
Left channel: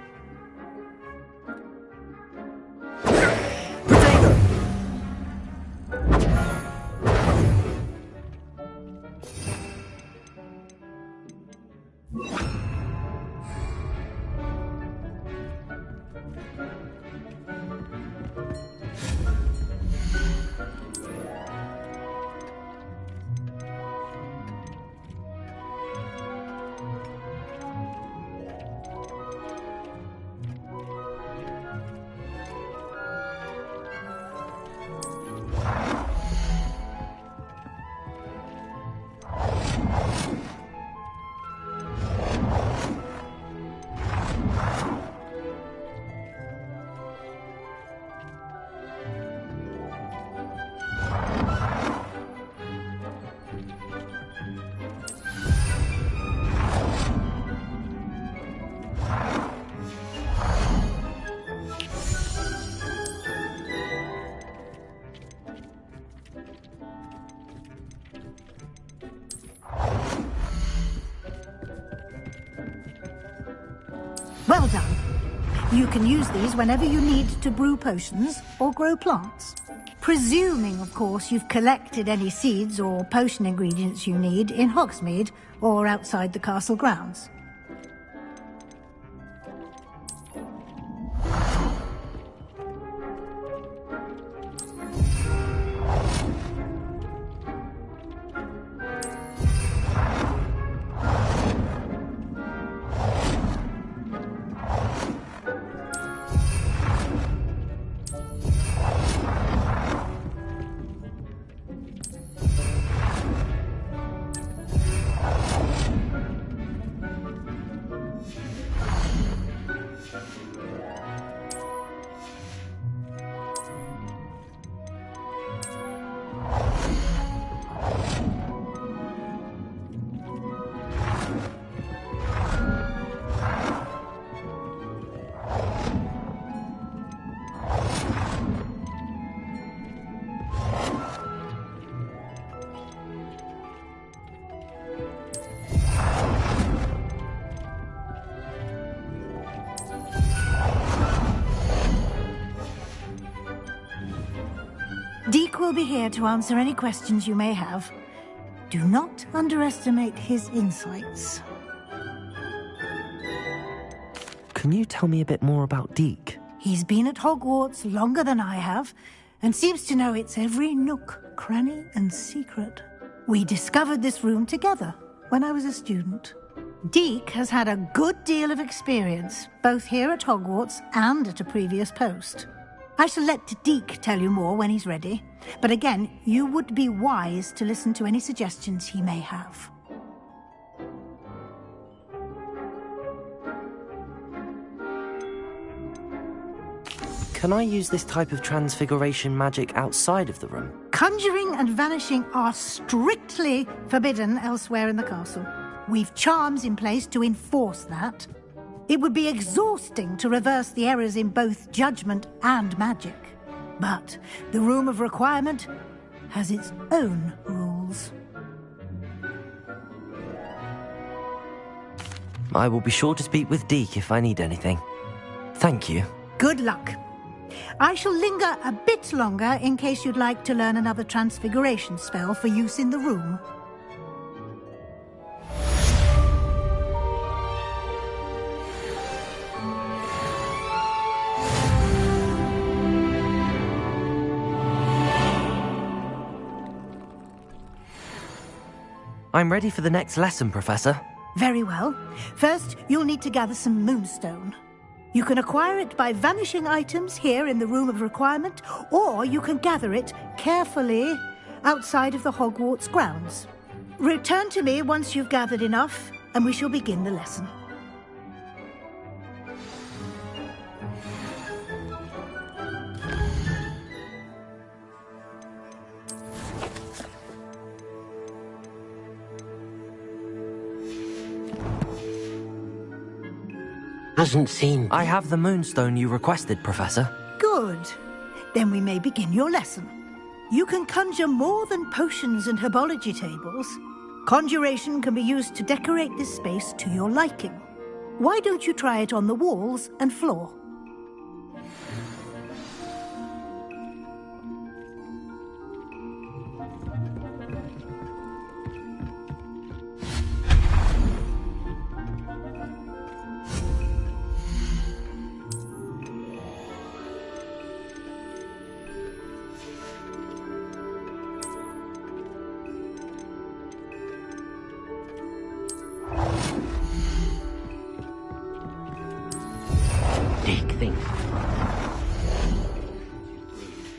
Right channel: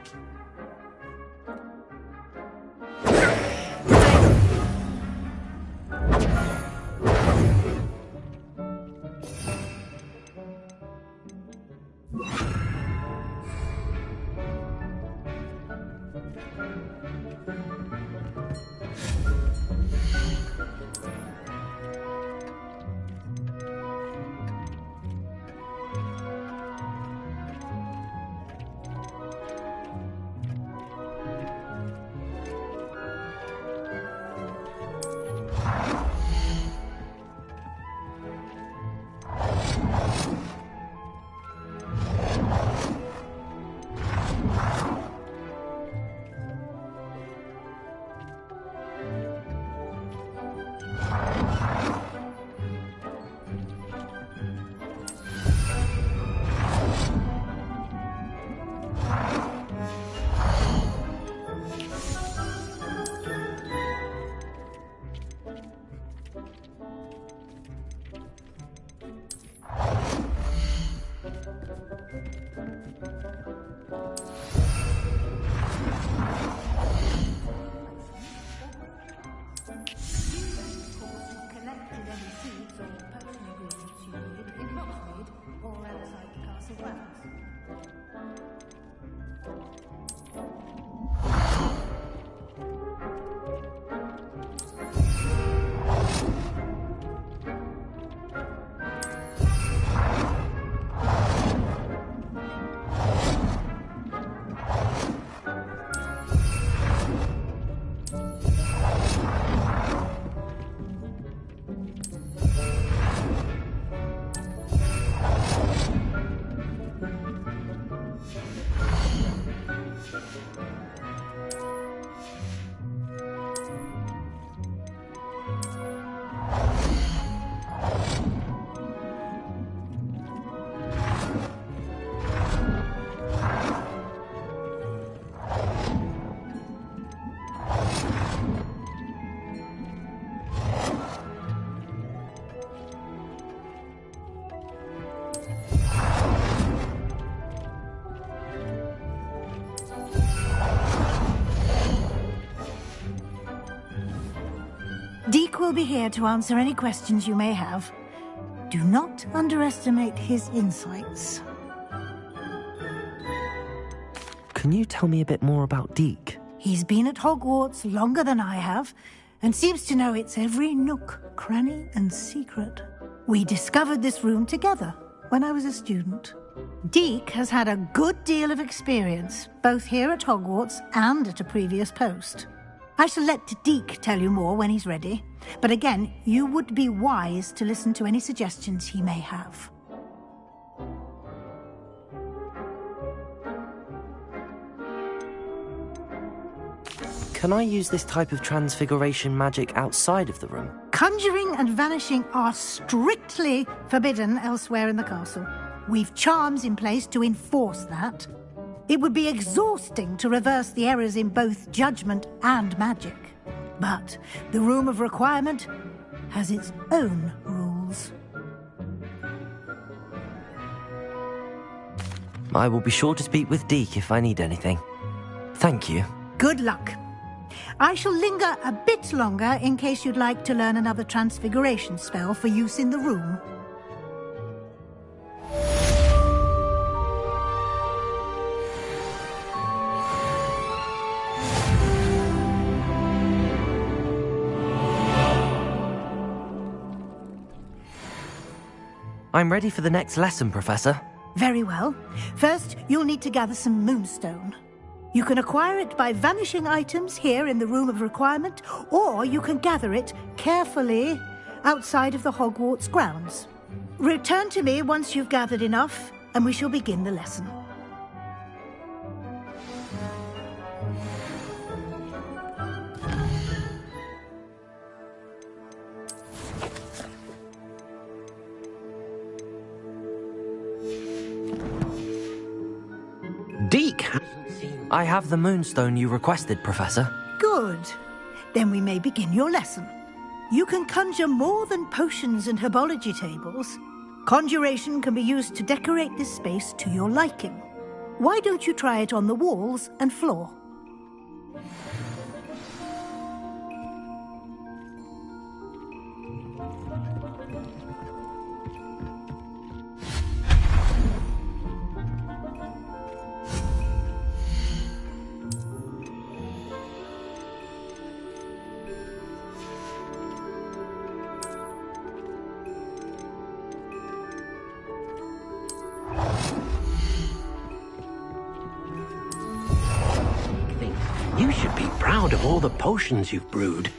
can use these whenever you need to brew potions or grow plants. Presuming, of course, you've collected any seeds or potion ingredients you need in Hogsmeade or outside the castle grounds. Deke will be here to answer any questions you may have. Do not underestimate his insights. Can you tell me a bit more about Deke? He's been at Hogwarts longer than I have, and seems to know its every nook, cranny, and secret. We discovered this room together when I was a student. Deke has had a good deal of experience, both here at Hogwarts and at a previous post. I shall let Deke tell you more when he's ready, but again, you would be wise to listen to any suggestions he may have. Can I use this type of transfiguration magic outside of the room? Conjuring and vanishing are strictly forbidden elsewhere in the castle. We've charms in place to enforce that. It would be exhausting to reverse the errors in both judgment and magic. But the Room of Requirement has its own rules. I will be sure to speak with Deke if I need anything. Thank you. Good luck. I shall linger a bit longer in case you'd like to learn another transfiguration spell for use in the room. I'm ready for the next lesson, Professor. Very well. First, you'll need to gather some moonstone. You can acquire it by vanishing items here in the Room of Requirement, or you can gather it carefully outside of the Hogwarts grounds. Return to me once you've gathered enough, and we shall begin the lesson. Deke hasn't seen... I have the moonstone you requested, Professor. Good. Then we may begin your lesson. You can conjure more than potions and herbology tables. Conjuration can be used to decorate this space to your liking. Why don't you try it on the walls and floor? You should be proud of all the potions you've brewed.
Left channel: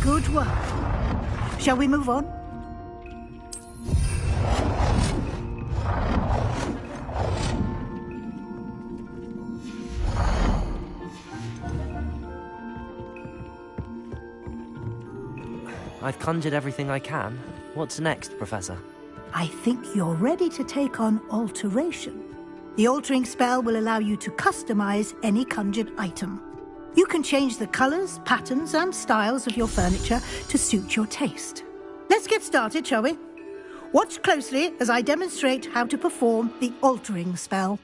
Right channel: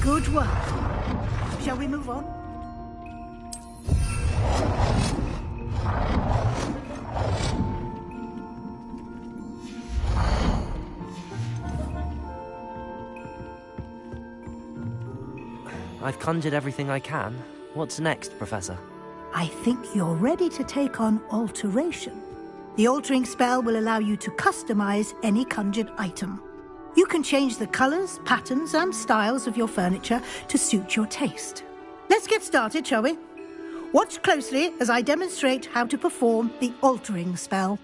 Good work. Shall we move on? I've conjured everything I can. What's next, Professor? I think you're ready to take on alteration. The altering spell will allow you to customize any conjured item. You can change the colors, patterns, and styles of your furniture to suit your taste. Let's get started, shall we? Watch closely as I demonstrate how to perform the altering spell.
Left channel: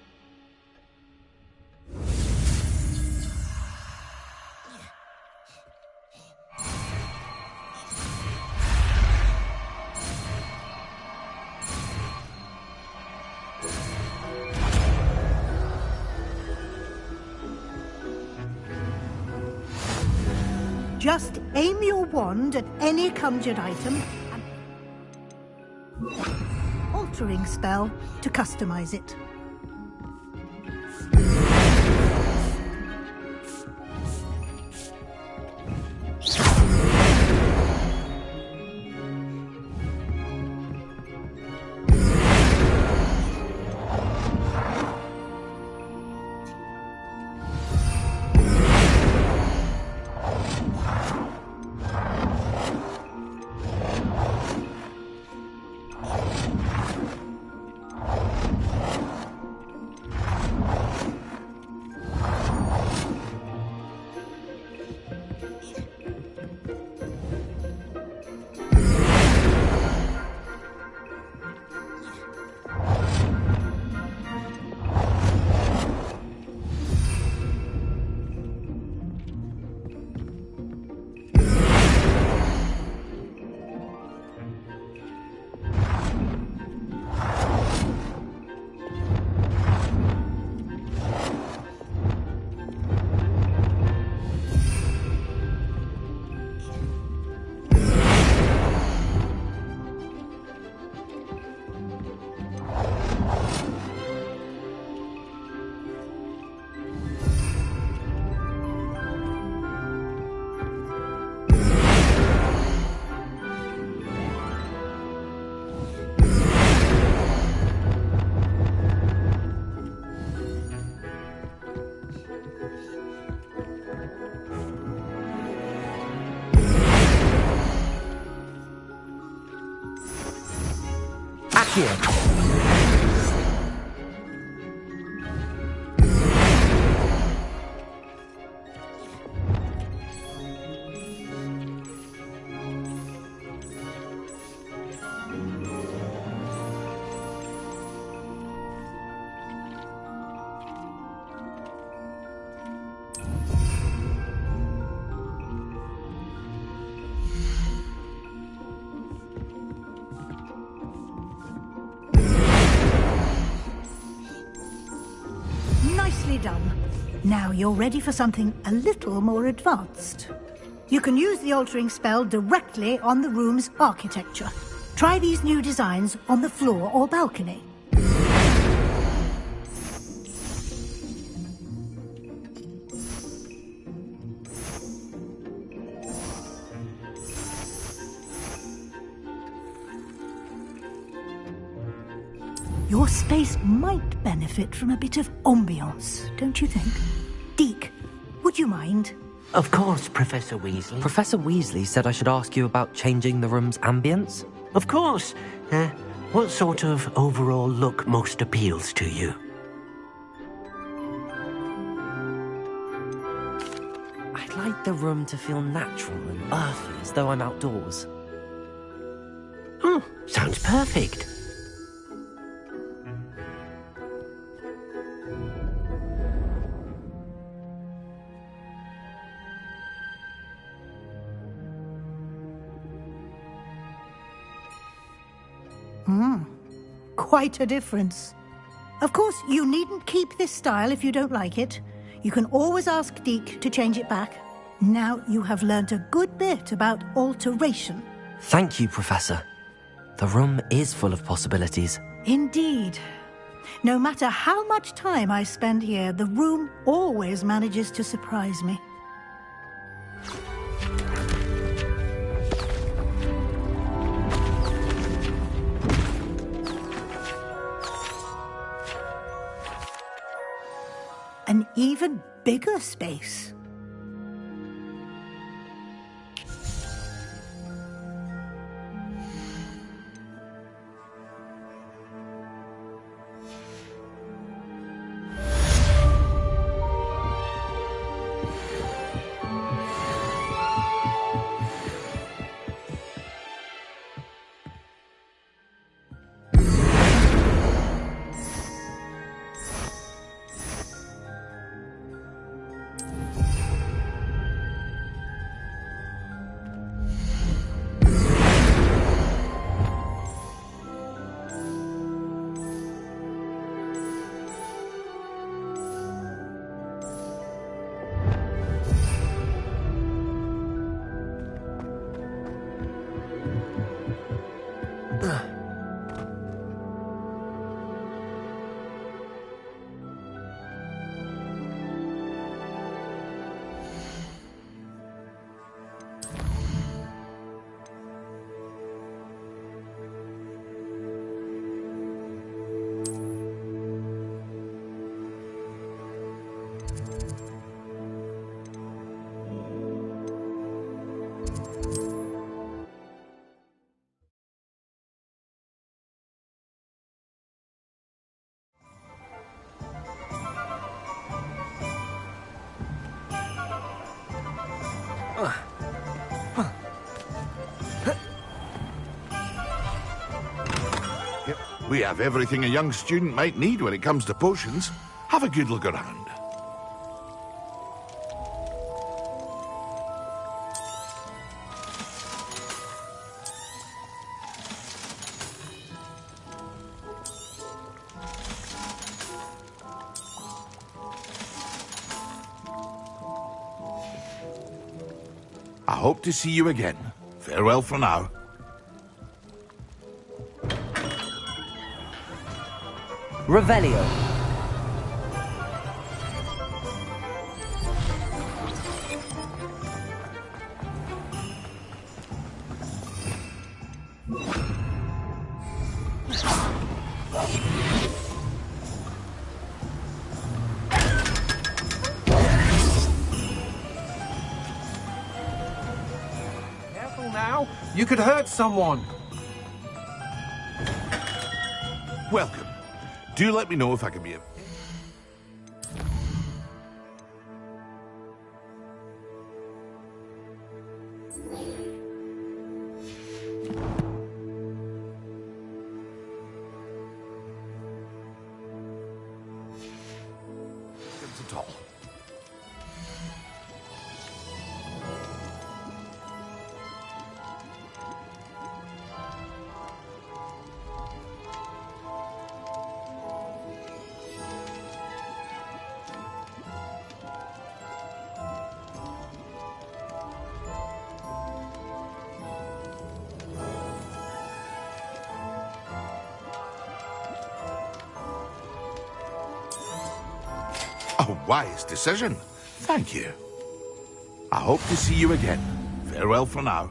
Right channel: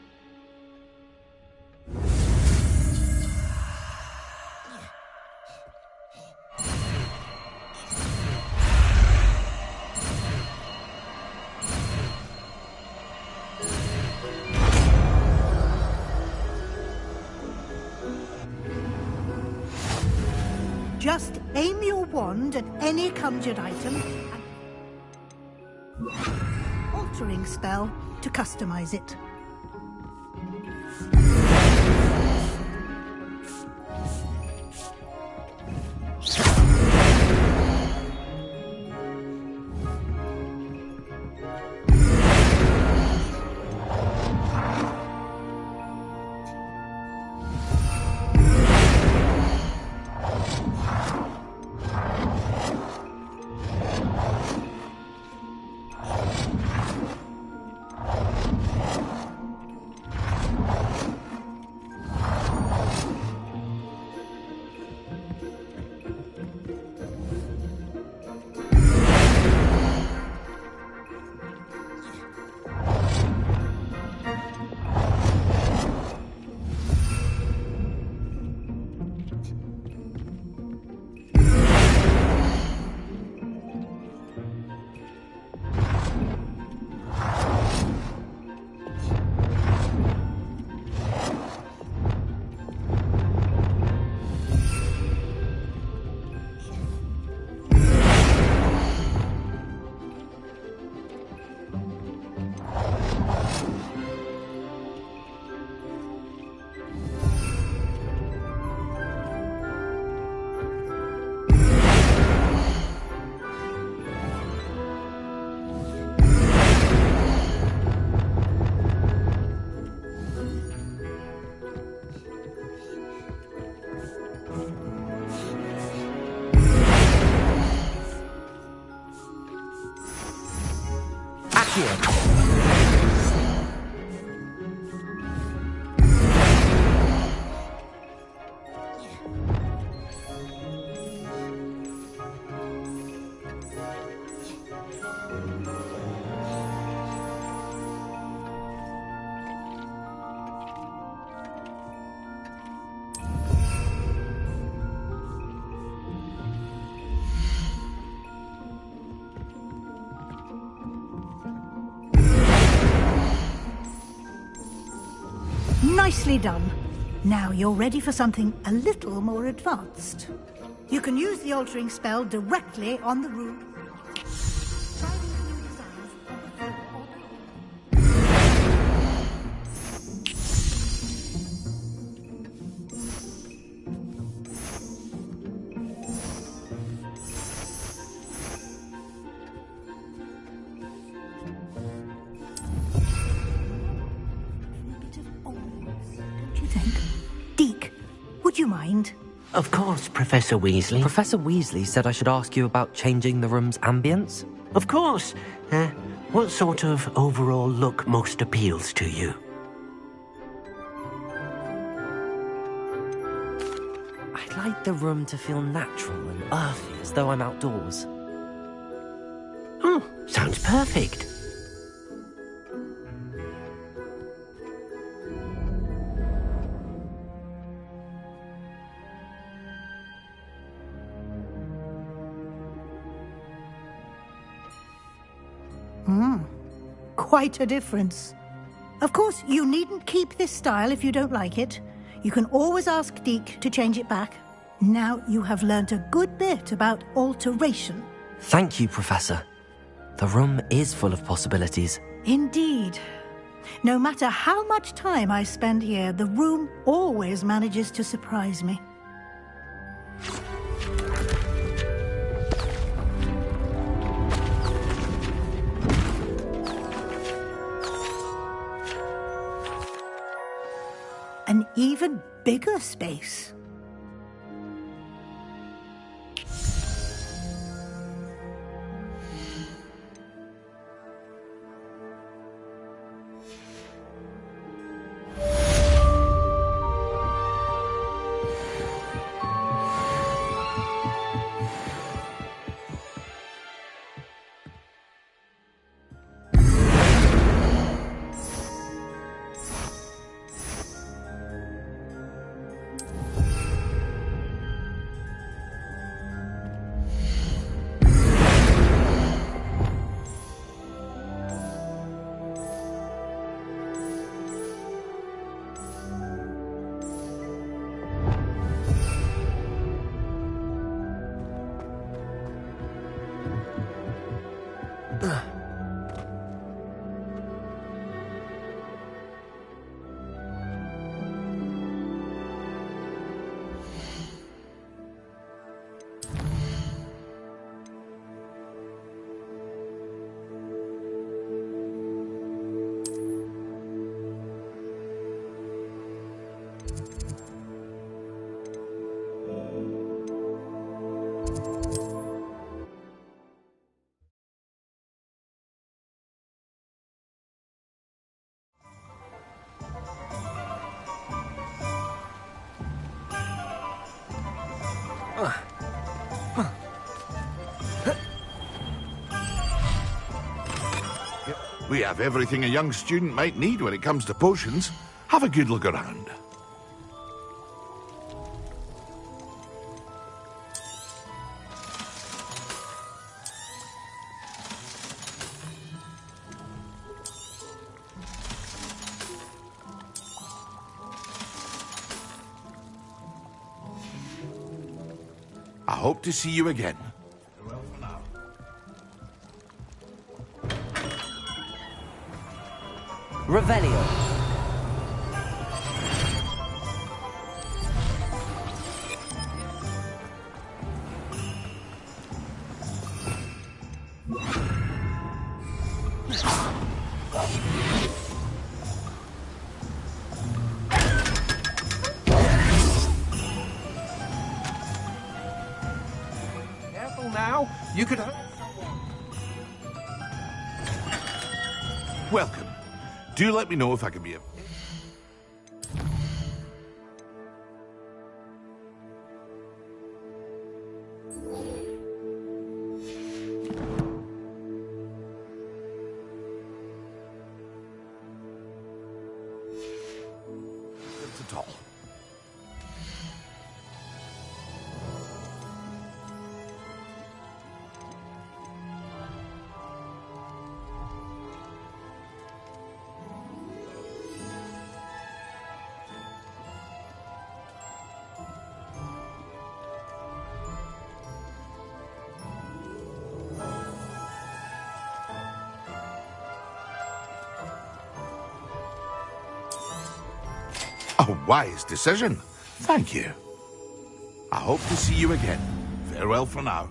Just aim your wand at any conjured item and altering spell to customize it. Nicely done. Now you're ready for something a little more advanced. You can use the altering spell directly on the room's architecture. Try these new designs on the floor or balcony. Your space might benefit from a bit of ambiance, don't you think? Deke, would you mind? Of course, Professor Weasley. Professor Weasley said I should ask you about changing the room's ambience? Of course. What sort of overall look most appeals to you? I'd like the room to feel natural and earthy, as though I'm outdoors. Oh, sounds perfect. Quite a difference. Of course, you needn't keep this style if you don't like it. You can always ask Deke to change it back. Now you have learnt a good bit about alteration. Thank you, Professor. The room is full of possibilities. Indeed. No matter how much time I spend here, the room always manages to surprise me. even bigger space. We have everything a young student might need when it comes to potions. Have a good look around. I hope to see you again. Farewell for now. Revelio. Careful now. You could hurt someone. Welcome. Do let me know if I can be of... assistance at all. A wise decision. Thank you. I hope to see you again. Farewell for now.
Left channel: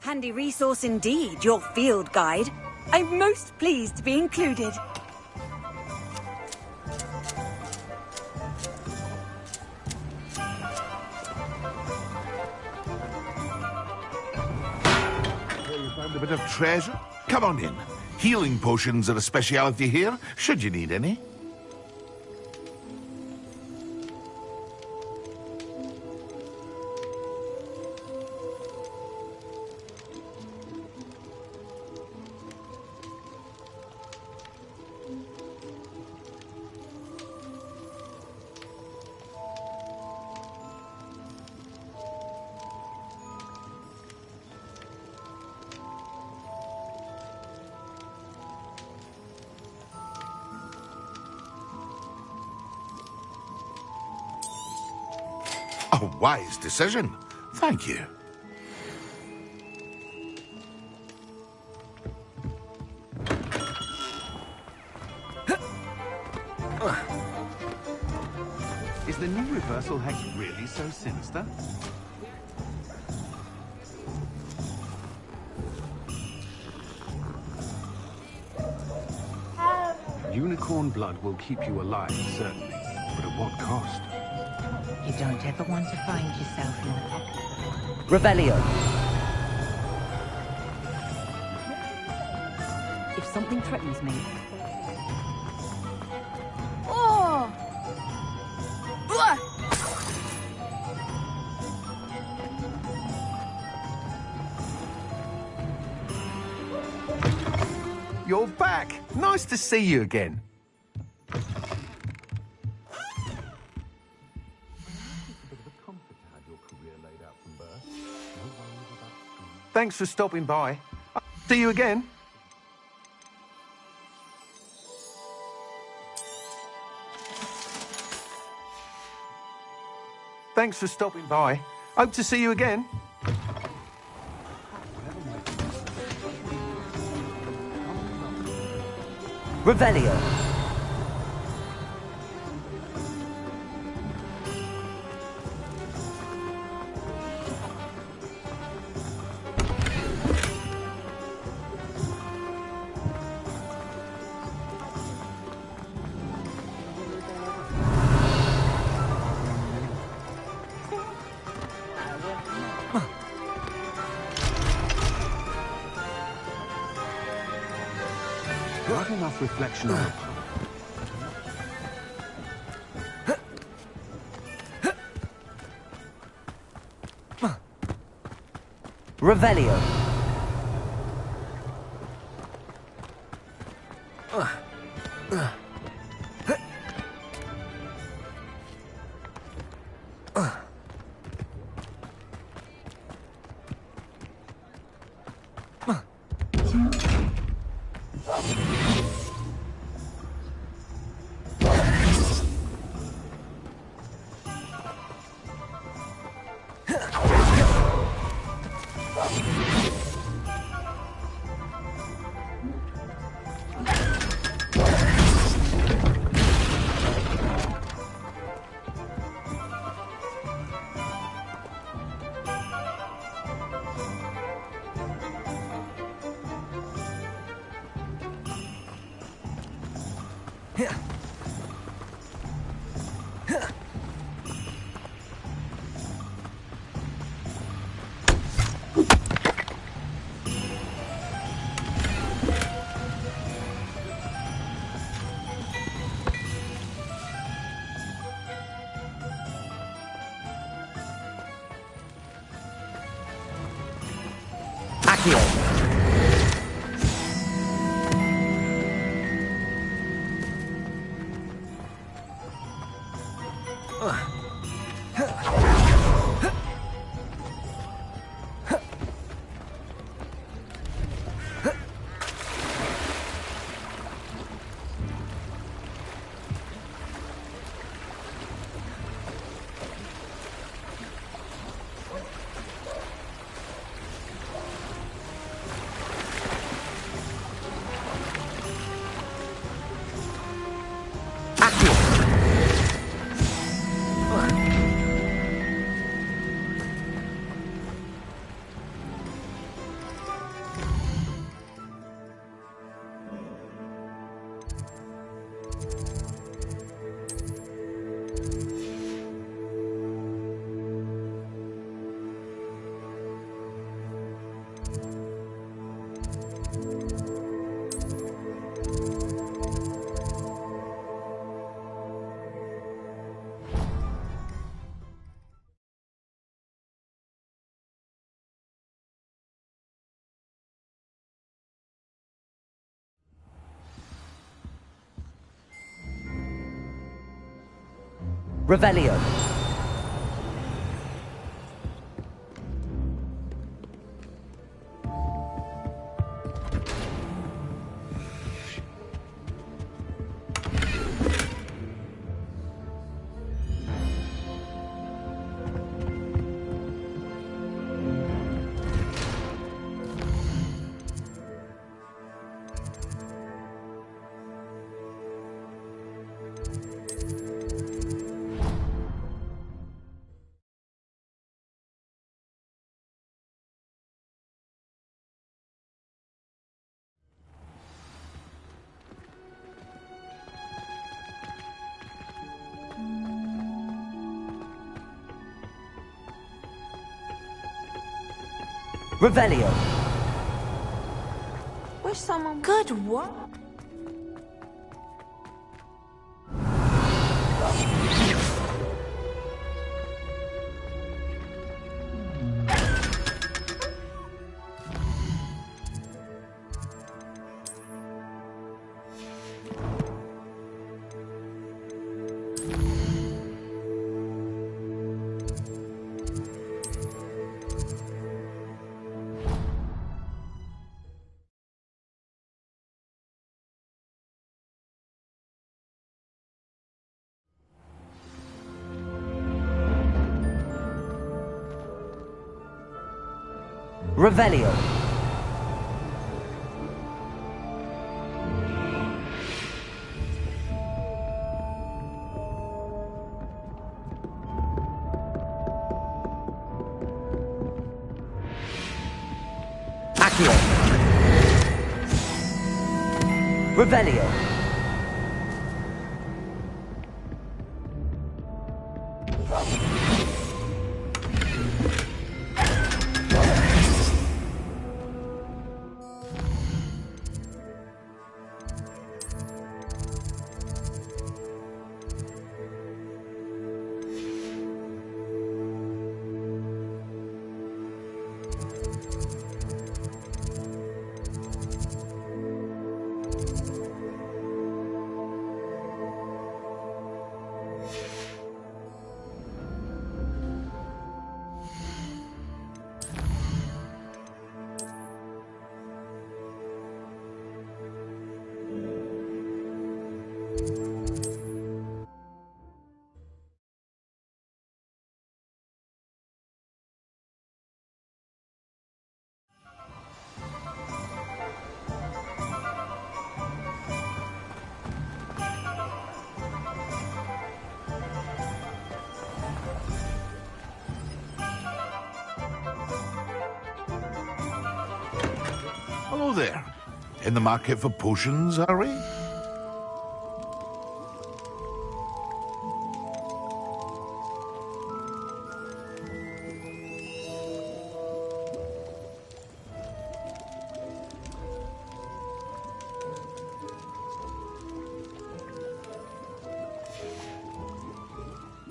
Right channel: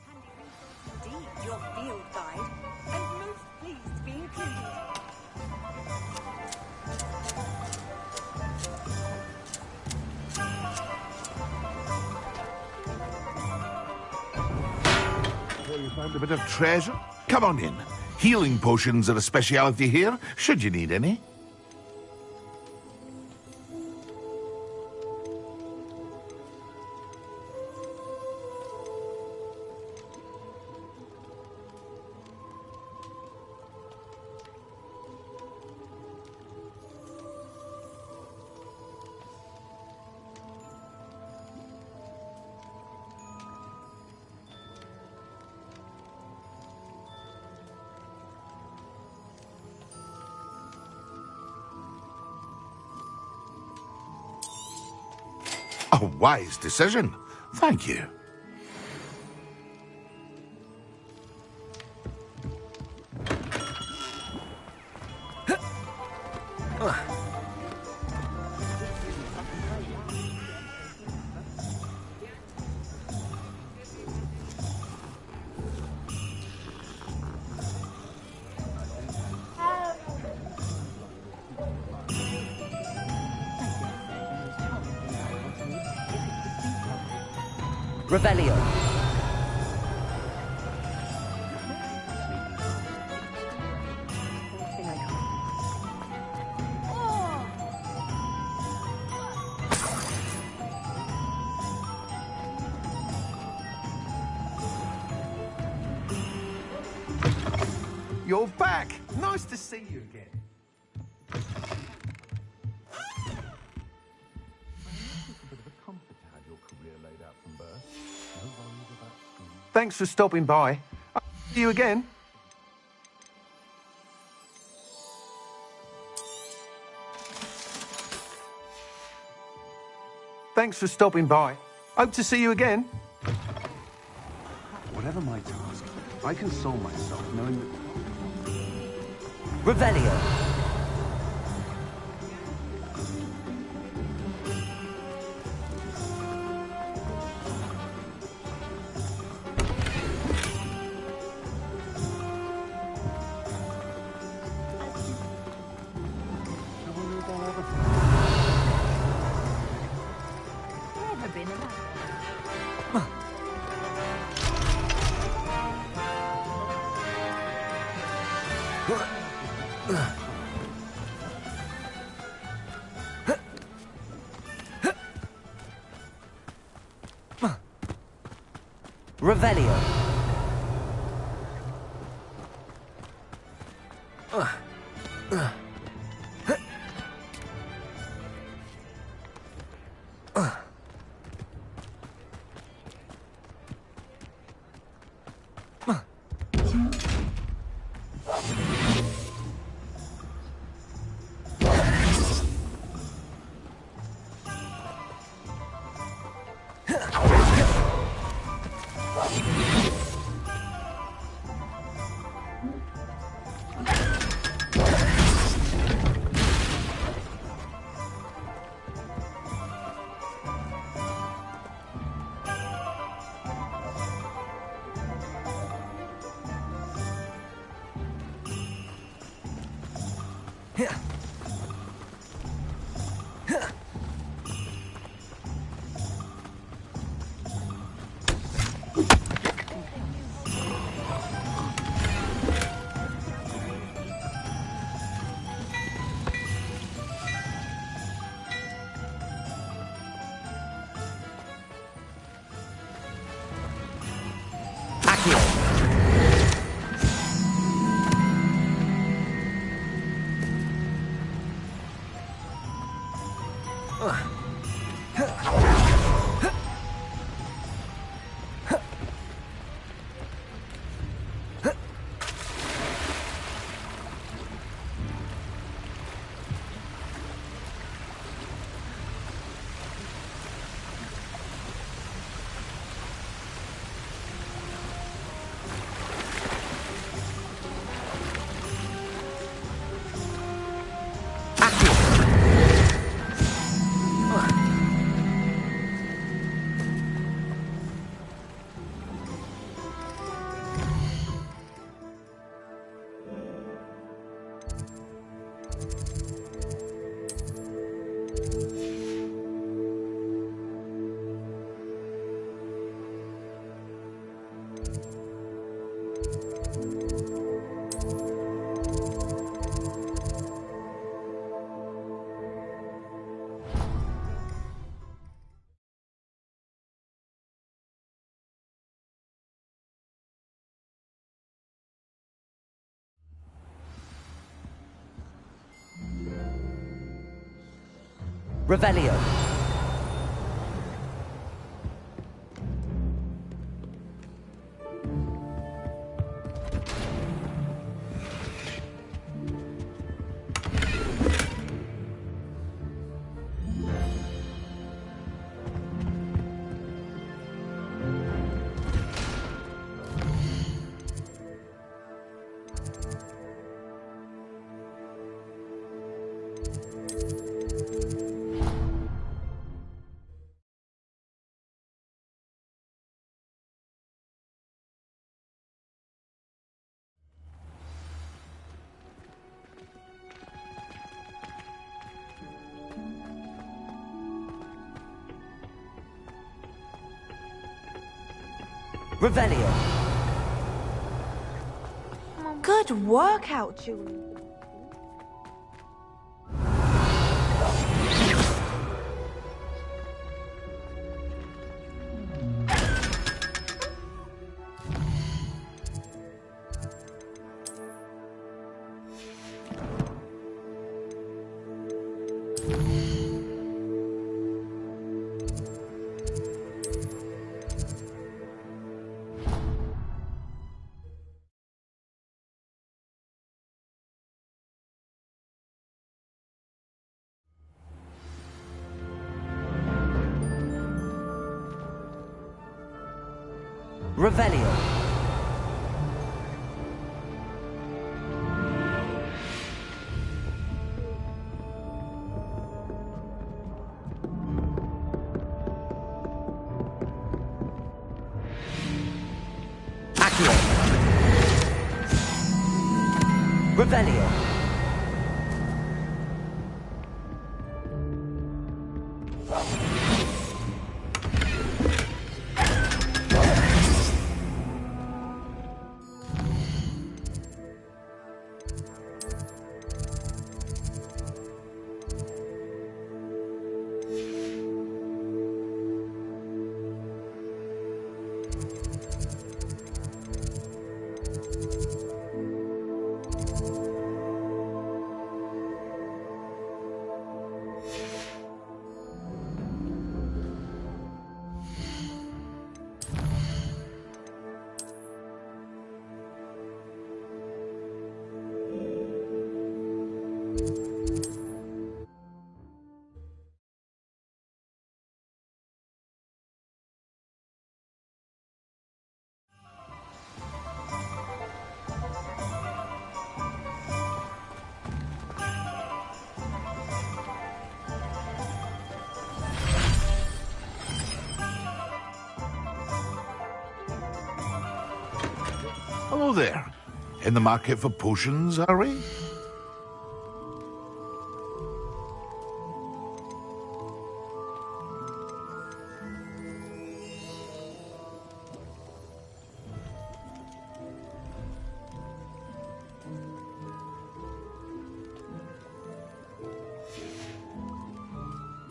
Handy resource indeed, your field guide. I'm most pleased to be included. So you found a bit of treasure? Come on in. Healing potions are a speciality here, should you need any. A wise decision. Thank you. Is the new reversal hex really so sinister? Unicorn blood will keep you alive, certainly. But at what cost? You don't ever want to find yourself like Revelio. If something threatens me, the first thing I do. Oh! You're back! Nice to see you again. Thanks for stopping by. I'll see you again. Thanks for stopping by. Hope to see you again. Whatever my task, I console myself knowing that Revelio. Not enough reflection of the past. Revelio. Revelio. Revelio. Wish someone. Good workout, Julie. Revelio. Accio. Revelio. Hello there. In the market for potions, are we?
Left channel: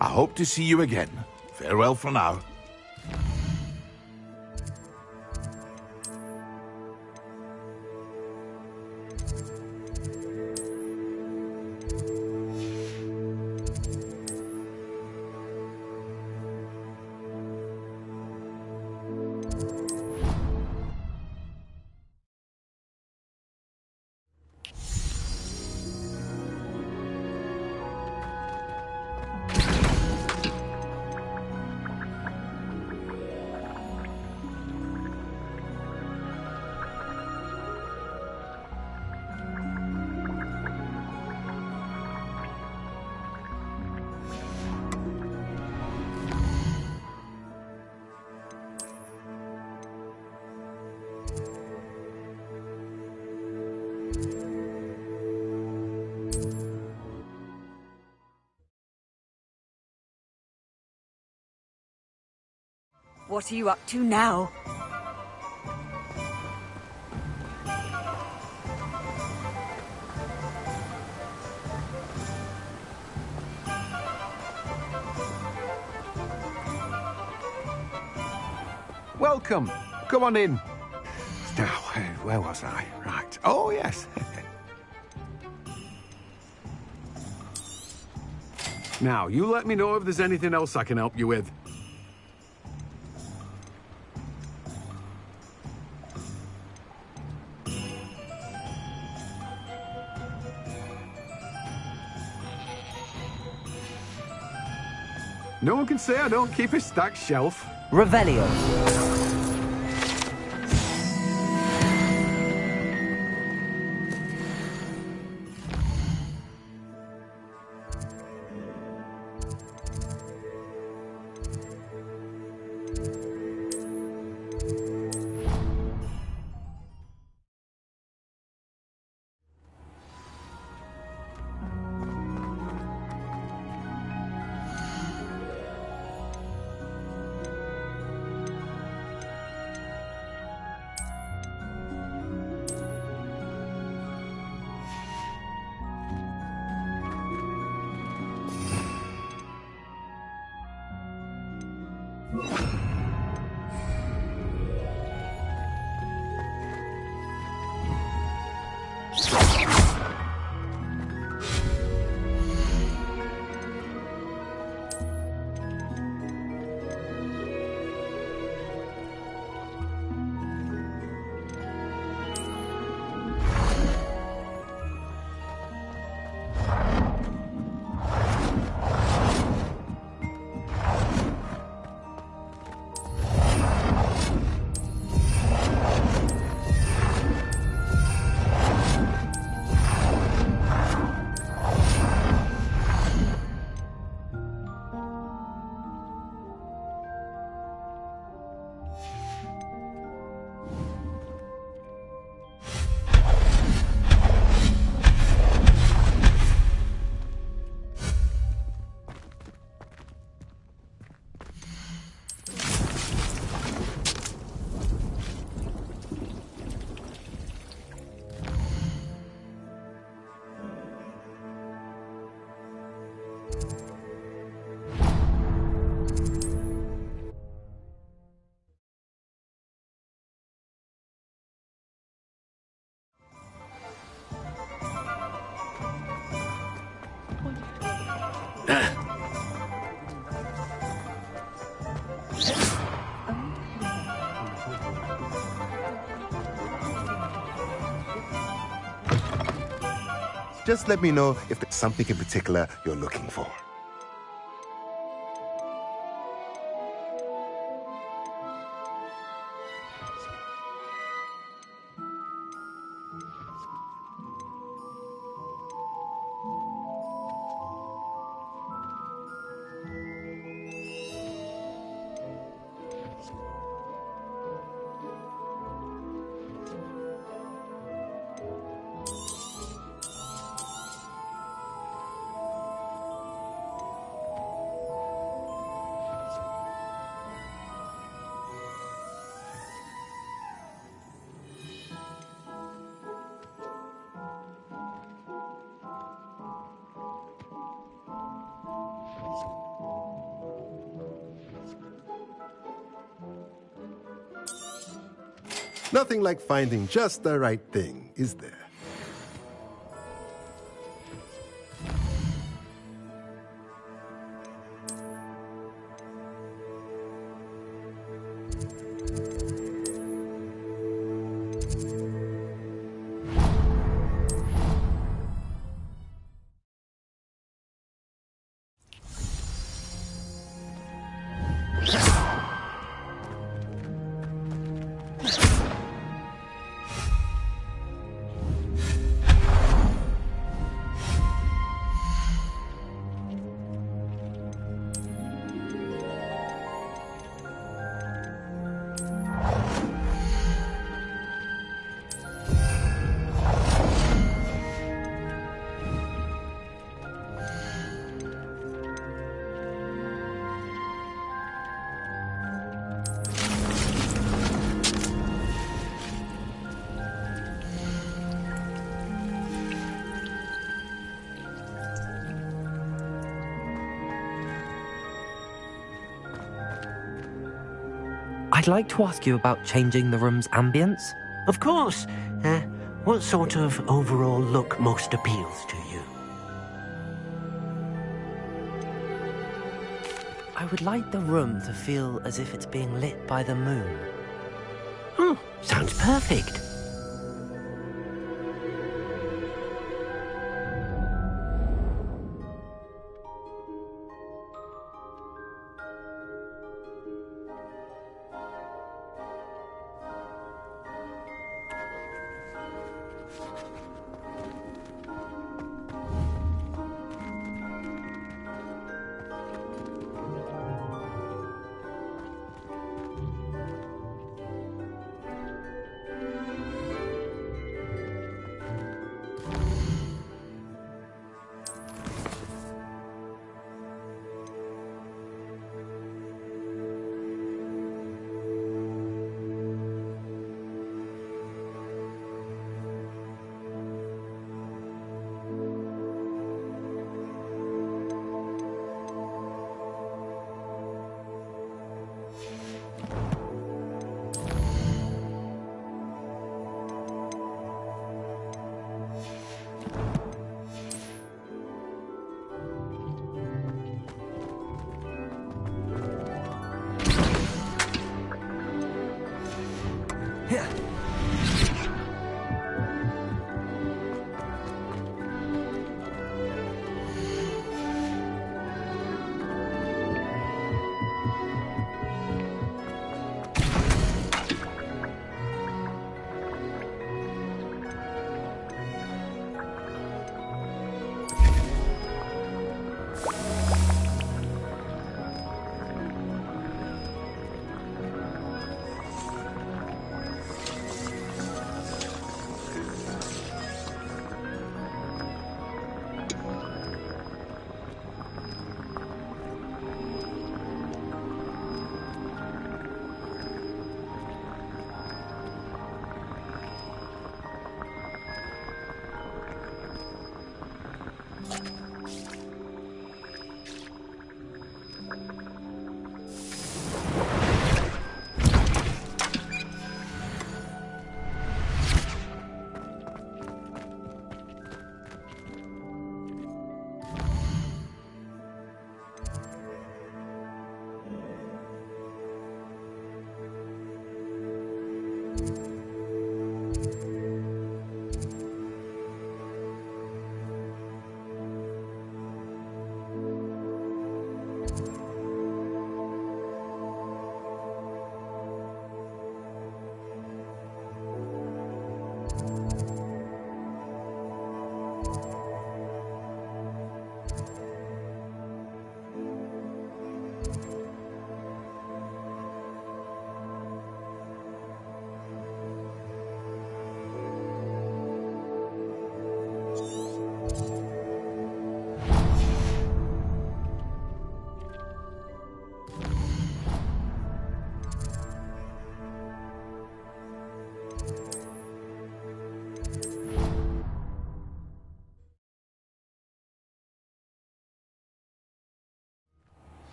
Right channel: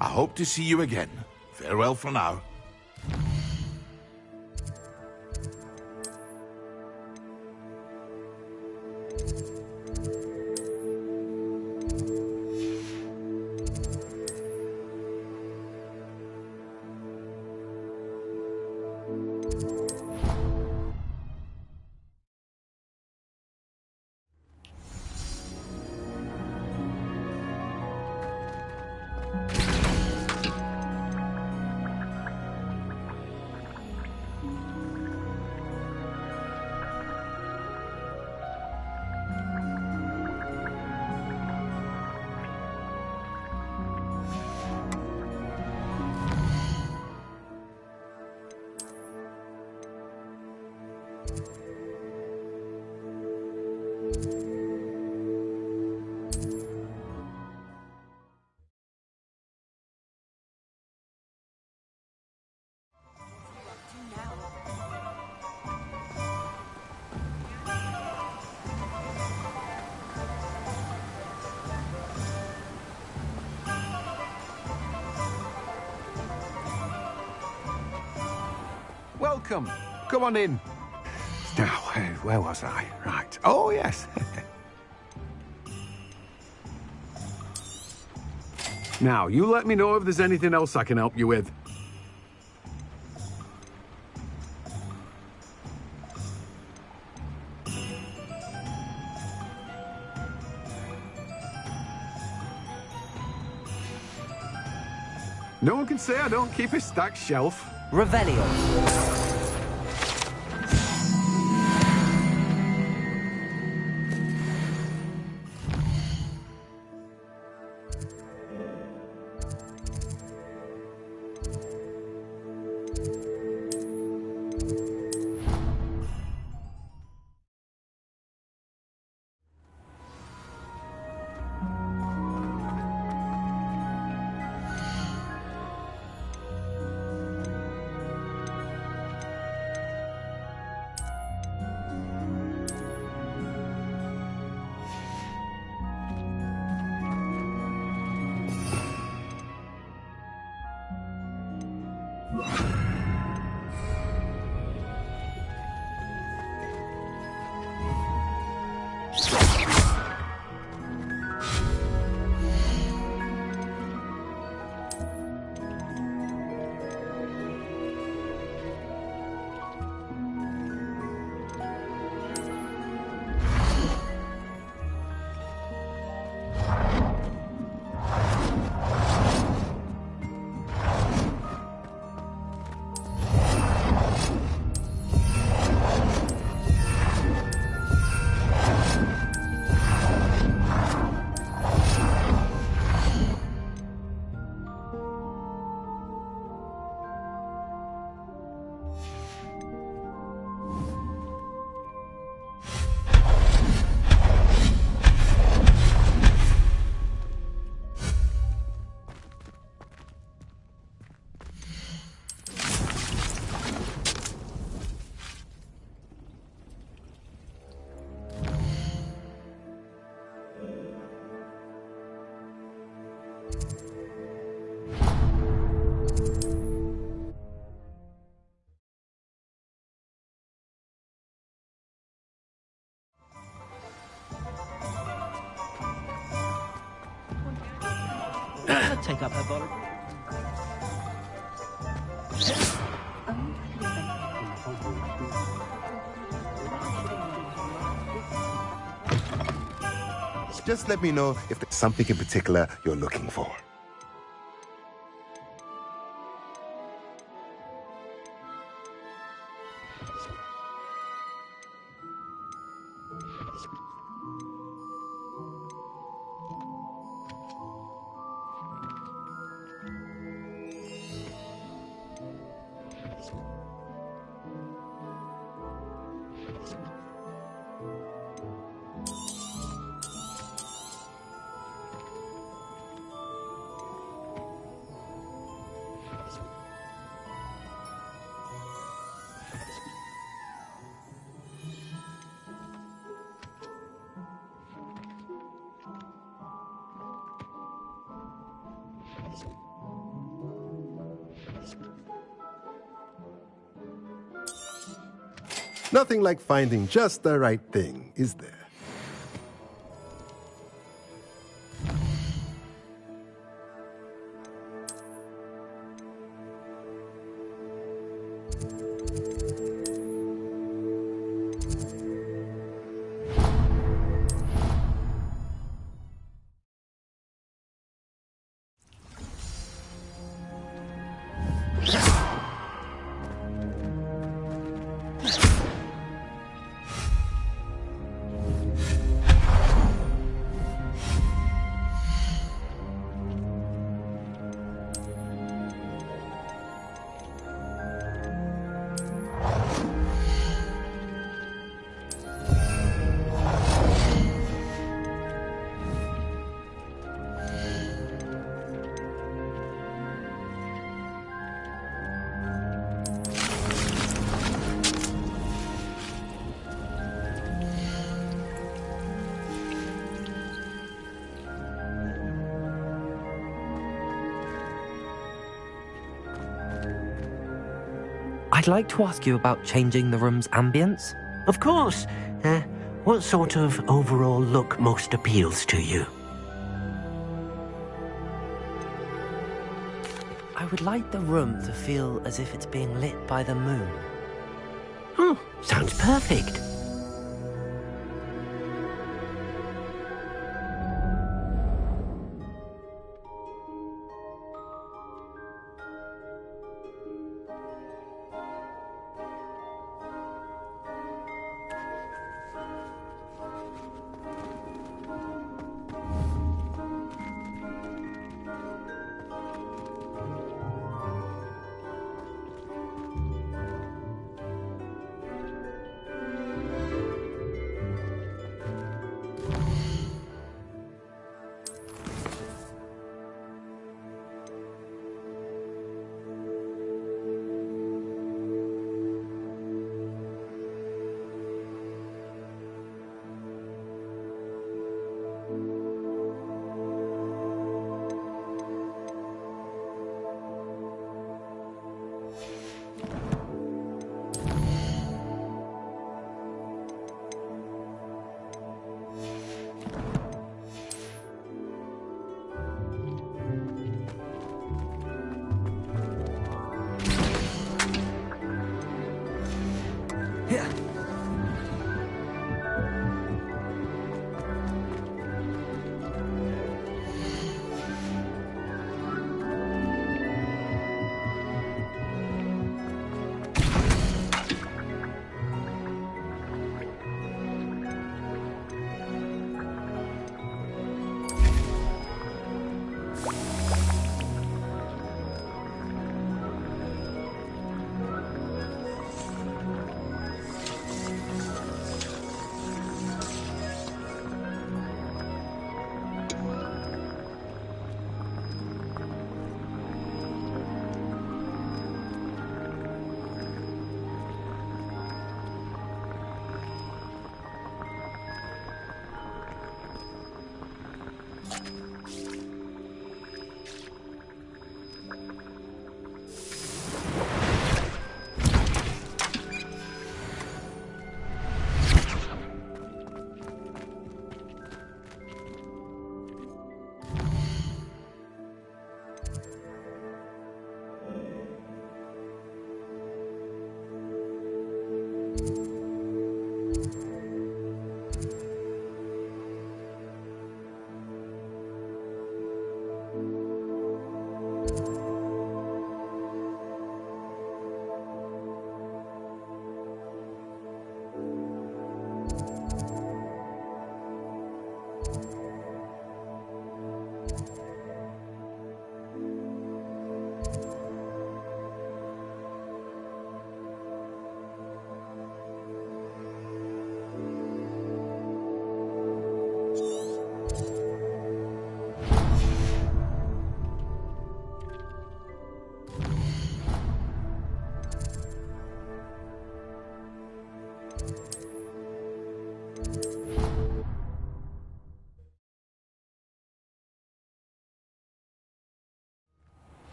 I hope to see you again. Farewell for now. What are you up to now? Welcome. Come on in. Now, where was I? Right. Oh, yes. Now, you let me know if there's anything else I can help you with. No one can say I don't keep a stacked shelf. Revelio. take up the bottle. Just let me know if there's something in particular you're looking for. Nothing like finding just the right thing, is there? I'd like to ask you about changing the room's ambience. Of course. What sort of overall look most appeals to you? I would like the room to feel as if it's being lit by the moon. Sounds perfect.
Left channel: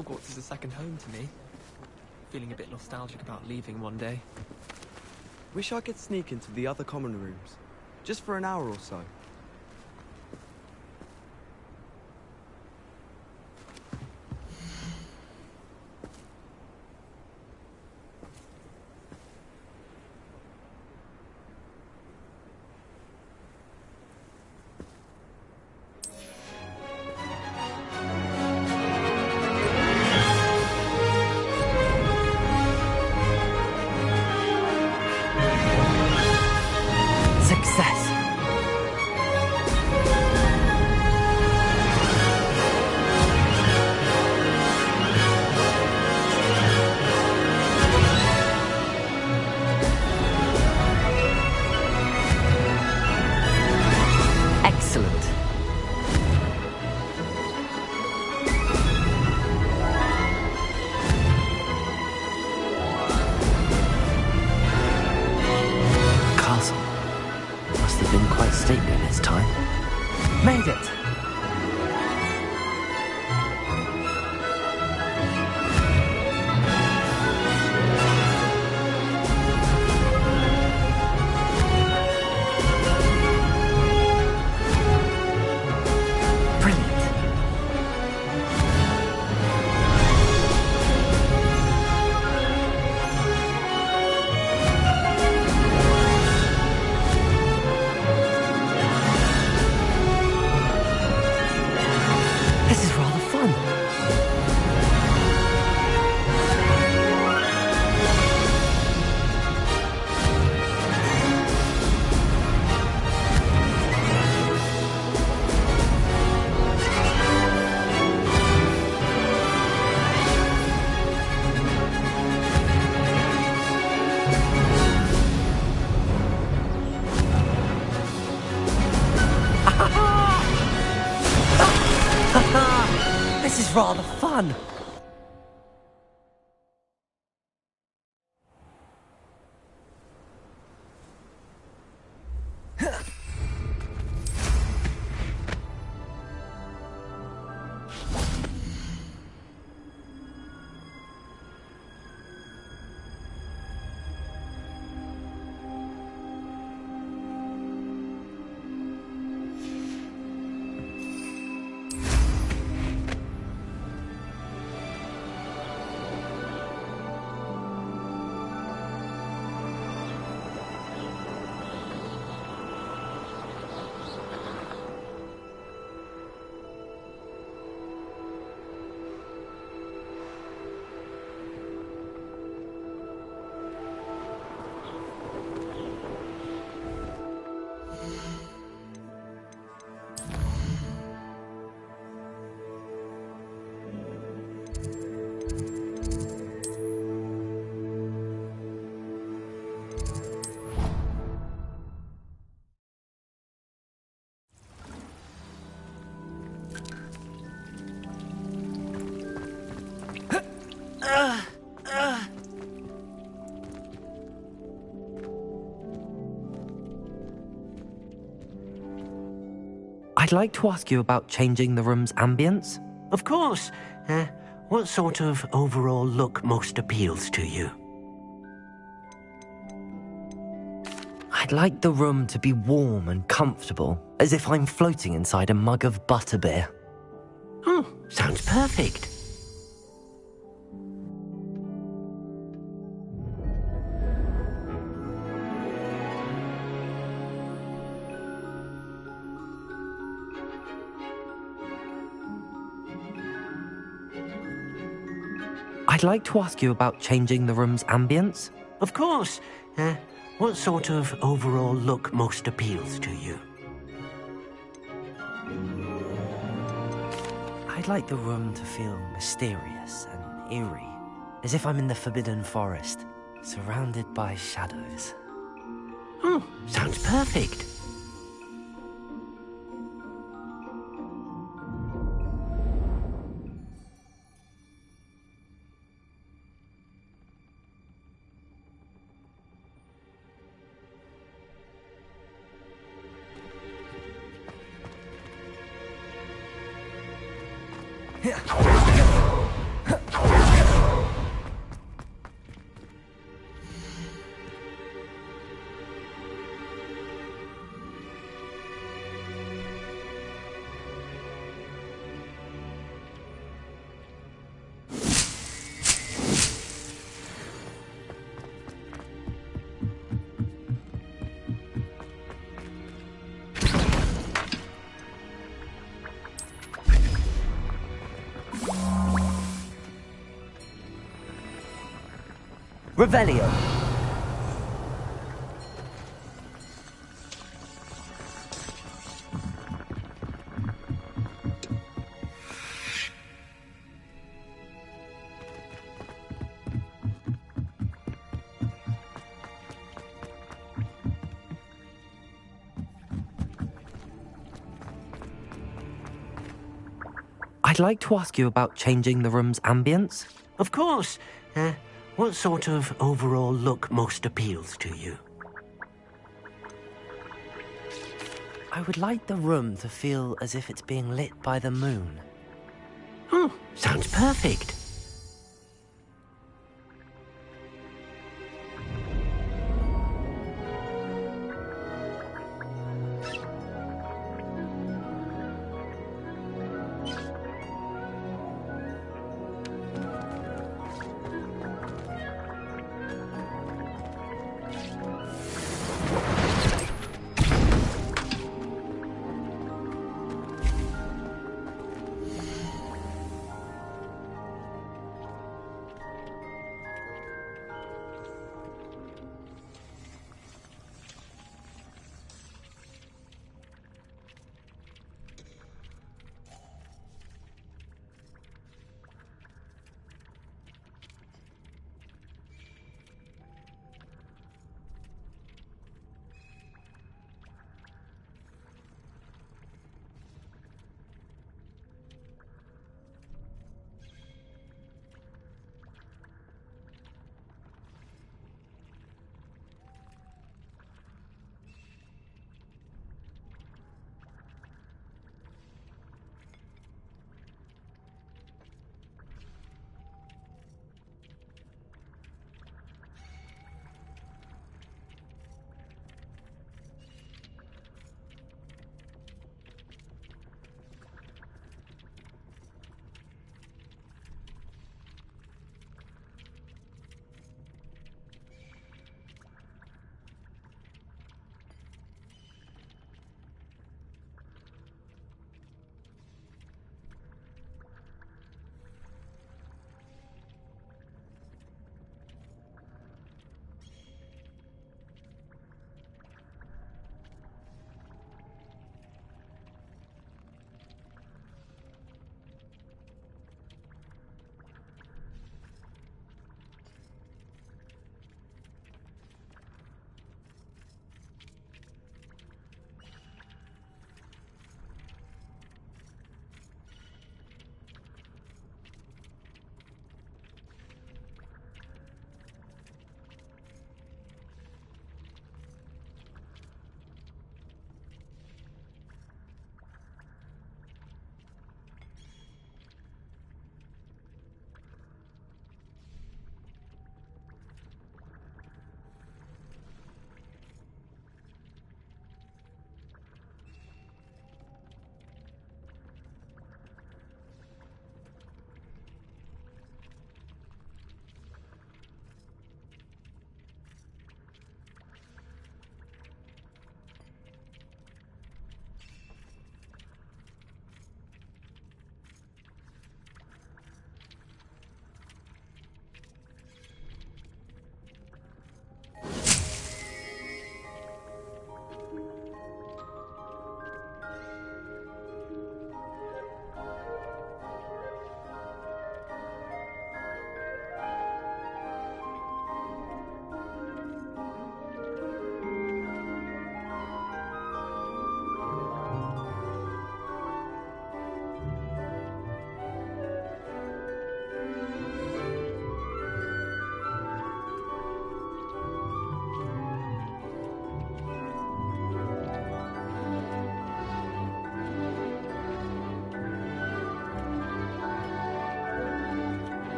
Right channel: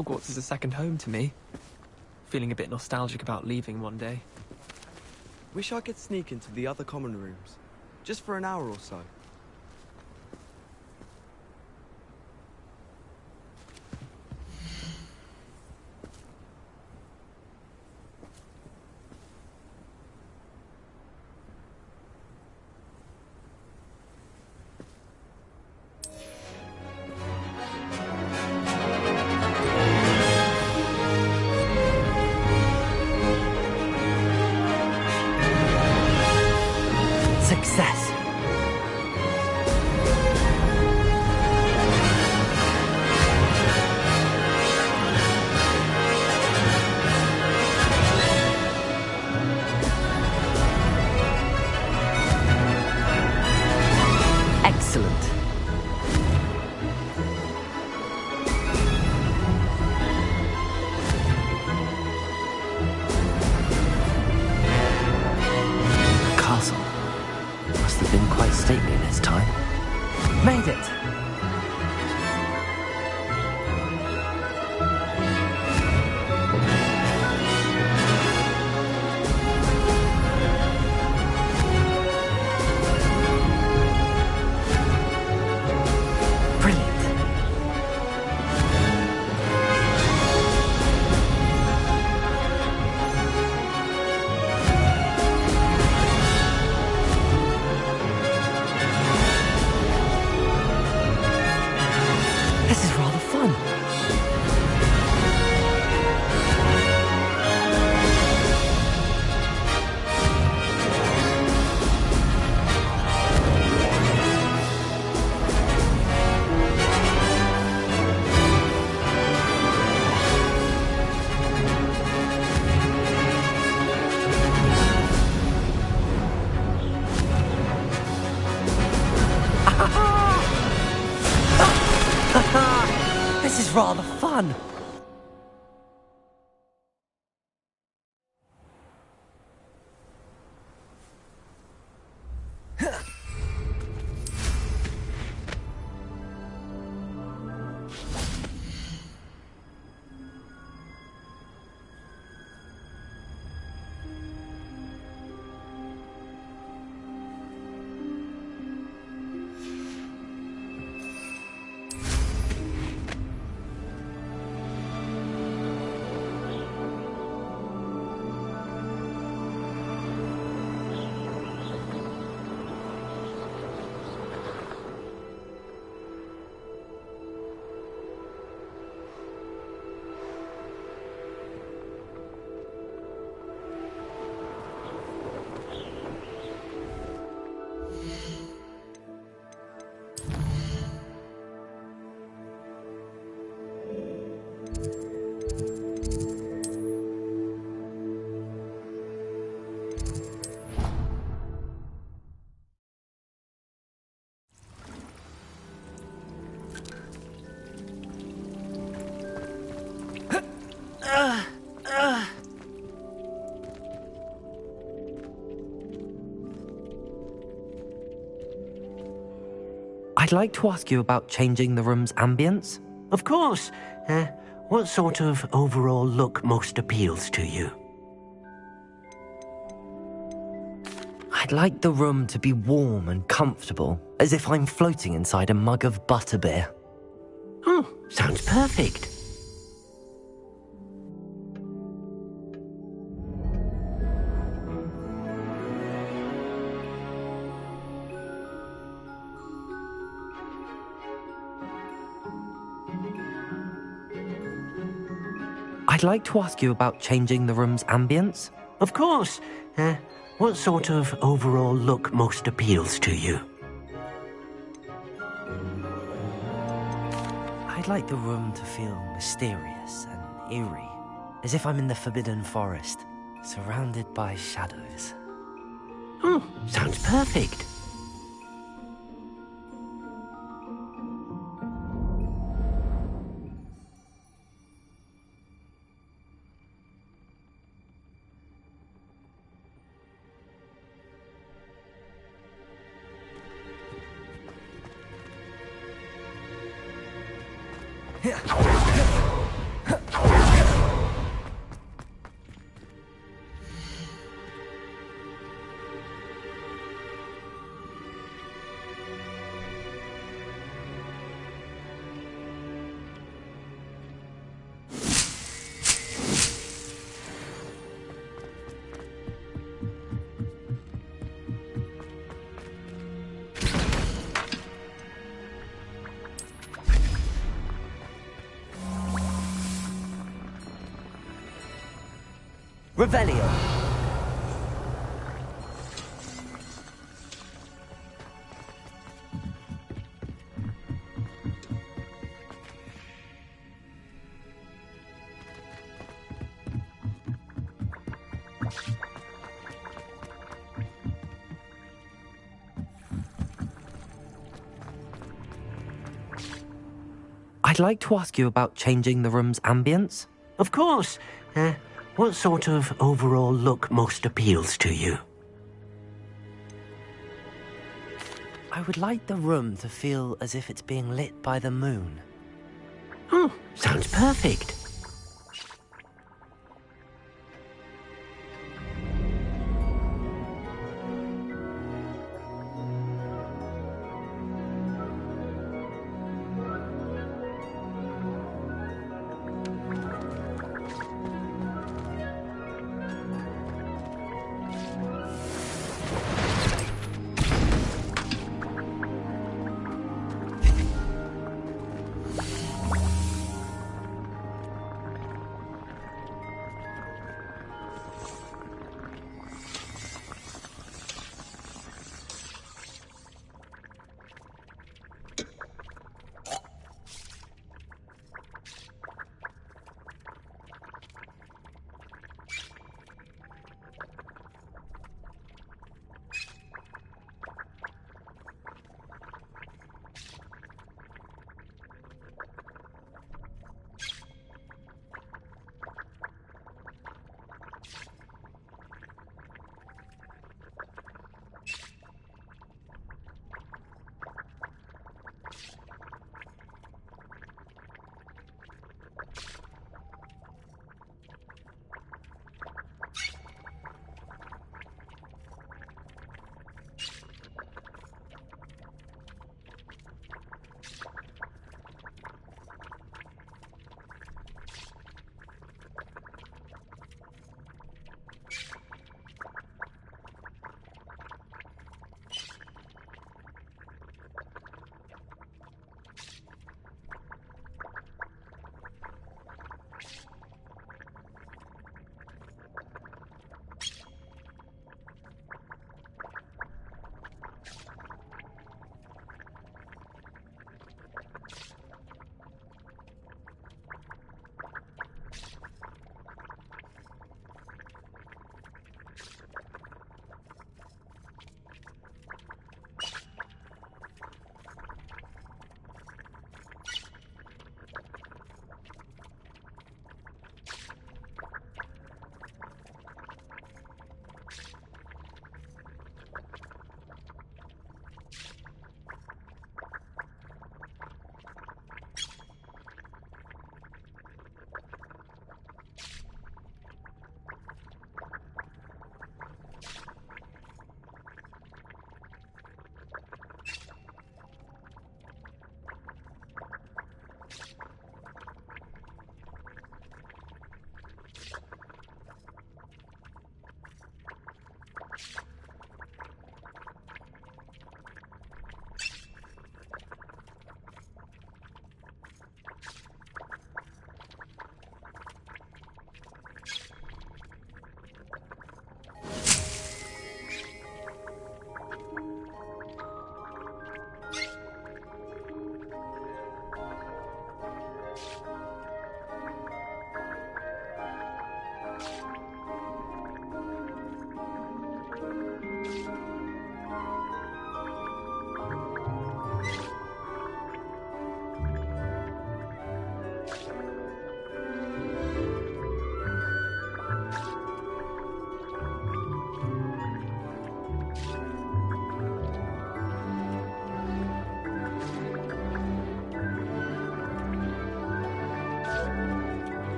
Hogwarts is a second home to me. Feeling a bit nostalgic about leaving one day. Wish I could sneak into the other common rooms. Just for an hour or so. Success! Excellent. Castle. Must have been quite stately in its time. Made it! Brilliant. This is rather fun. This is rather fun. I'd like to ask you about changing the room's ambience. Of course. What sort of overall look most appeals to you? I'd like the room to be warm and comfortable, as if I'm floating inside a mug of butterbeer. Oh, sounds perfect. I'd like to ask you about changing the room's ambience. Of course. What sort of overall look most appeals to you? I'd like the room to feel mysterious and eerie, as if I'm in the Forbidden Forest, surrounded by shadows. Oh, sounds perfect. Revelio. I'd like to ask you about changing the room's ambience. Of course. What sort of overall look most appeals to you? I would like the room to feel as if it's being lit by the moon. Oh, sounds perfect.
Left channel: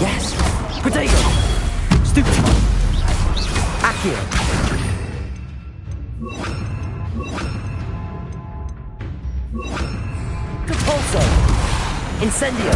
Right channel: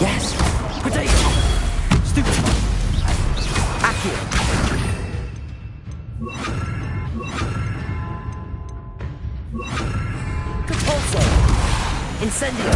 Yes! Potato! Stupid! Accio! Compulso! Incendio!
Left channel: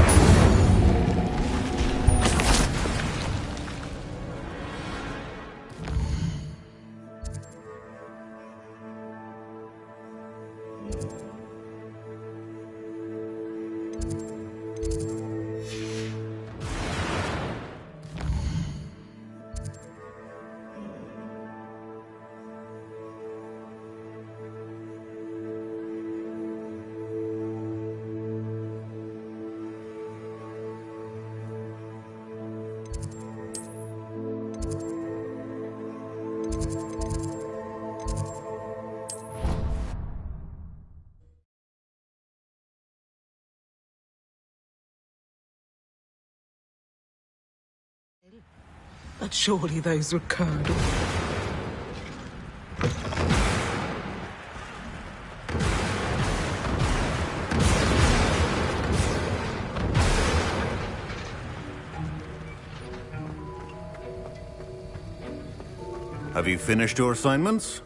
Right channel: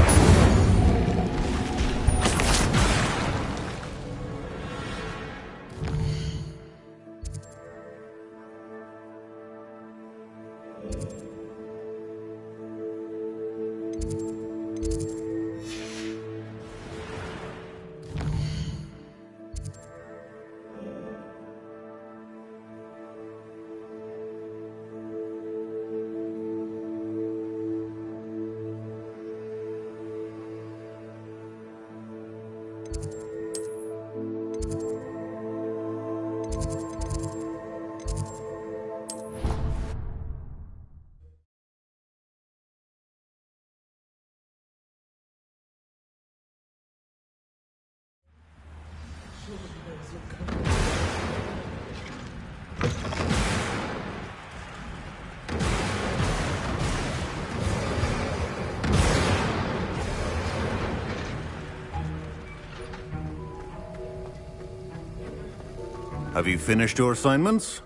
But surely those would come. Have you finished your assignments?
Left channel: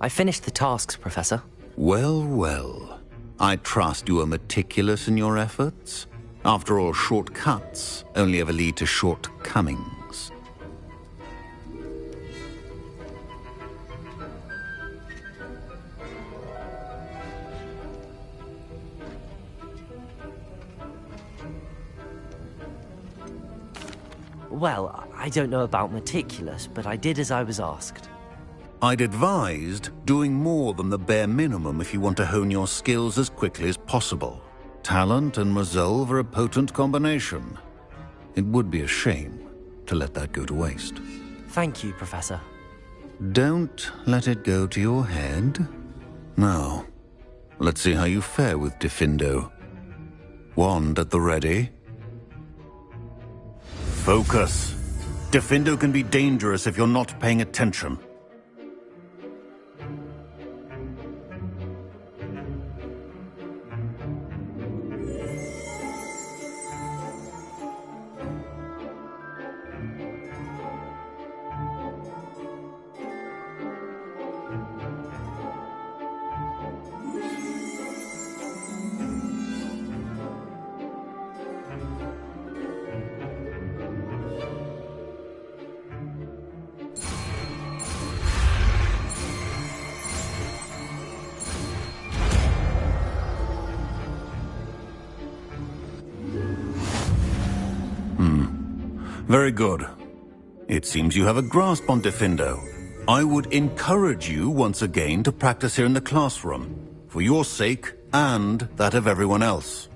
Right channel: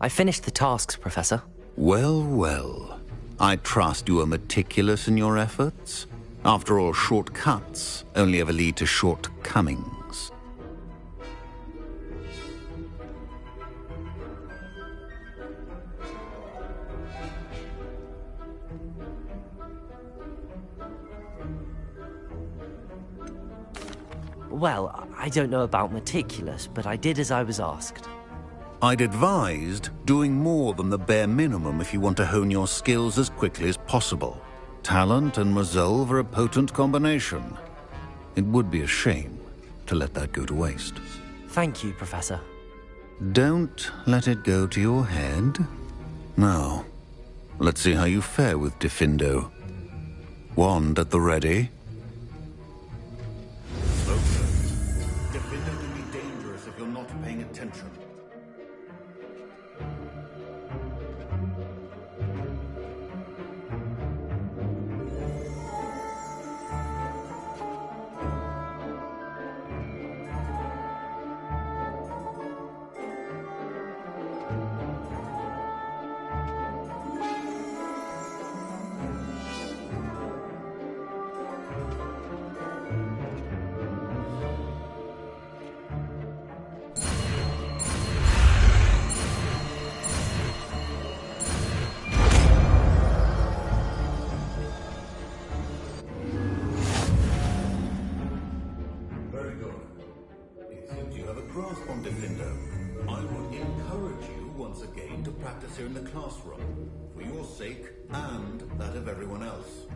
I finished the tasks, Professor. Well, well. I trust you are meticulous in your efforts. After all, shortcuts only ever lead to shortcomings. Well, I don't know about meticulous, but I did as I was asked. I'd advised doing more than the bare minimum if you want to hone your skills as quickly as possible. Talent and resolve are a potent combination. It would be a shame to let that go to waste. Thank you, Professor. Don't let it go to your head. Now, let's see how you fare with Diffindo. Wand at the ready. Focus. Diffindo can be dangerous if you're not paying attention. Very good. It seems you have a grasp on Diffindo. I would encourage you once again to practice here in the classroom, for your sake and that of everyone else.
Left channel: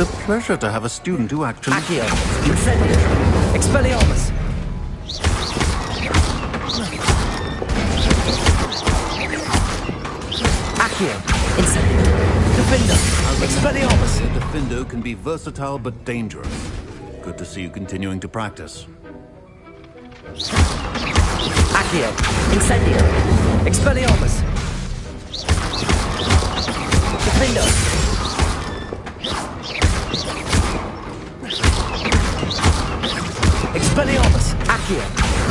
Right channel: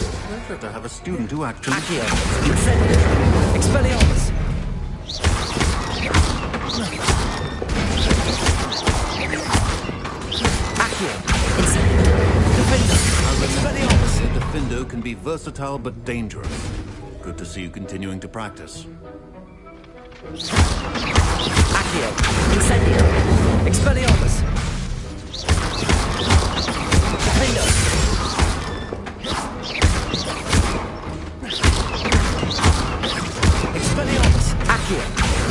It's a pleasure to have a student who actually... Accio! Incendio! Expelliarmus! Accio! Incendio! Diffindo! Expelliarmus! Diffindo can be versatile but dangerous. Good to see you continuing to practice. Accio! Incendio! Expelliarmus! Diffindo! Expelliarmus! Accio!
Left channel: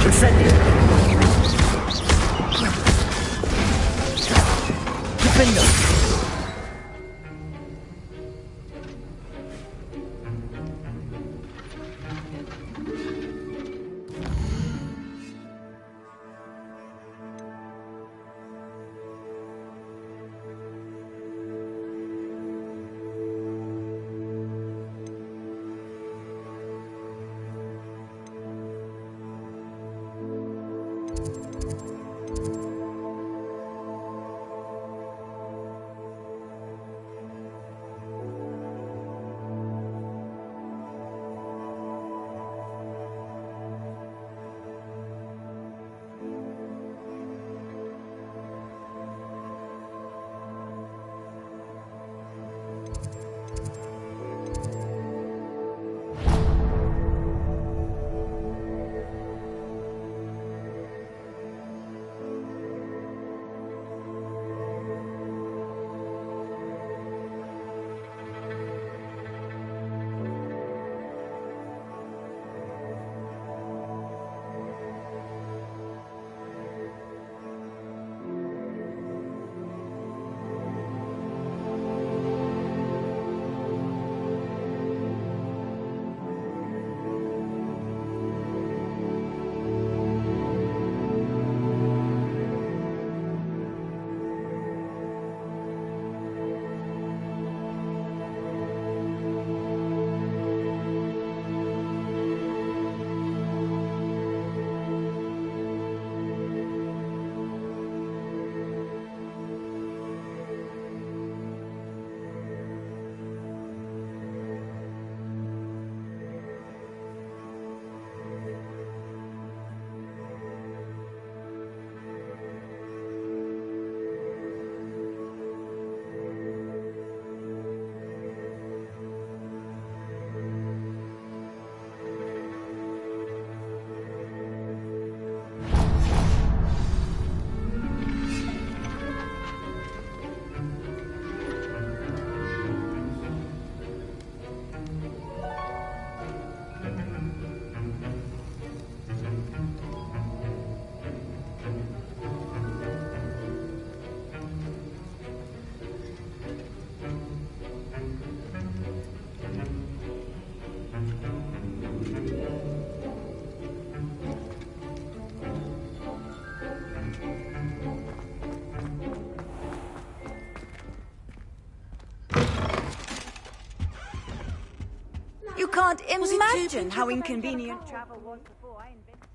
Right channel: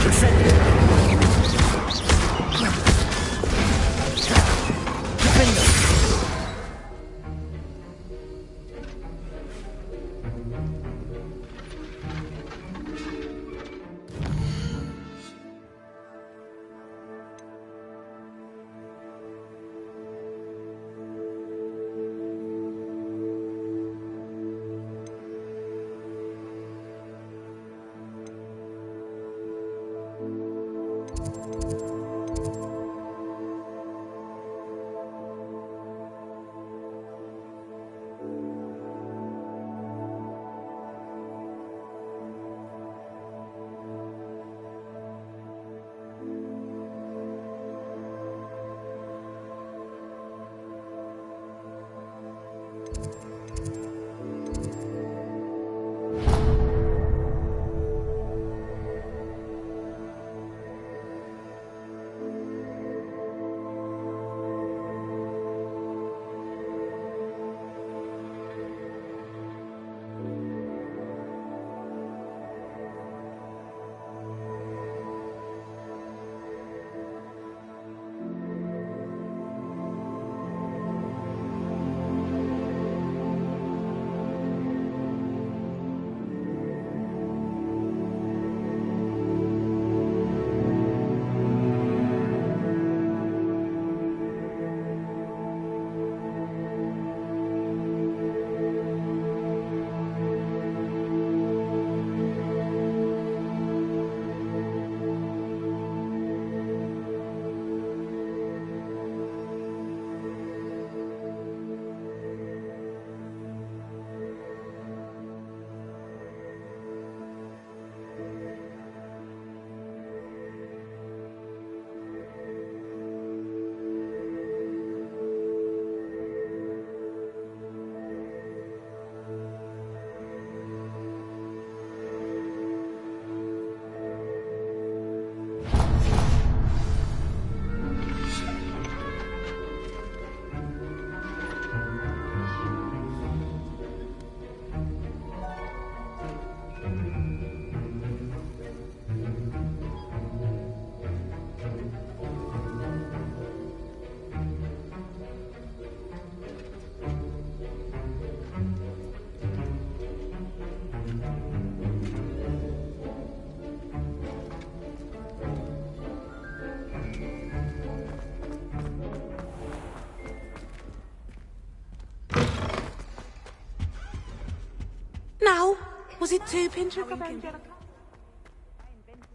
Incendio! Diffindo! can't Was it too imagine how pinch? inconvenient travel was before I invented.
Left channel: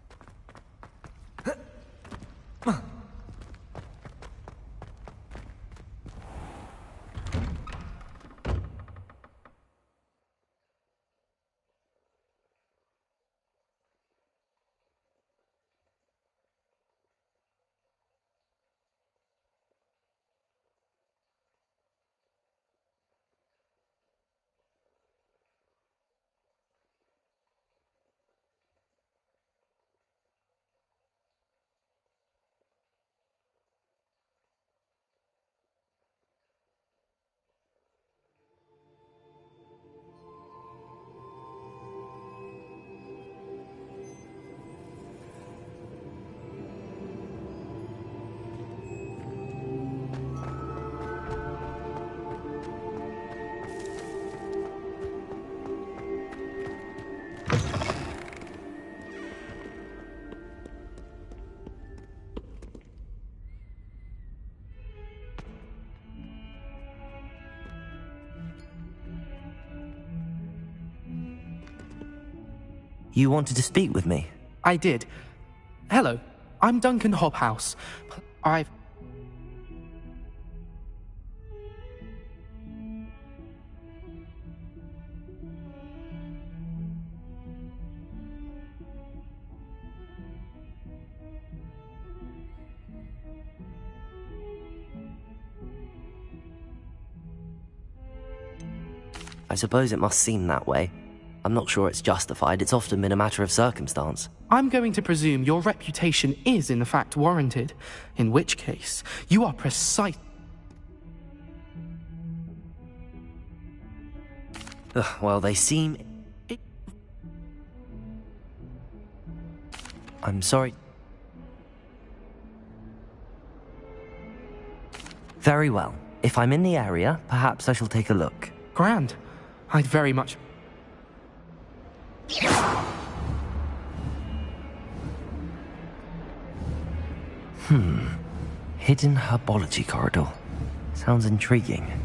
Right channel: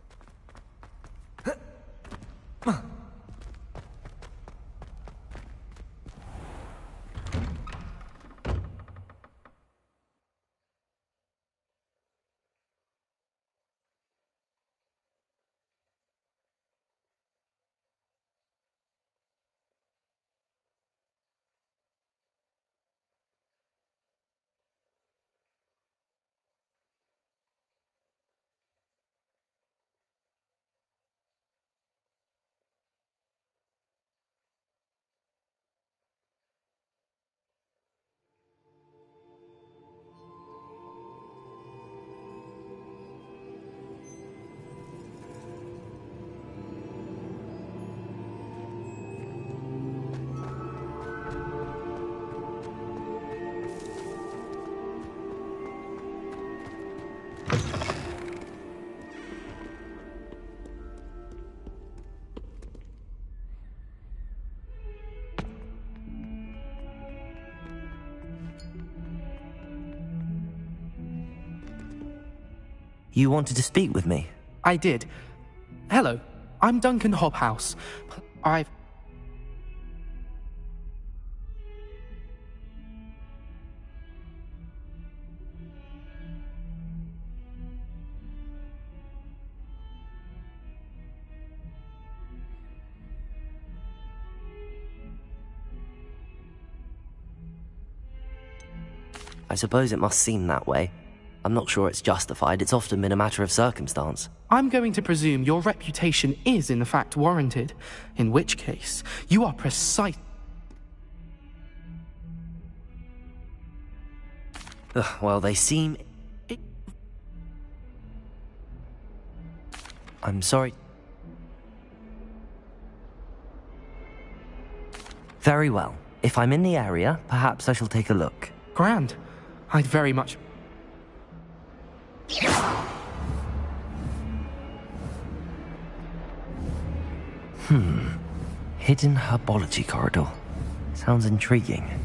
You wanted to speak with me? I did. Hello, I'm Duncan Hobhouse. I suppose it must seem that way. I'm not sure it's justified. It's often been a matter of circumstance. I'm going to presume your reputation is in fact warranted, in which case you are precise. Well, they seem... I'm sorry. Very well. If I'm in the area, perhaps I shall take a look. Grand. I'd very much... Hidden herbology corridor. Sounds intriguing.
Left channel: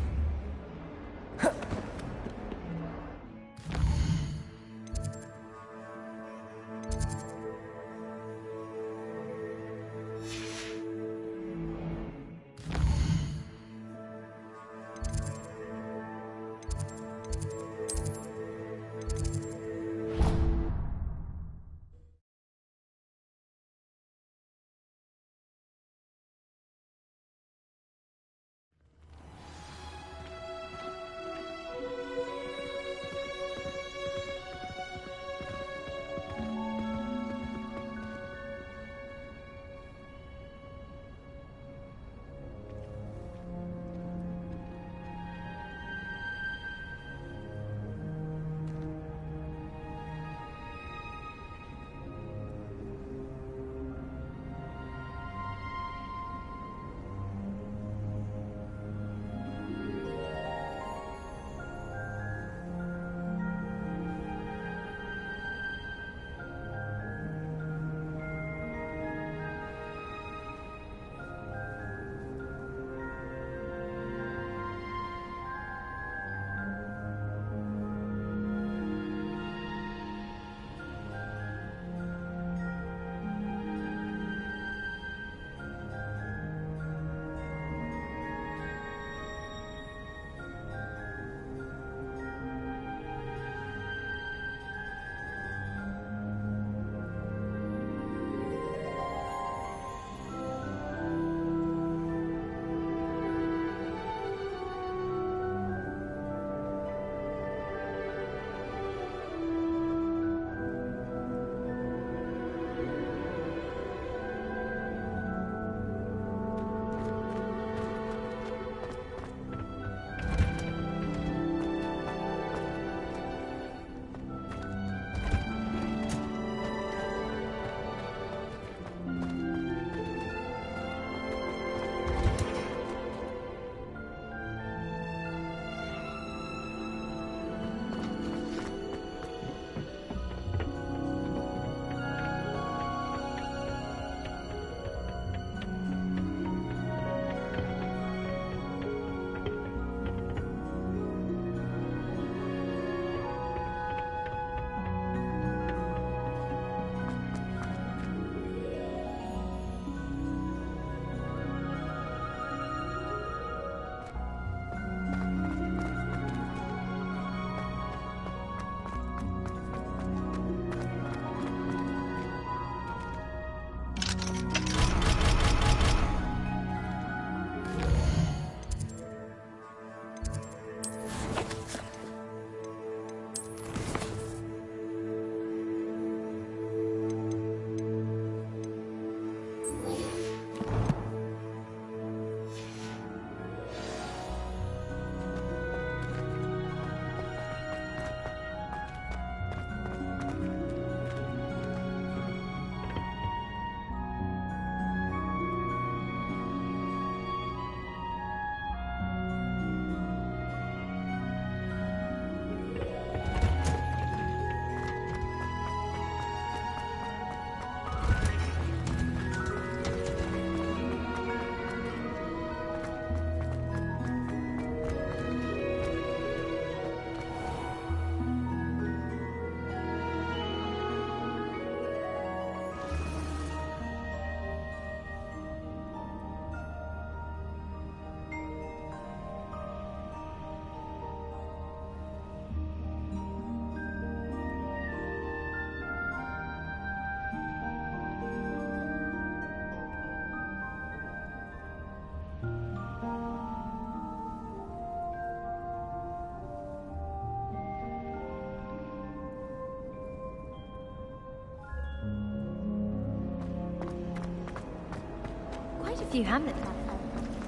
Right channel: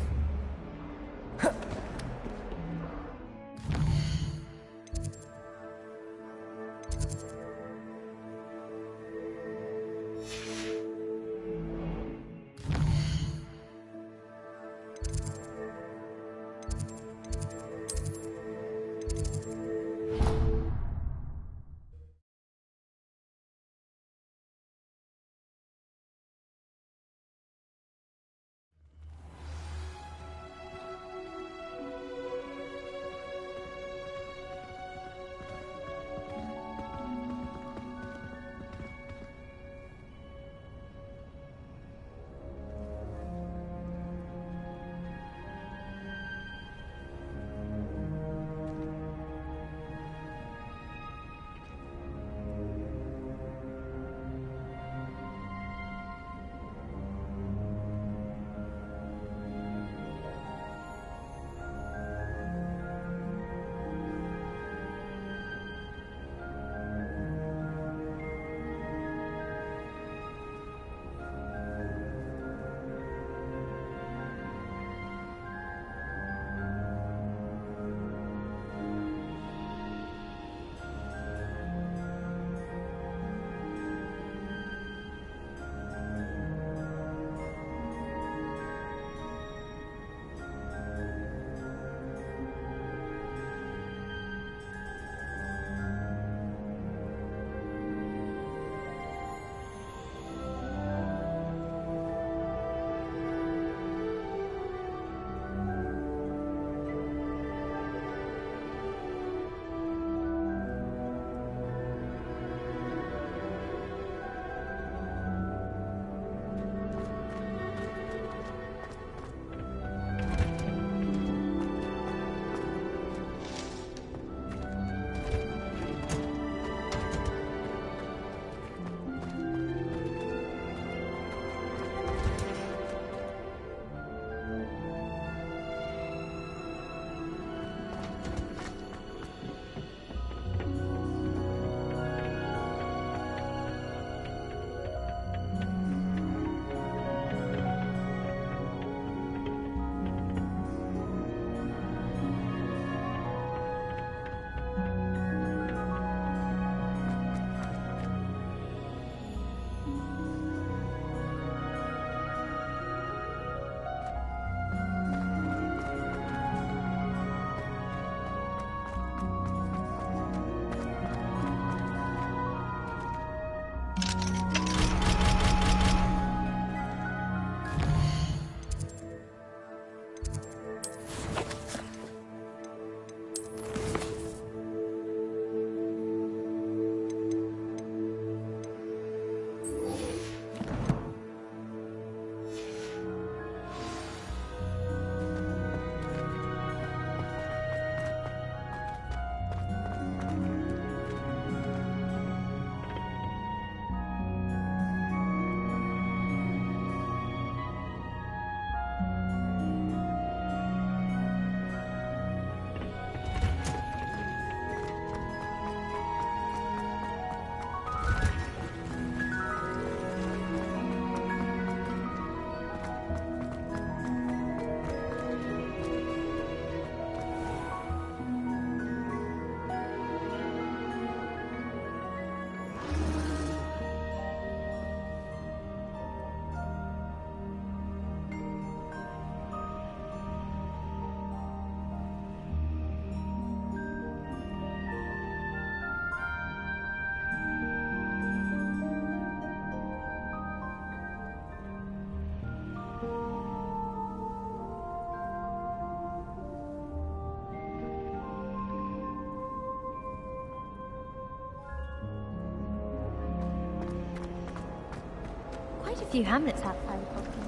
few hamlets have Harry Potter.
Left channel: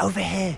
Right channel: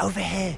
Over here.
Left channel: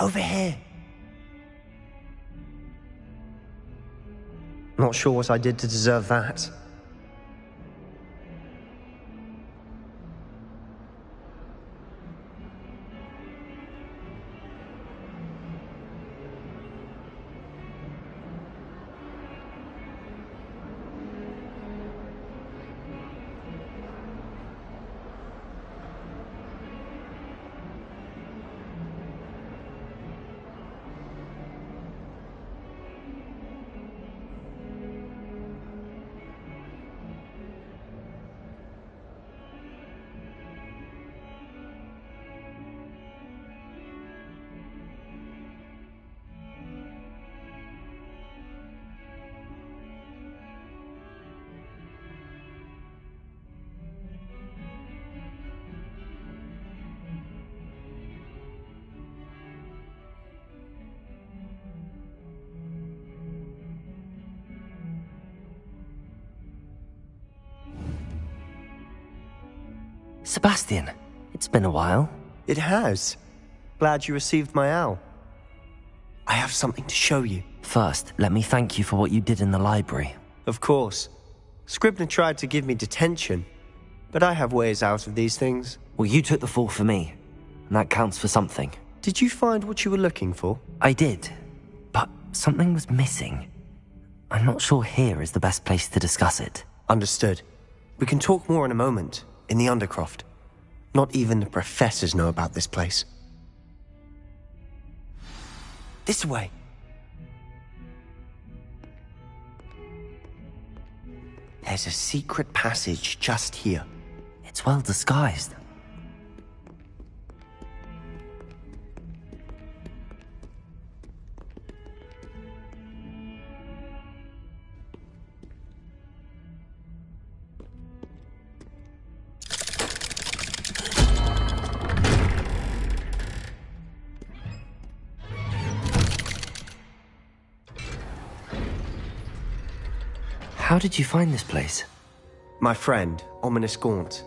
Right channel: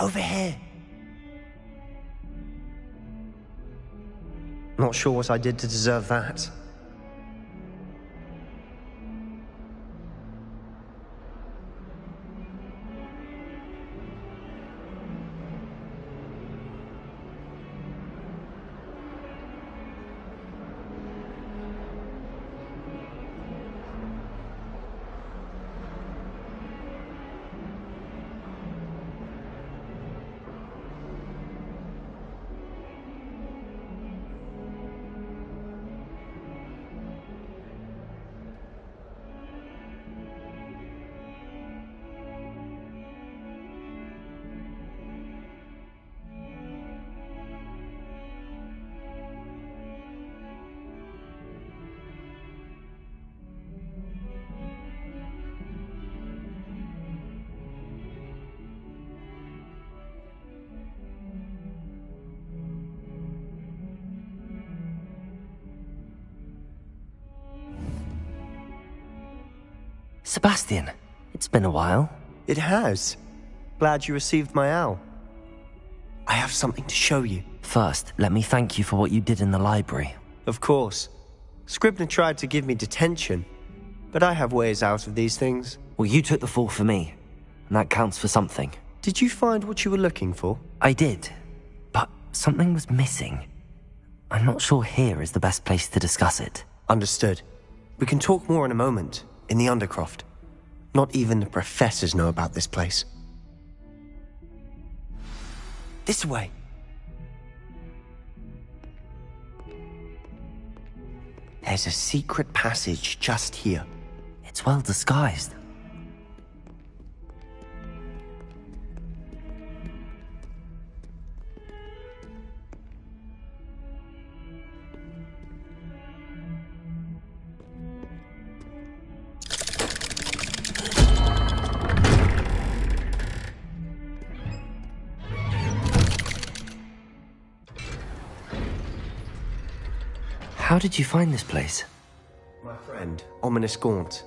Over here. Not sure what I did to deserve that. Sebastian, it's been a while. It has. Glad you received my owl. I have something to show you. First, let me thank you for what you did in the library. Of course. Scribner tried to give me detention, but I have ways out of these things. Well, you took the fall for me, and that counts for something. Did you find what you were looking for? I did, but something was missing. I'm not sure here is the best place to discuss it. Understood. We can talk more in a moment, in the Undercroft. Not even the professors know about this place. This way. There's a secret passage just here. It's well disguised. How did you find this place? My friend, Ominous Gaunt.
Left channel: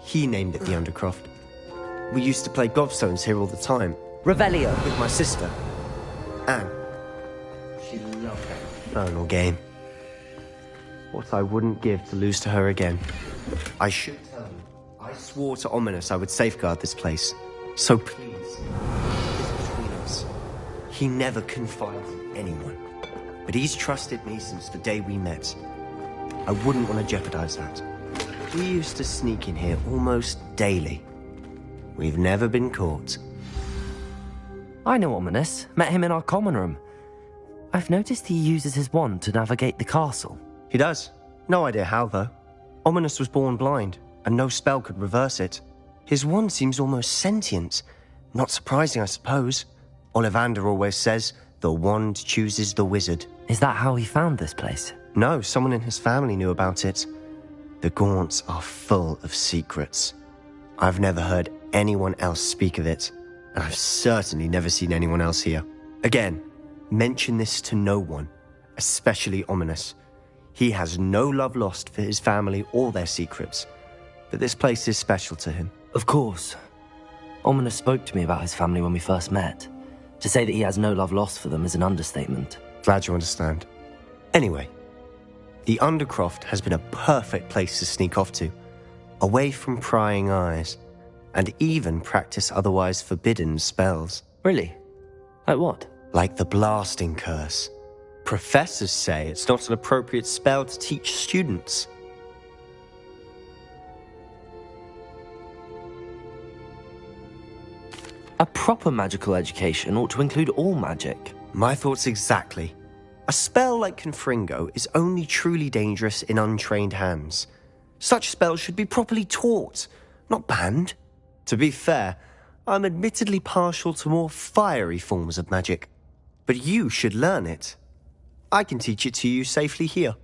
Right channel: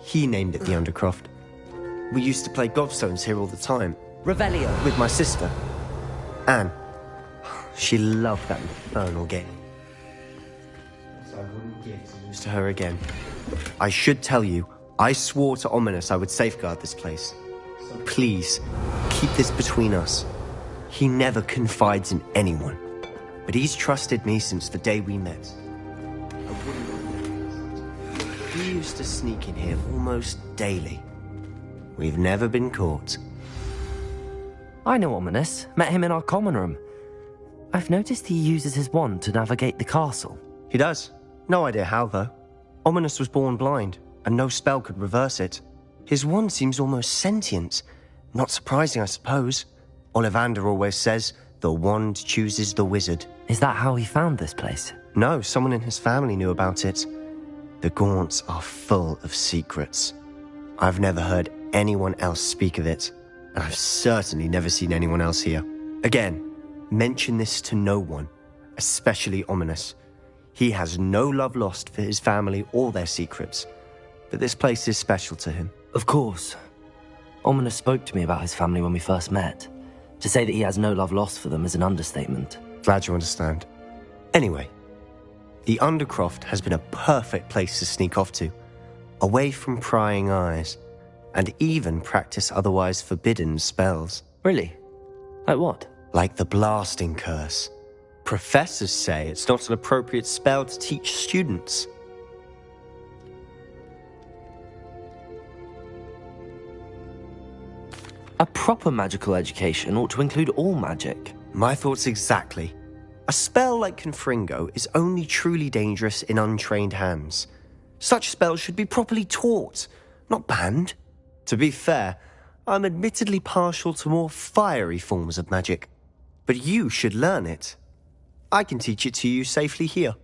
He named it the Undercroft. We used to play gobstones here all the time. Revelio. With my sister, Anne. She loved that infernal game. What I wouldn't give to lose to her again. I should tell you, I swore to Ominous I would safeguard this place. So please, keep this between us. He never confides in anyone. But he's trusted me since the day we met. I wouldn't want to jeopardize that. We used to sneak in here almost daily. We've never been caught. I know Ominous. Met him in our common room. I've noticed he uses his wand to navigate the castle. He does. No idea how, though. Ominous was born blind, and no spell could reverse it. His wand seems almost sentient. Not surprising, I suppose. Ollivander always says, the wand chooses the wizard. Is that how he found this place? No, someone in his family knew about it. The Gaunts are full of secrets. I've never heard anyone else speak of it, and I've certainly never seen anyone else here. Again, mention this to no one, especially Ominous. He has no love lost for his family or their secrets, but this place is special to him. Of course. Ominous spoke to me about his family when we first met. To say that he has no love lost for them is an understatement. Glad you understand. Anyway, the Undercroft has been a perfect place to sneak off to, away from prying eyes, and even practice otherwise forbidden spells. Really? Like what? Like the Blasting Curse. Professors say it's not an appropriate spell to teach students. A proper magical education ought to include all magic. My thoughts exactly. A spell like Confringo is only truly dangerous in untrained hands. Such spells should be properly taught, not banned. To be fair, I'm admittedly partial to more fiery forms of magic. But you should learn it. I can teach it to you safely here.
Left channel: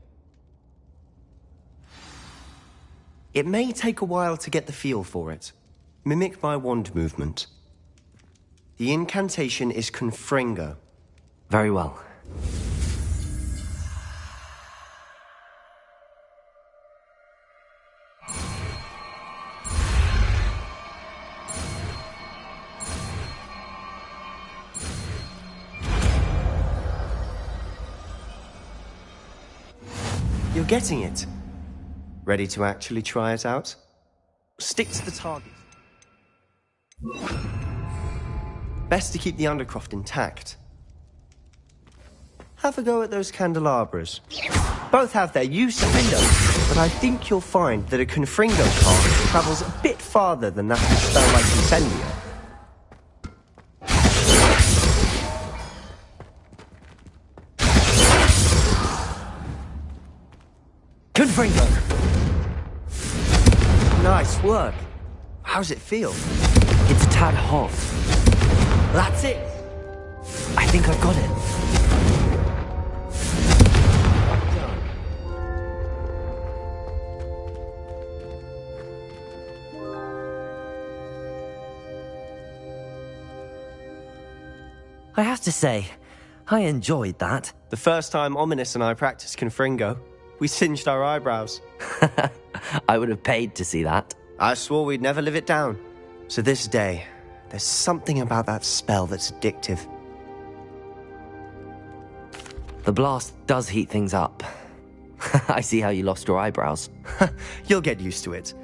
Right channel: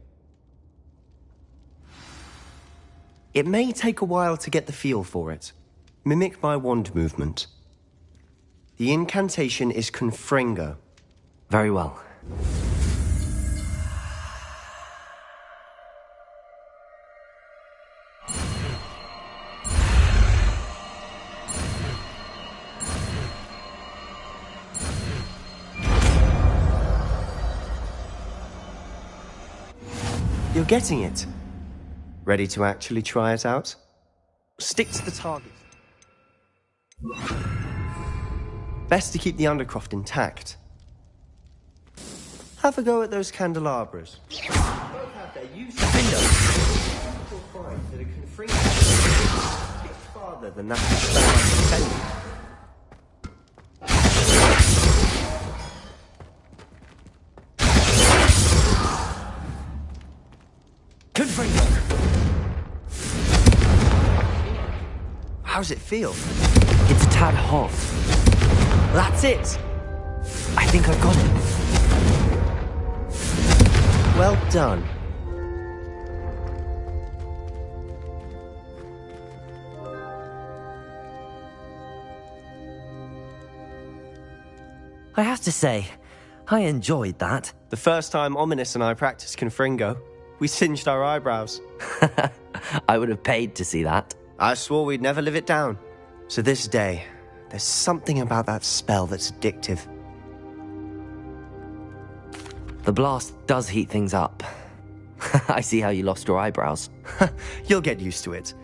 It may take a while to get the feel for it. Mimic my wand movement. The incantation is Confringo. Very well. You're getting it. Ready to actually try it out? Stick to the target. Best to keep the Undercroft intact. Have a go at those candelabras. Both have their use, but I think you'll find that a Confringo path travels a bit farther than that of a spell like Incendio. Confringo! Nice work. How's it feel? It's a tad hot. That's it! I think I got it. Well done. I have to say, I enjoyed that. The first time Ominous and I practiced Confringo, we singed our eyebrows. I would have paid to see that. I swore we'd never live it down. So this day, there's something about that spell that's addictive. The blast does heat things up. I see how you lost your eyebrows. You'll get used to it.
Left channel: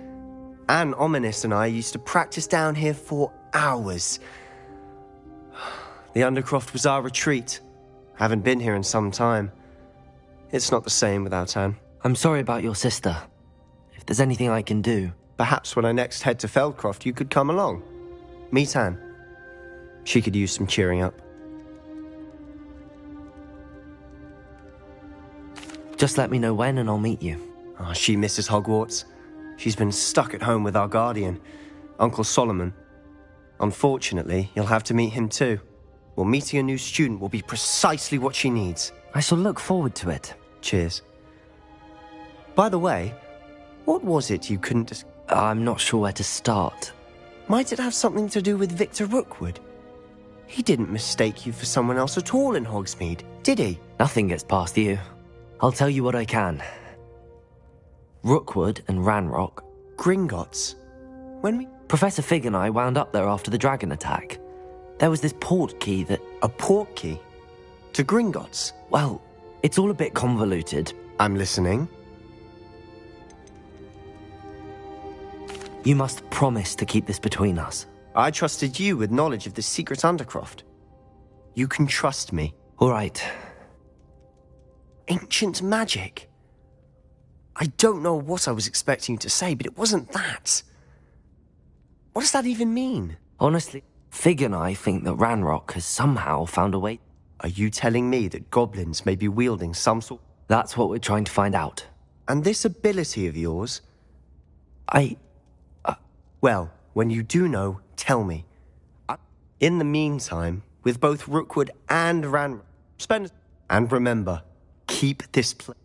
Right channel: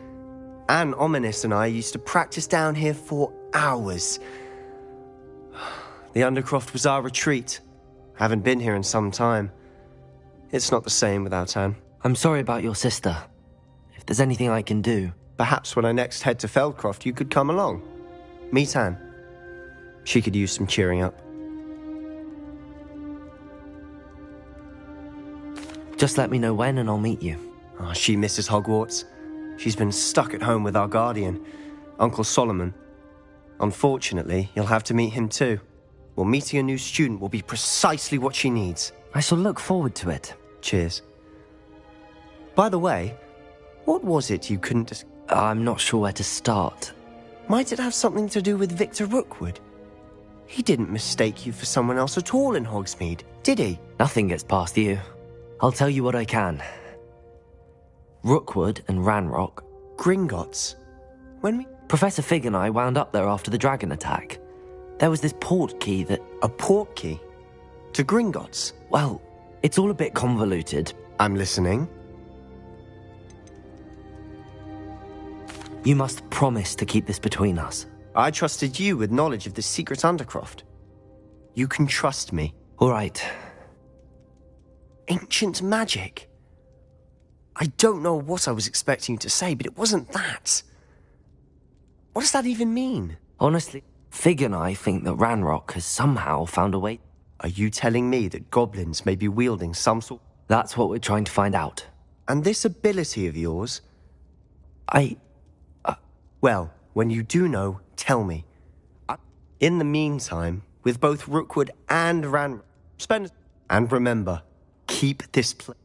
Anne, Ominous and I used to practice down here for hours. The Undercroft was our retreat. Haven't been here in some time. It's not the same without Anne. I'm sorry about your sister. If there's anything I can do... Perhaps when I next head to Feldcroft, you could come along. Meet Anne. She could use some cheering up. Just let me know when and I'll meet you. Oh, she misses Hogwarts. She's been stuck at home with our guardian, Uncle Solomon. Unfortunately, you'll have to meet him too. Well, meeting a new student will be precisely what she needs. I shall look forward to it. Cheers. By the way, what was it you couldn't... I'm not sure where to start. Might it have something to do with Victor Rookwood? He didn't mistake you for someone else at all in Hogsmeade, did he? Nothing gets past you. I'll tell you what I can. Rookwood and Ranrock. Gringotts? When we... Professor Fig and I wound up there after the dragon attack. There was this port key that... A port key? To Gringotts? Well, it's all a bit convoluted. I'm listening. You must promise to keep this between us. I trusted you with knowledge of the secret Undercroft. You can trust me. All right. Ancient magic? I don't know what I was expecting you to say, but it wasn't that. What does that even mean? Honestly, Fig and I think that Ranrock has somehow found a way... Are you telling me that goblins may be wielding some sort... That's what we're trying to find out. And this ability of yours? Well, when you do know, tell me. In the meantime, with both Rookwood and Ranrock, spend... And remember, keep this place.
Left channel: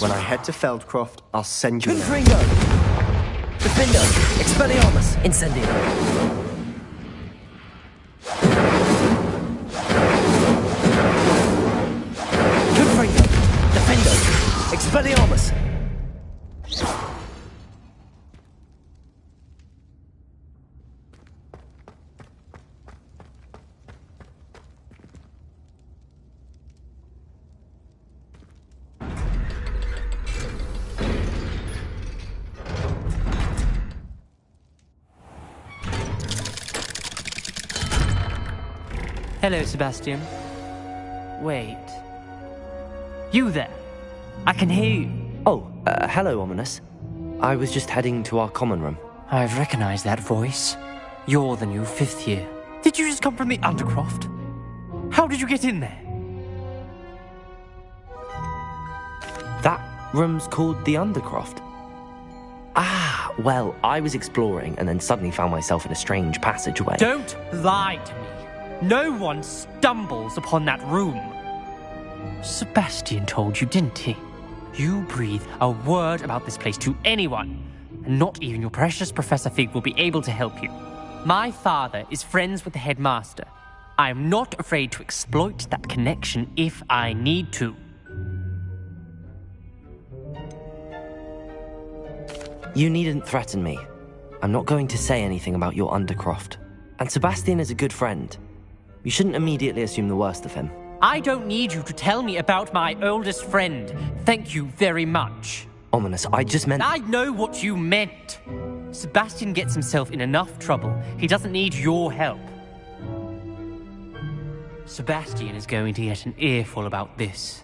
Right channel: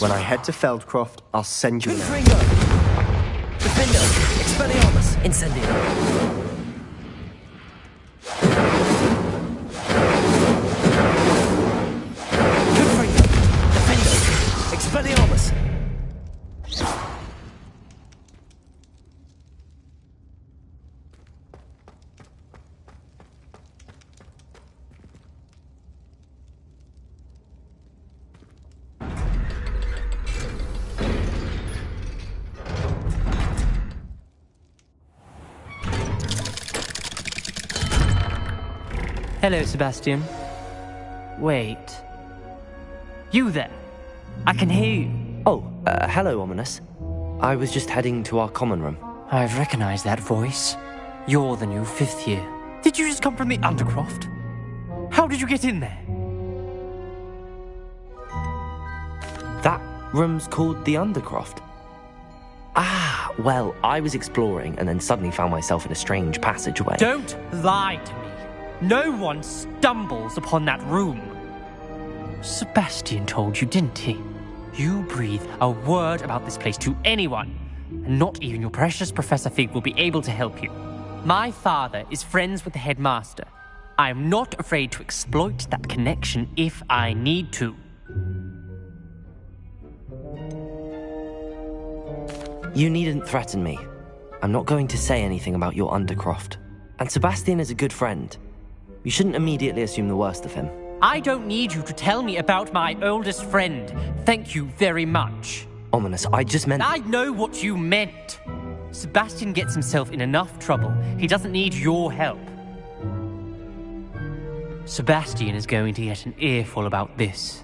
When I head to Feldcroft, I'll send you... Confringo! Defender! Expelliarmus! Incendio! Confringo! Defender! Expelliarmus! Hello, Sebastian. Wait. You there? I can hear you. Oh, hello, Ominous. I was just heading to our common room. I've recognized that voice. You're the new 5th year. Did you just come from the Undercroft? How did you get in there? That room's called the Undercroft. Ah, well, I was exploring and then suddenly found myself in a strange passageway. Don't lie to me. No one stumbles upon that room. Sebastian told you, didn't he? You breathe a word about this place to anyone, and not even your precious Professor Fig will be able to help you. My father is friends with the headmaster. I am not afraid to exploit that connection if I need to. You needn't threaten me. I'm not going to say anything about your Undercroft. And Sebastian is a good friend. You shouldn't immediately assume the worst of him. I don't need you to tell me about my oldest friend. Thank you very much. Ominous, I just meant... I know what you meant. Sebastian gets himself in enough trouble. He doesn't need your help. Sebastian is going to get an earful about this.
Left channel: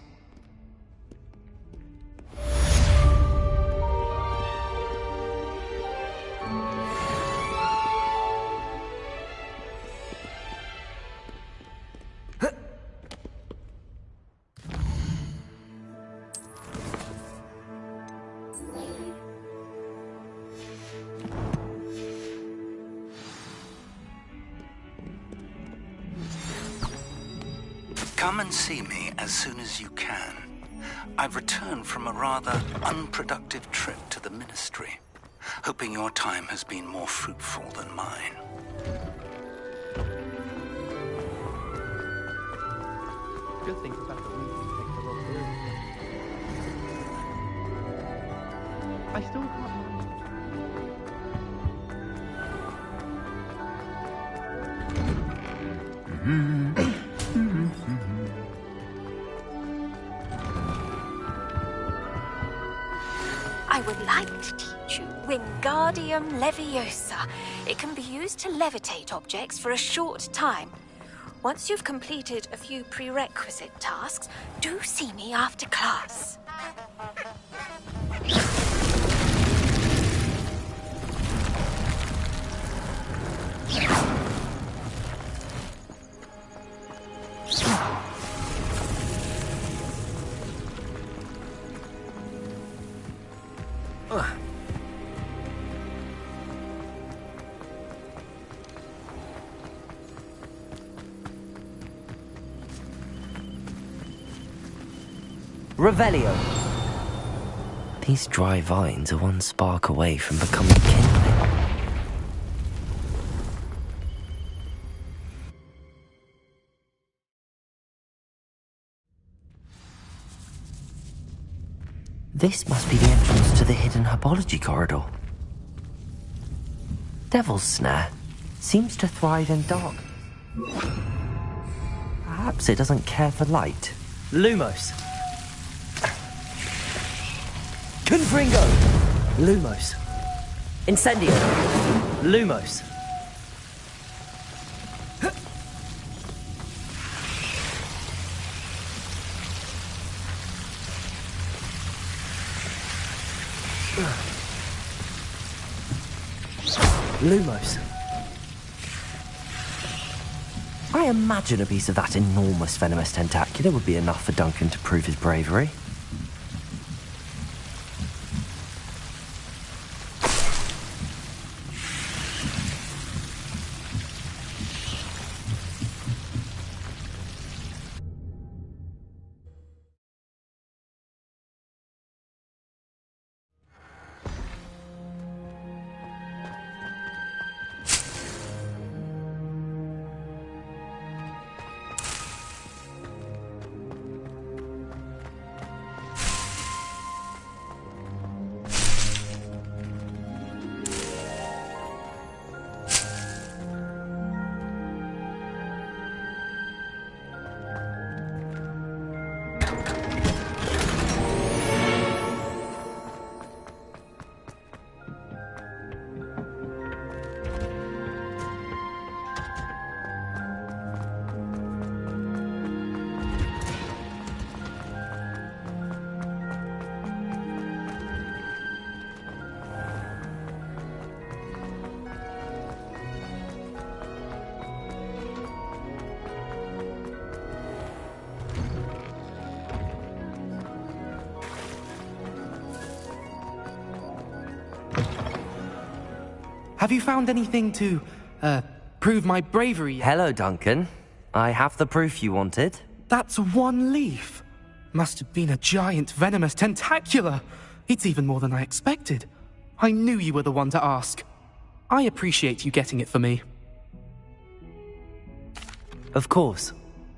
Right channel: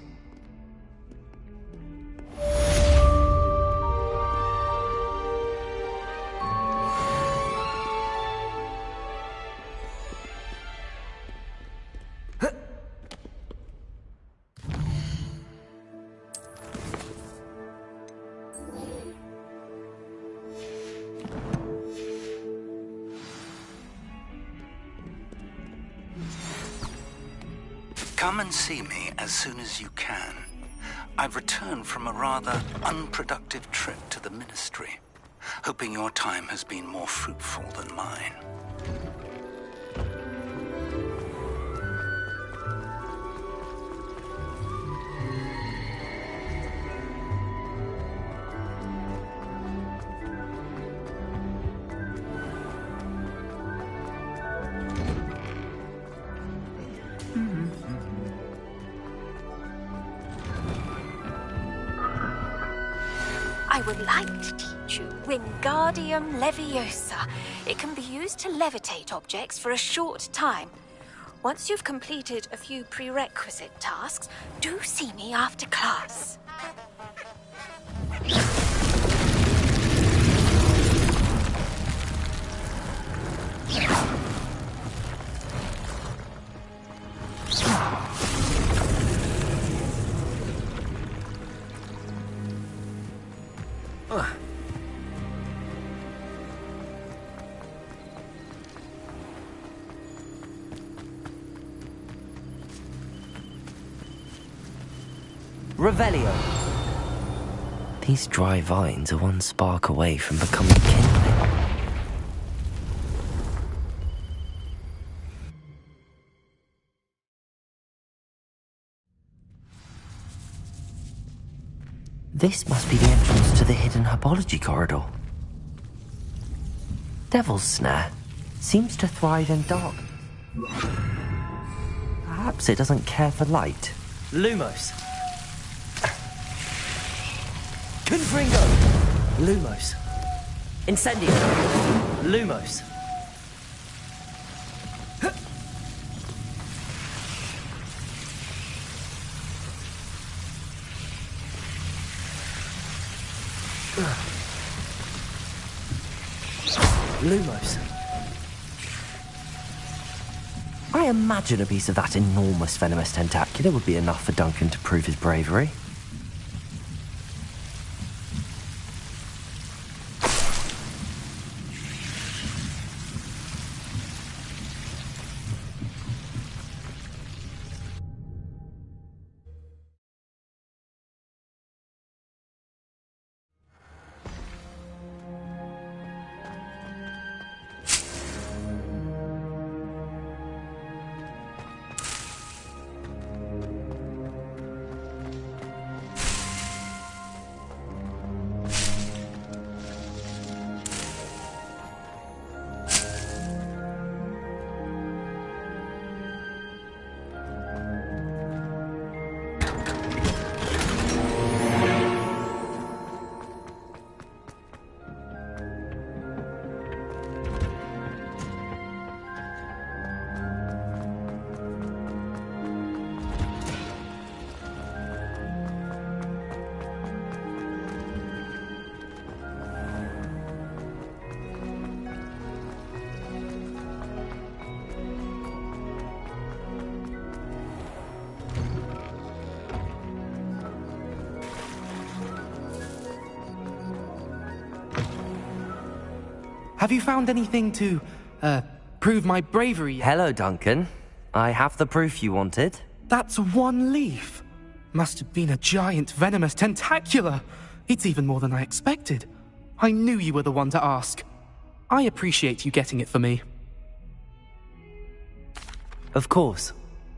Come and see me as soon as you can. I've returned from a rather unproductive trip to the Ministry, hoping your time has been more fruitful than mine. I would like to teach you Wingardium Leviosa. It can be used to levitate objects for a short time. Once you've completed a few prerequisite tasks, do see me after class. Revelio. These dry vines are one spark away from becoming kindling. This must be the entrance to the hidden herbology corridor. Devil's Snare seems to thrive in dark. Perhaps it doesn't care for light. Lumos. Confringo! Lumos. Incendio! Lumos. Lumos. I imagine a piece of that enormous venomous tentacular would be enough for Duncan to prove his bravery. Have you found anything to, prove my bravery yet? Hello, Duncan. I have the proof you wanted. That's one leaf. Must have been a giant venomous tentacula. It's even more than I expected. I knew you were the one to ask. I appreciate you getting it for me. Of course.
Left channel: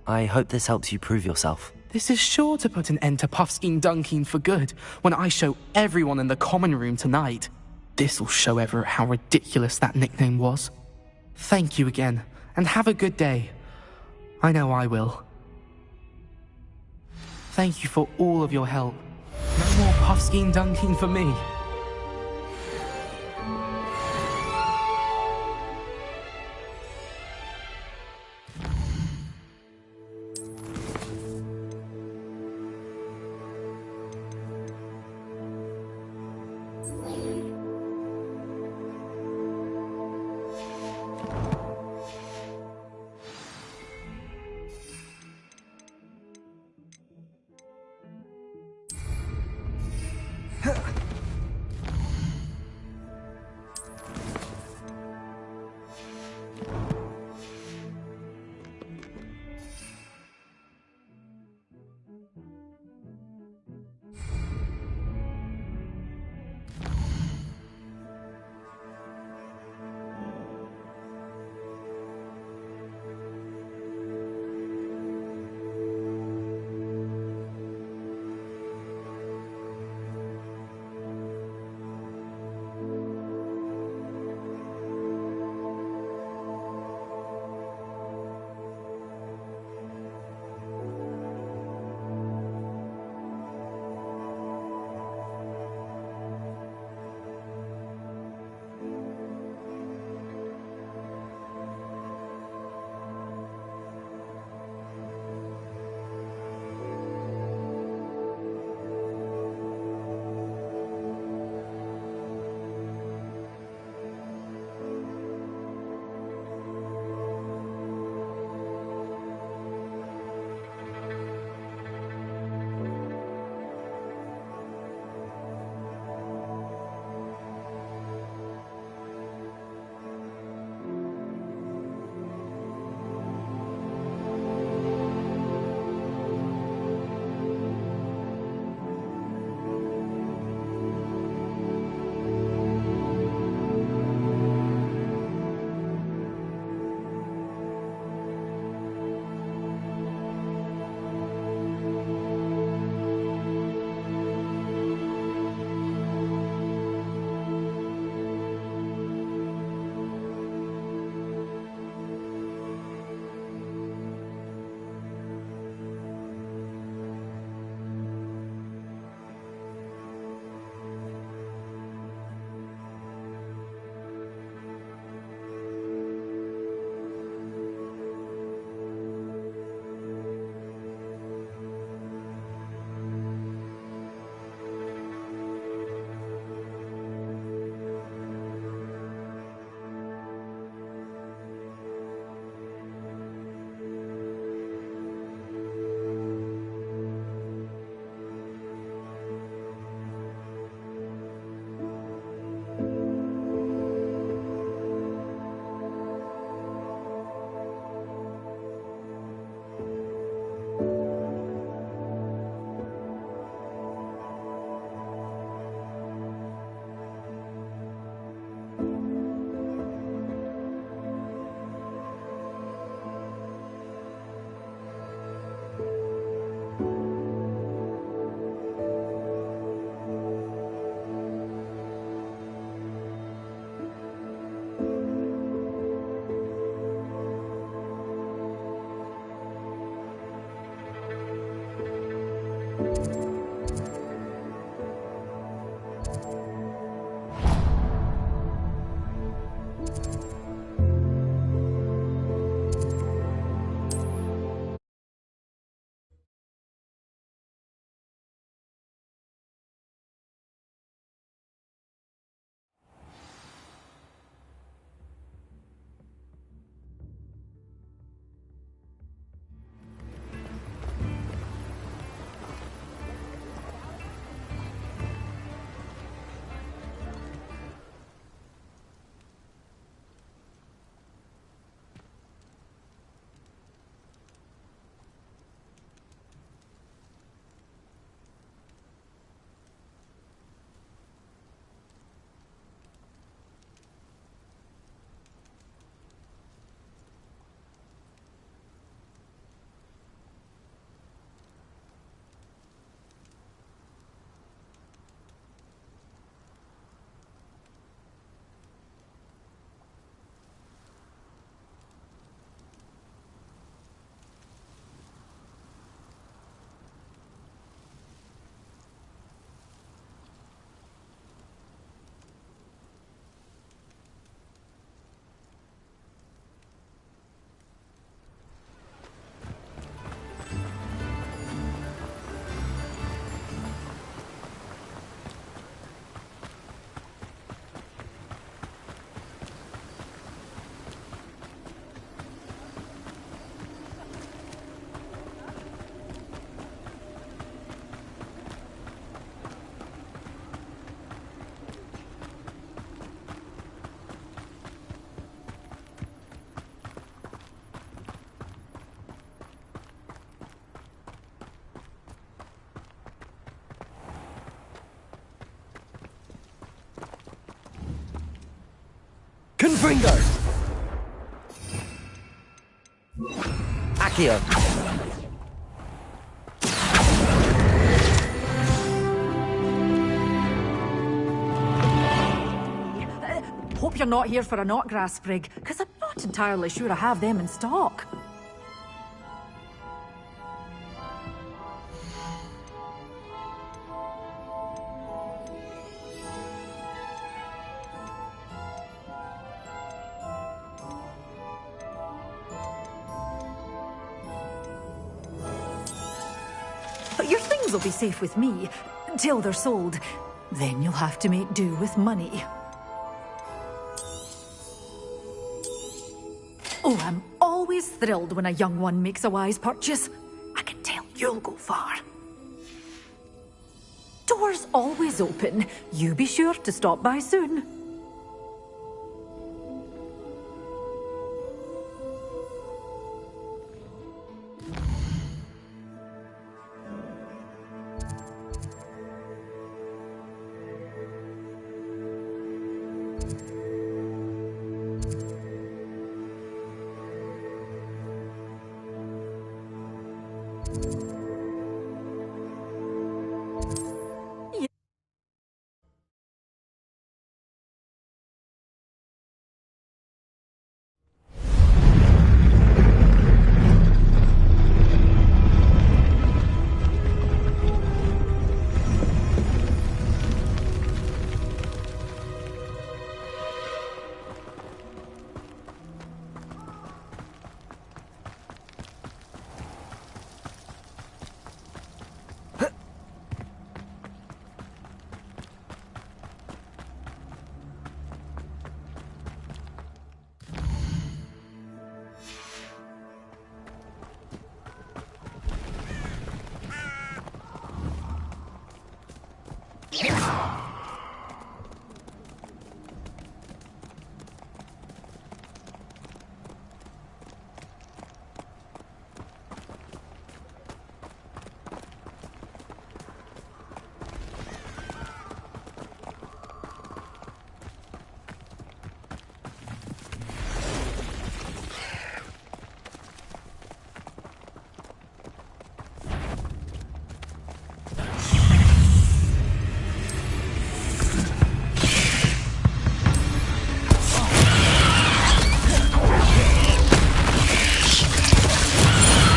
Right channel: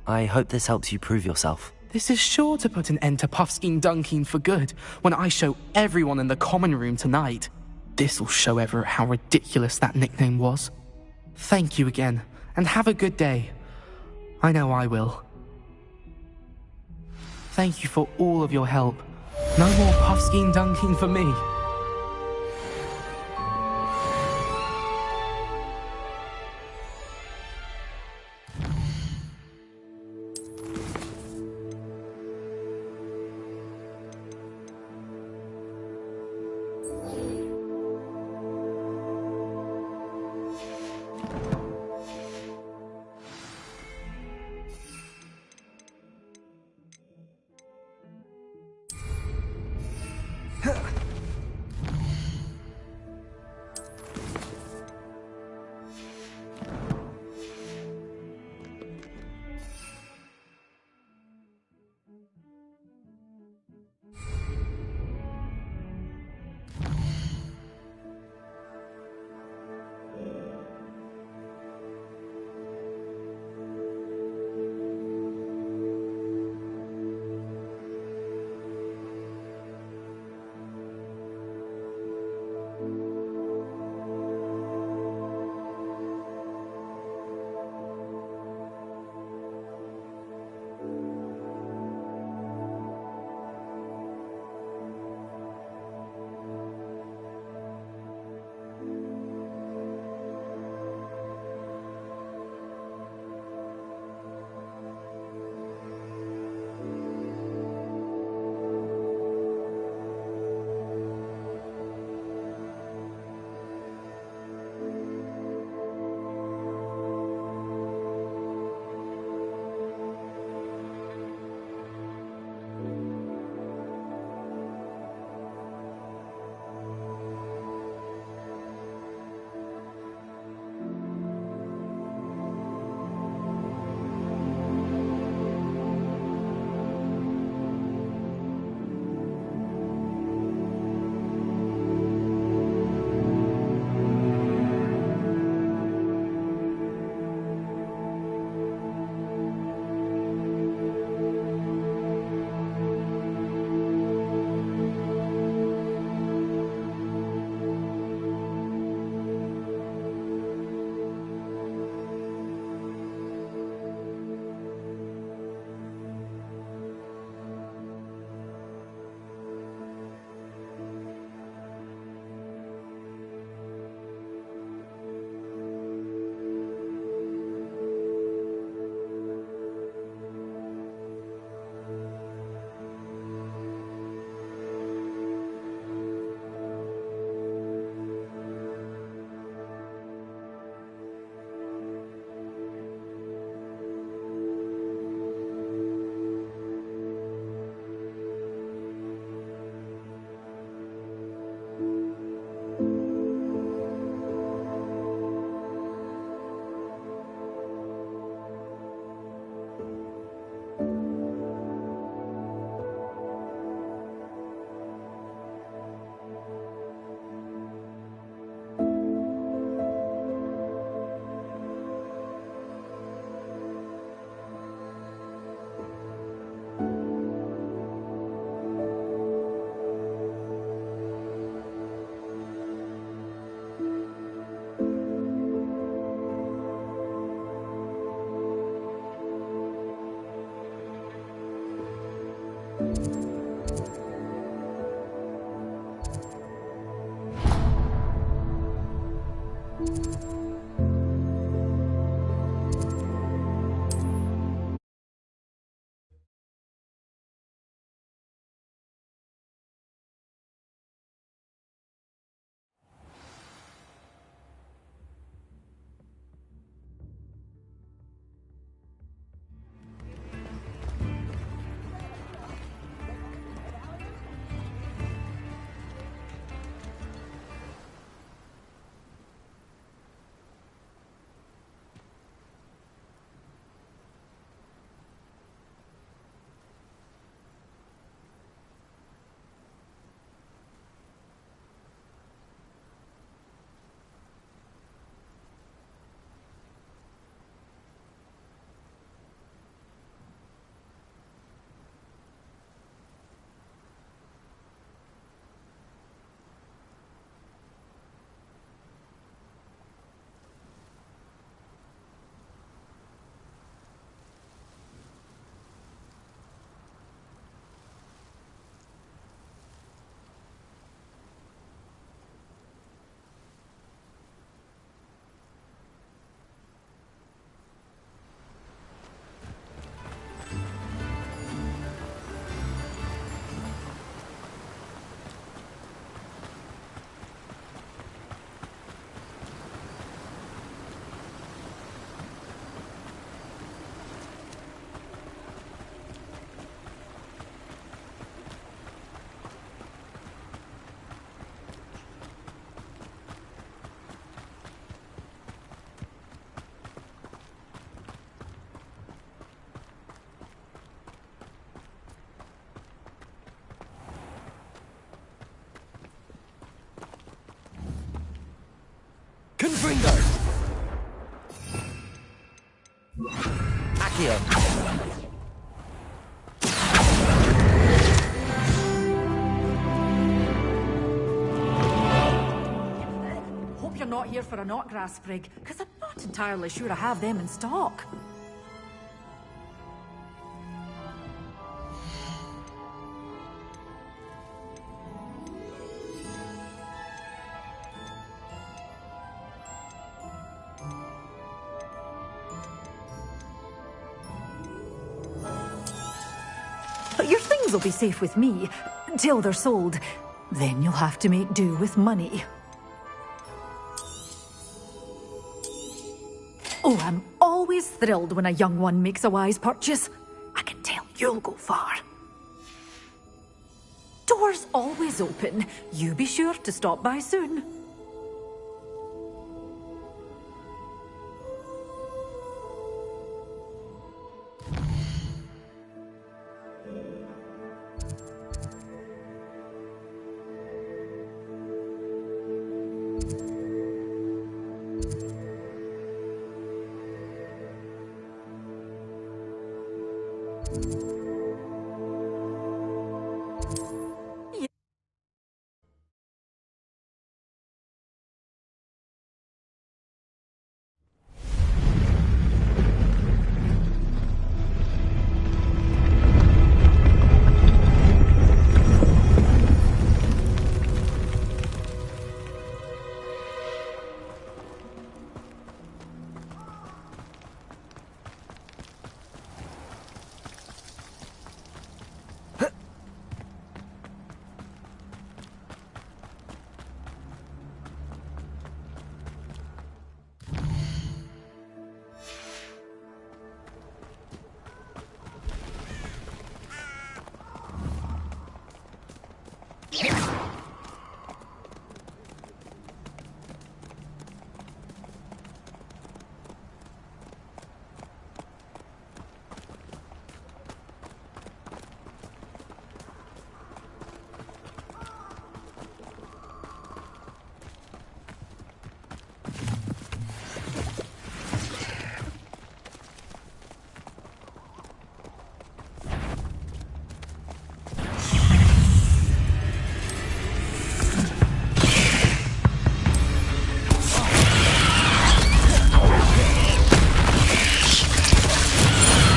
I hope this helps you prove yourself. This is sure to put an end to Puffskein Dunkeen for good when I show everyone in the common room tonight. This'll show Everett how ridiculous that nickname was. Thank you again, and have a good day. I know I will. Thank you for all of your help. No more puffskein dunking for me. Confringo! Accio! Hope you're not here for a knotgrass sprig, because I'm not entirely sure I have them in stock. Your things will be safe with me, till they're sold. Then you'll have to make do with money. Oh, I'm always thrilled when a young one makes a wise purchase. I can tell you'll go far. Doors always open. You be sure to stop by soon.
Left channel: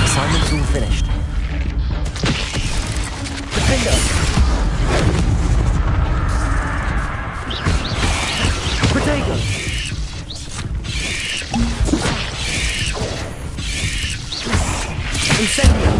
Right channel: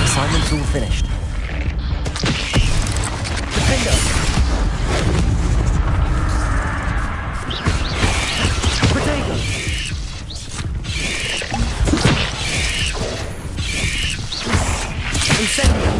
Assignment's all finished. Defender! Protego! Incendio!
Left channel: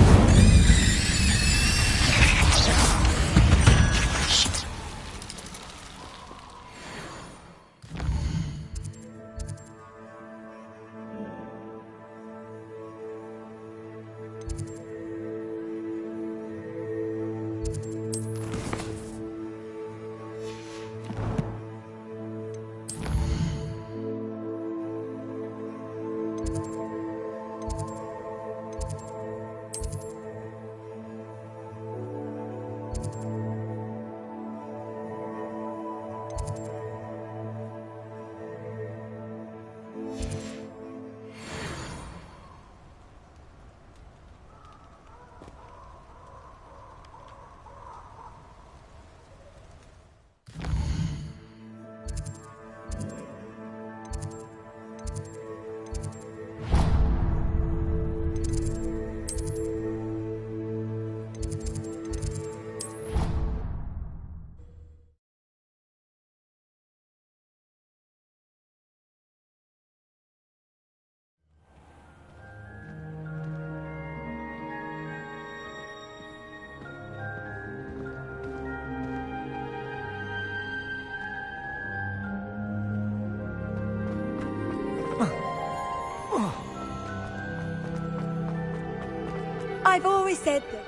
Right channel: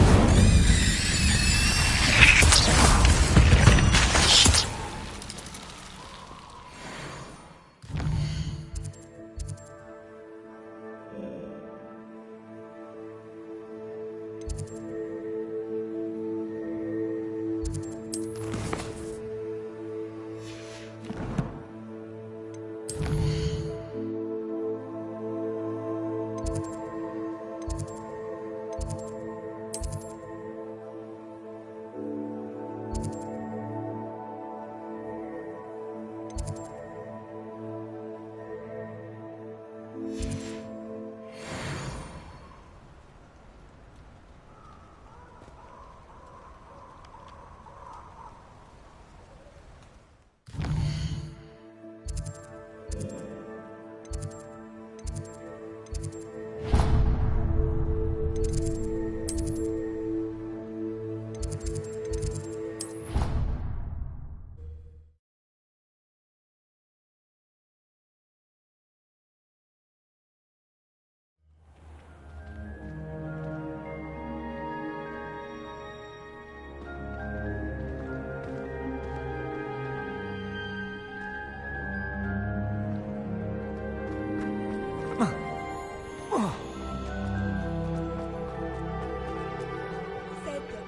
I've always said that.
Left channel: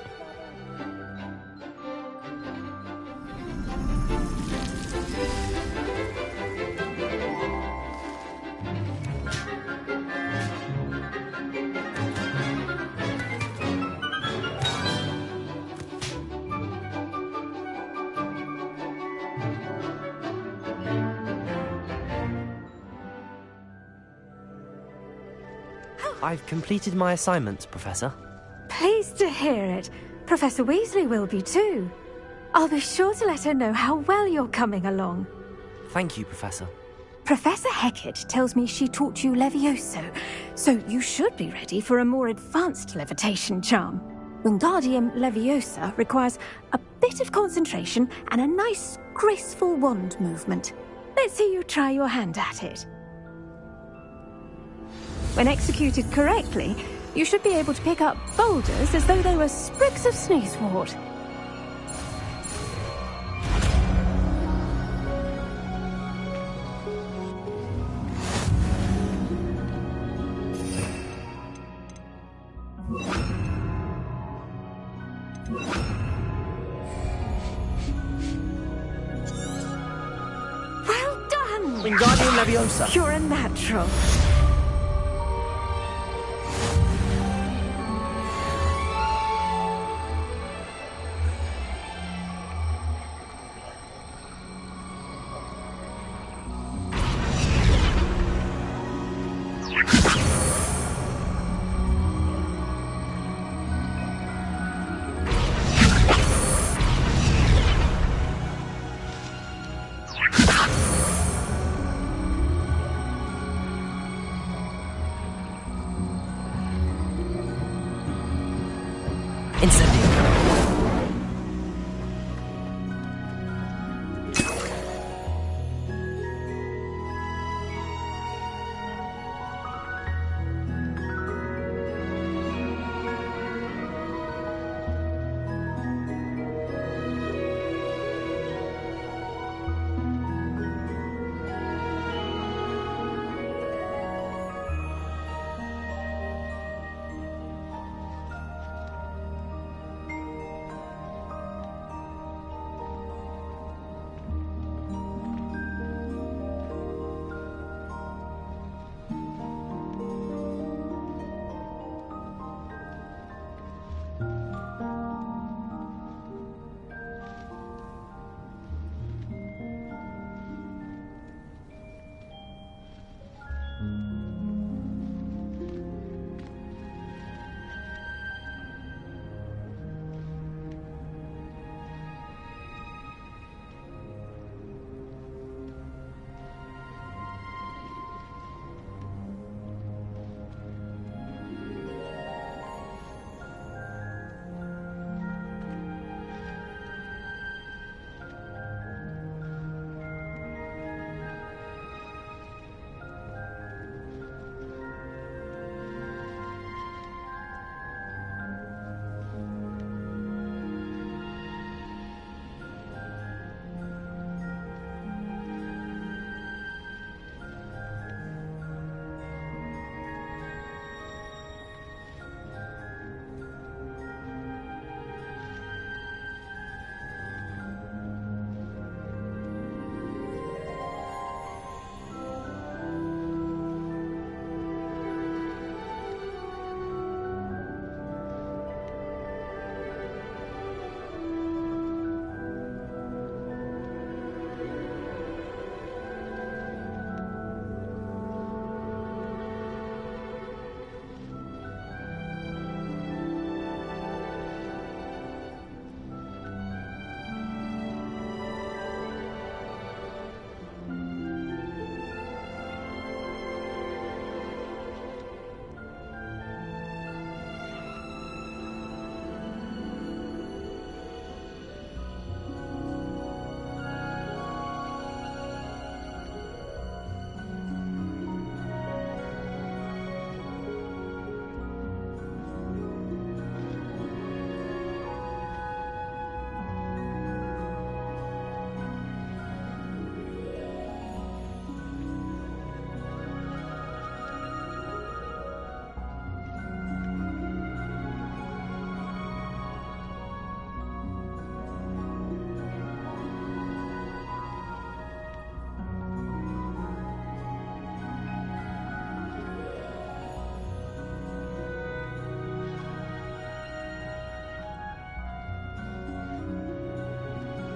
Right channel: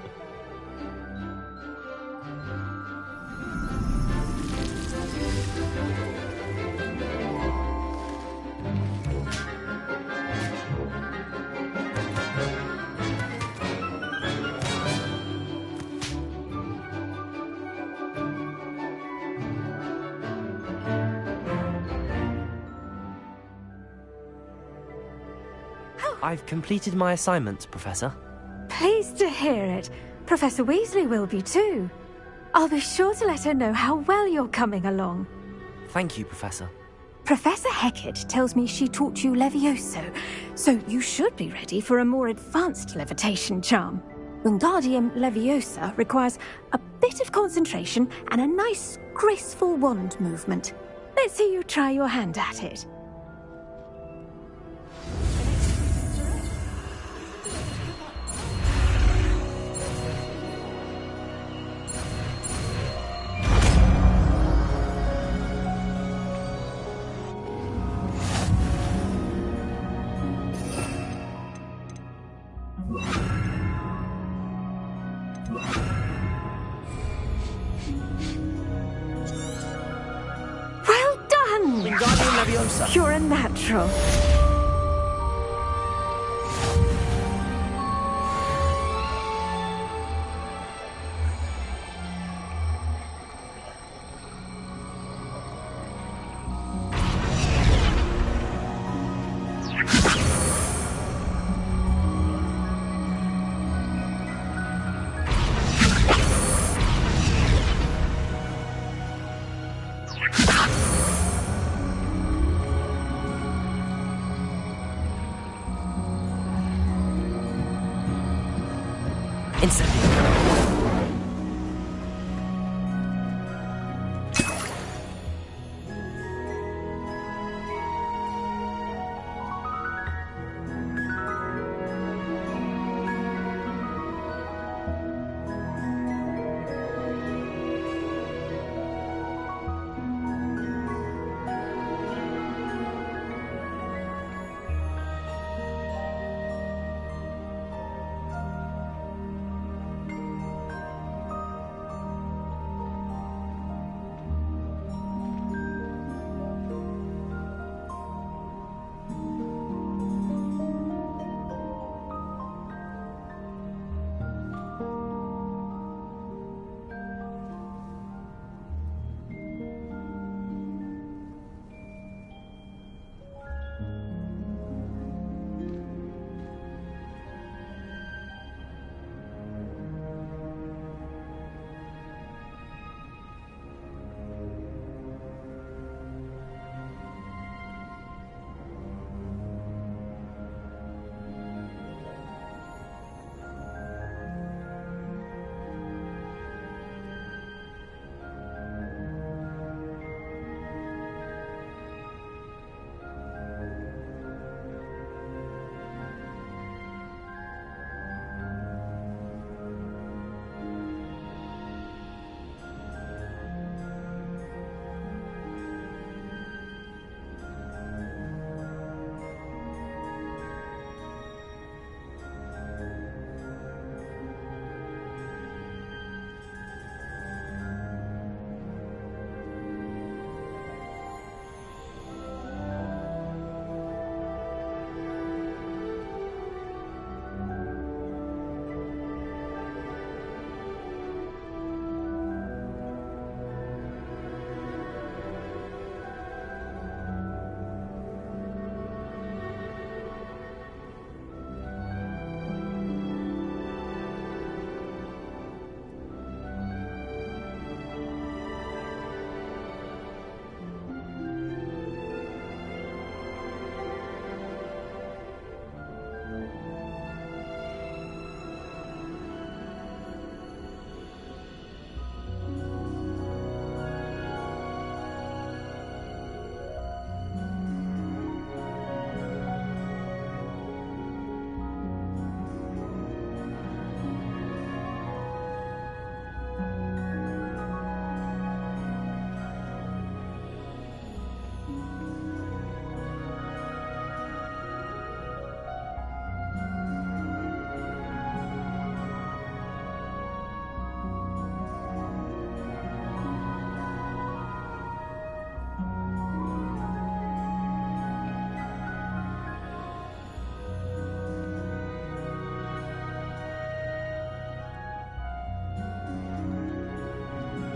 I've completed my assignment, Professor. Pleased to hear it. Professor Weasley will be too. I'll be sure to let her know how well you're coming along. Thank you, Professor. Professor Hecat tells me she taught you Levioso, so you should be ready for a more advanced levitation charm. Wingardium Leviosa requires a bit of concentration and a nice, graceful wand movement. Let's see you try your hand at it. When executed correctly, you should be able to pick up boulders as though they were sprigs of sneezewort. Well done! Wingardium Leviosa! You're a natural.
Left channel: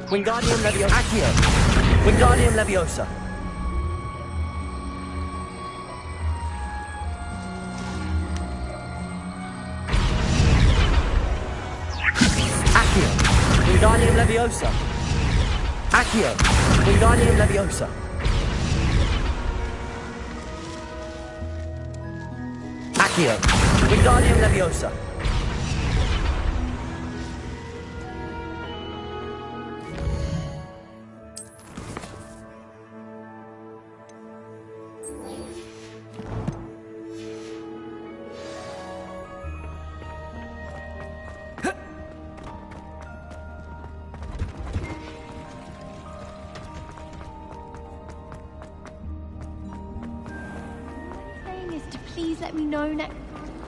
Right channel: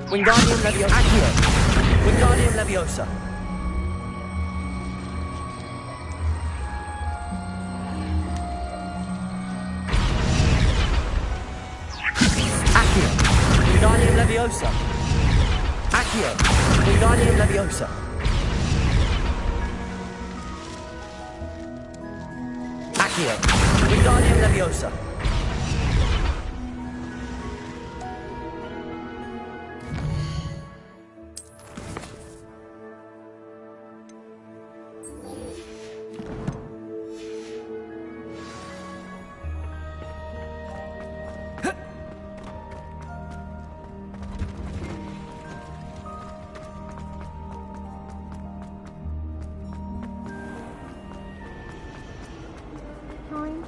Wingardium Leviosa. Accio. Wingardium Leviosa. Wingardium Leviosa! Accio! Wingardium Leviosa! Accio! Wingardium Leviosa! Please let me know next time.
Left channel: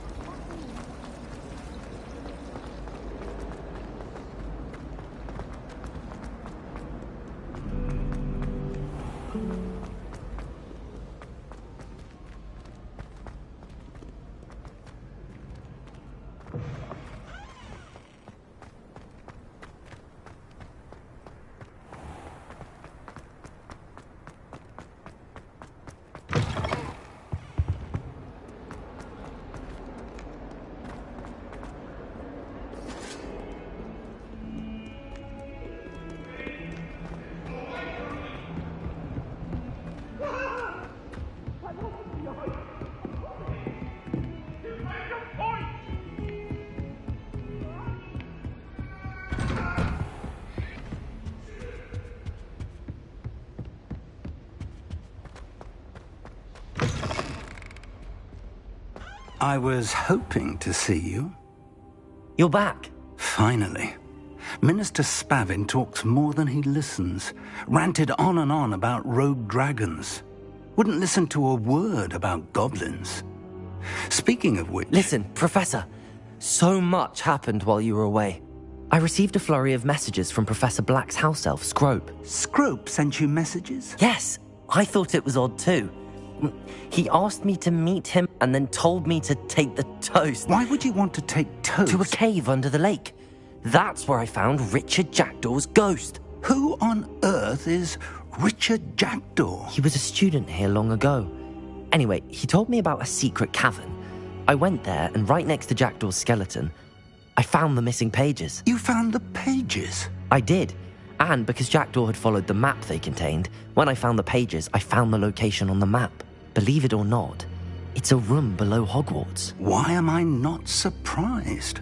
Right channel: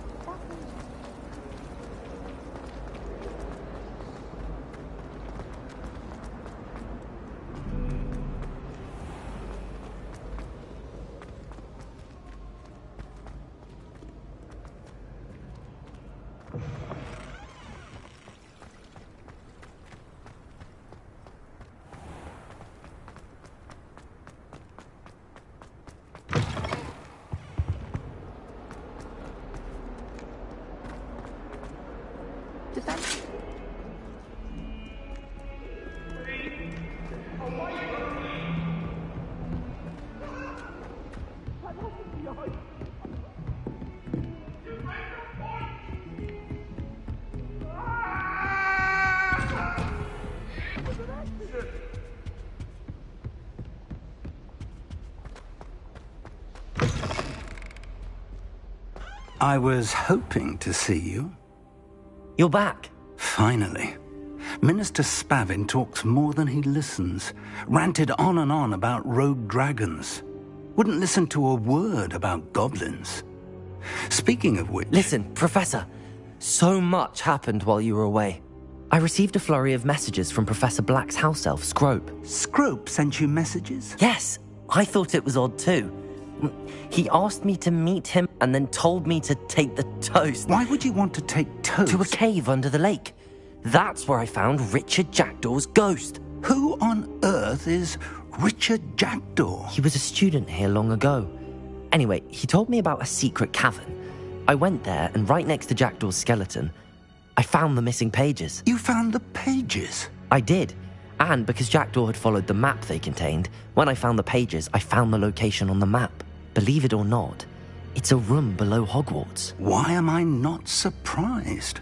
I was hoping to see you. You're back. Finally. Minister Spavin talks more than he listens. Ranted on and on about rogue dragons. Wouldn't listen to a word about goblins. Speaking of which... Listen, Professor. So much happened while you were away. I received a flurry of messages from Professor Black's house elf, Scrope. Scrope sent you messages? Yes. I thought it was odd too. He asked me to meet him and then told me to take the toast. Why would you want to take toast? To a cave under the lake. That's where I found Richard Jackdaw's ghost. Who on earth is Richard Jackdaw? He was a student here long ago. Anyway, he told me about a secret cavern. I went there, and right next to Jackdaw's skeleton, I found the missing pages. You found the pages? I did. And because Jackdaw had followed the map they contained, when I found the pages, I found the location on the map. Believe it or not, it's a room below Hogwarts. Why am I not surprised?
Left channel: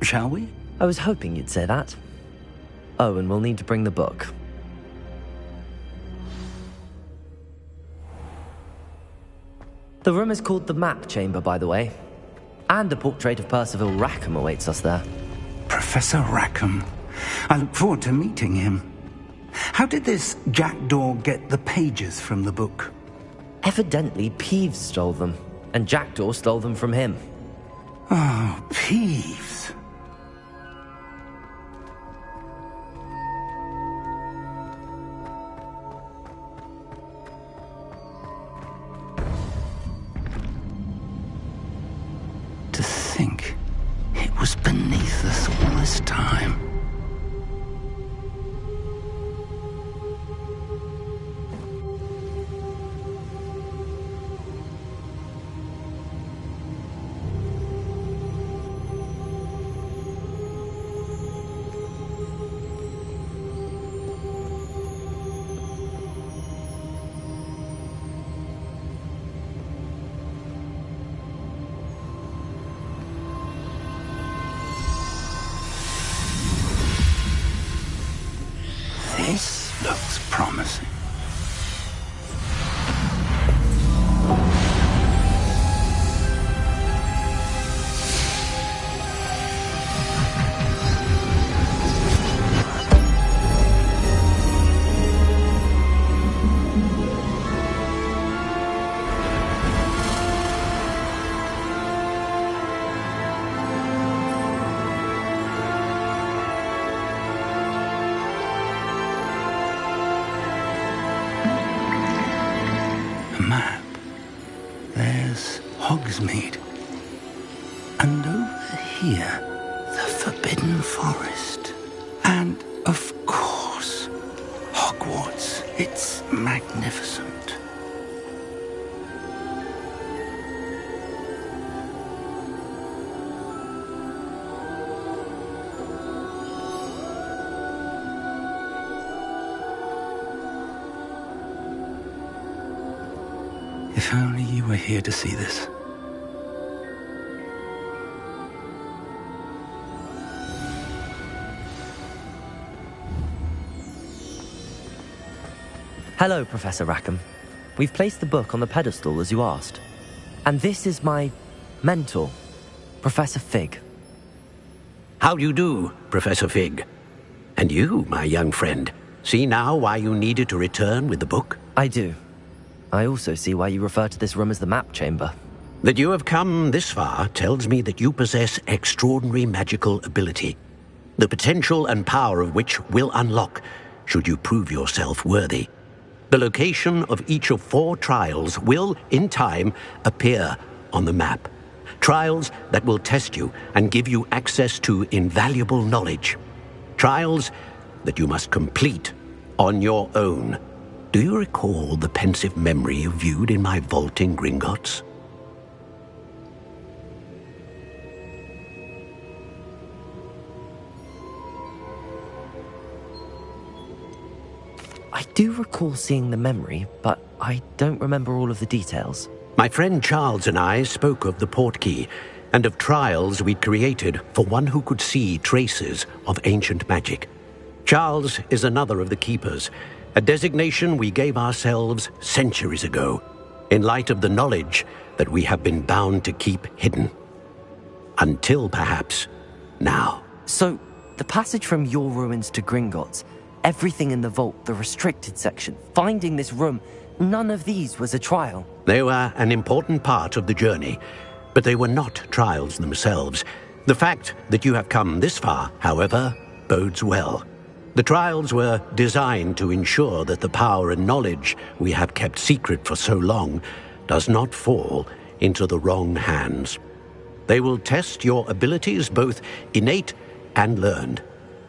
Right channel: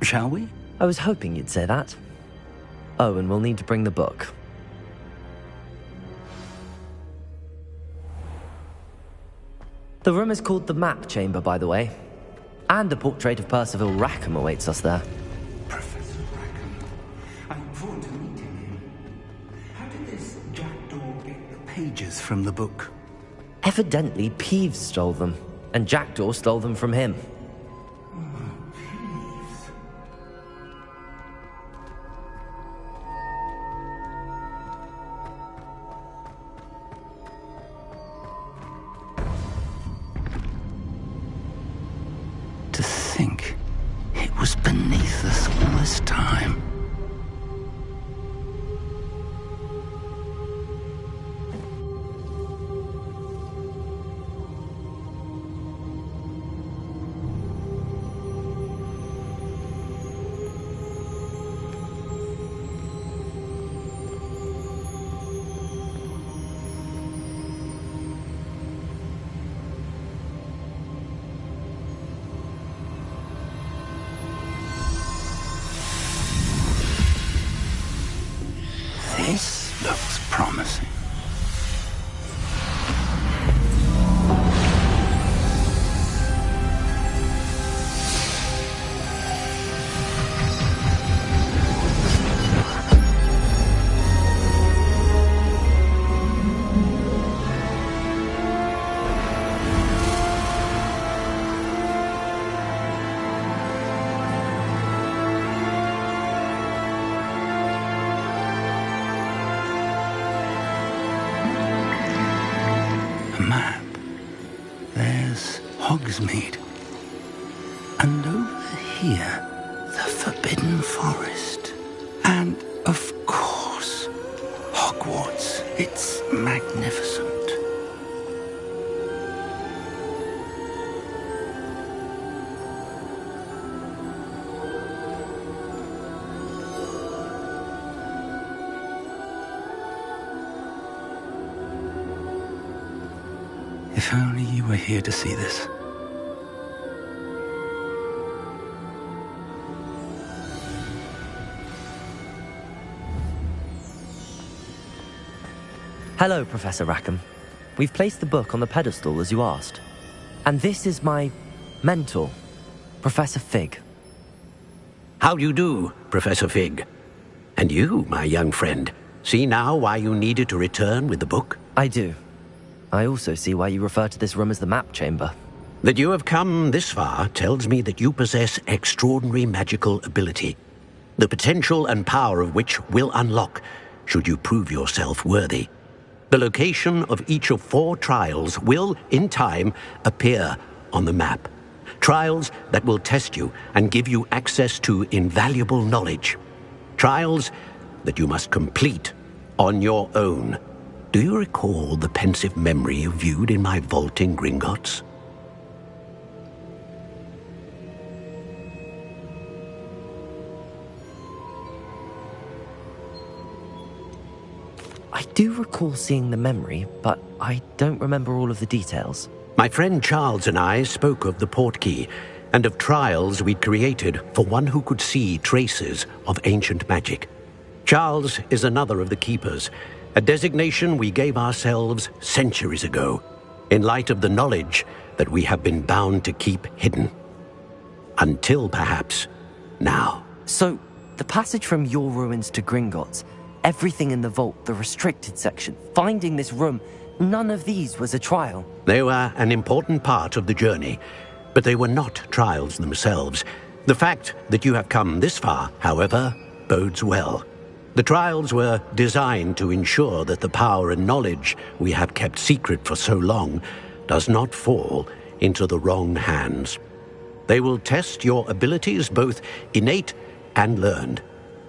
Shall we? I was hoping you'd say that. Oh, and we'll need to bring the book. The room is called the Map Chamber, by the way. And a portrait of Percival Rackham awaits us there. Professor Rackham. I look forward to meeting him. How did this Jackdaw get the pages from the book? Evidently, Peeves stole them, and Jackdaw stole them from him. Oh, Peeves. To think it was beneath us all this time. This looks promising. Map. There's Hogsmeade. And over here, the Forbidden Forest. And, of course, Hogwarts. It's magnificent. If only you were here to see this. Hello, Professor Rackham. We've placed the book on the pedestal as you asked. And this is my mentor, Professor Fig. How do you do, Professor Fig? And you, my young friend, see now why you needed to return with the book? I do. I also see why you refer to this room as the map chamber. That you have come this far tells me that you possess extraordinary magical ability, the potential and power of which will unlock should you prove yourself worthy. The location of each of 4 trials will, in time, appear on the map. Trials that will test you and give you access to invaluable knowledge. Trials that you must complete on your own. Do you recall the pensive memory you viewed in my vault in Gringotts? I do recall seeing the memory, but I don't remember all of the details. My friend Charles and I spoke of the portkey and of trials we'd created for one who could see traces of ancient magic. Charles is another of the keepers, a designation we gave ourselves centuries ago, in light of the knowledge that we have been bound to keep hidden. Until, perhaps, now. So, the passage from your ruins to Gringotts, everything in the vault, the restricted section, finding this room, none of these was a trial. They were an important part of the journey, but they were not trials themselves. The fact that you have come this far, however, bodes well. The trials were designed to ensure that the power and knowledge we have kept secret for so long does not fall into the wrong hands. They will test your abilities, both innate and learned.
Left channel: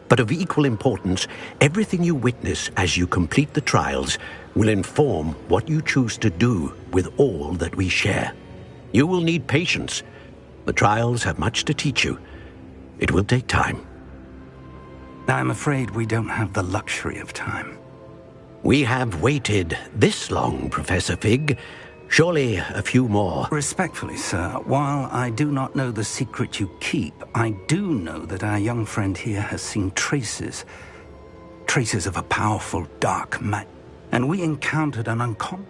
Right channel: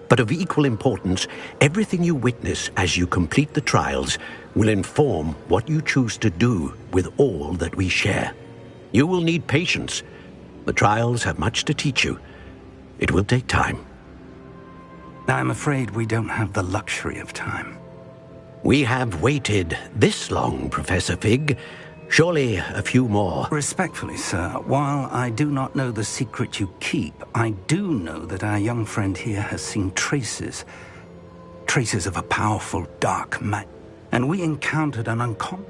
But of equal importance, everything you witness as you complete the trials will inform what you choose to do with all that we share. You will need patience. The trials have much to teach you. It will take time. I'm afraid we don't have the luxury of time. We have waited this long, Professor Fig. Surely a few more. Respectfully, sir, while I do not know the secret you keep, I do know that our young friend here has seen traces of a powerful dark magic. And we encountered an uncommon.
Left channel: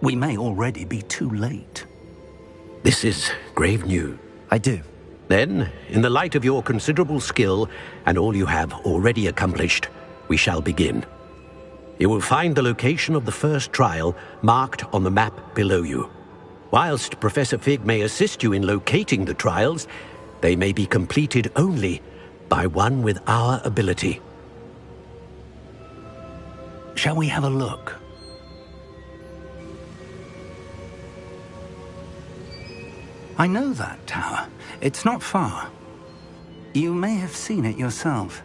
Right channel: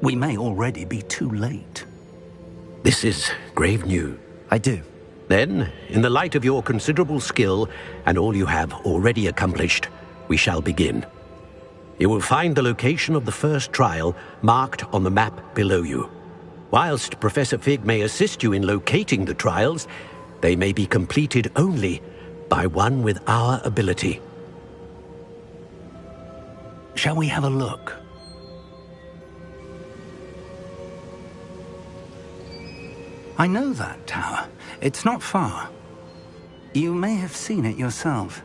We may already be too late. This is grave news. I do. Then, in the light of your considerable skill and all you have already accomplished, we shall begin. You will find the location of the first trial marked on the map below you. Whilst Professor Fig may assist you in locating the trials, they may be completed only by one with our ability. Shall we have a look? I know that tower. It's not far. You may have seen it yourself.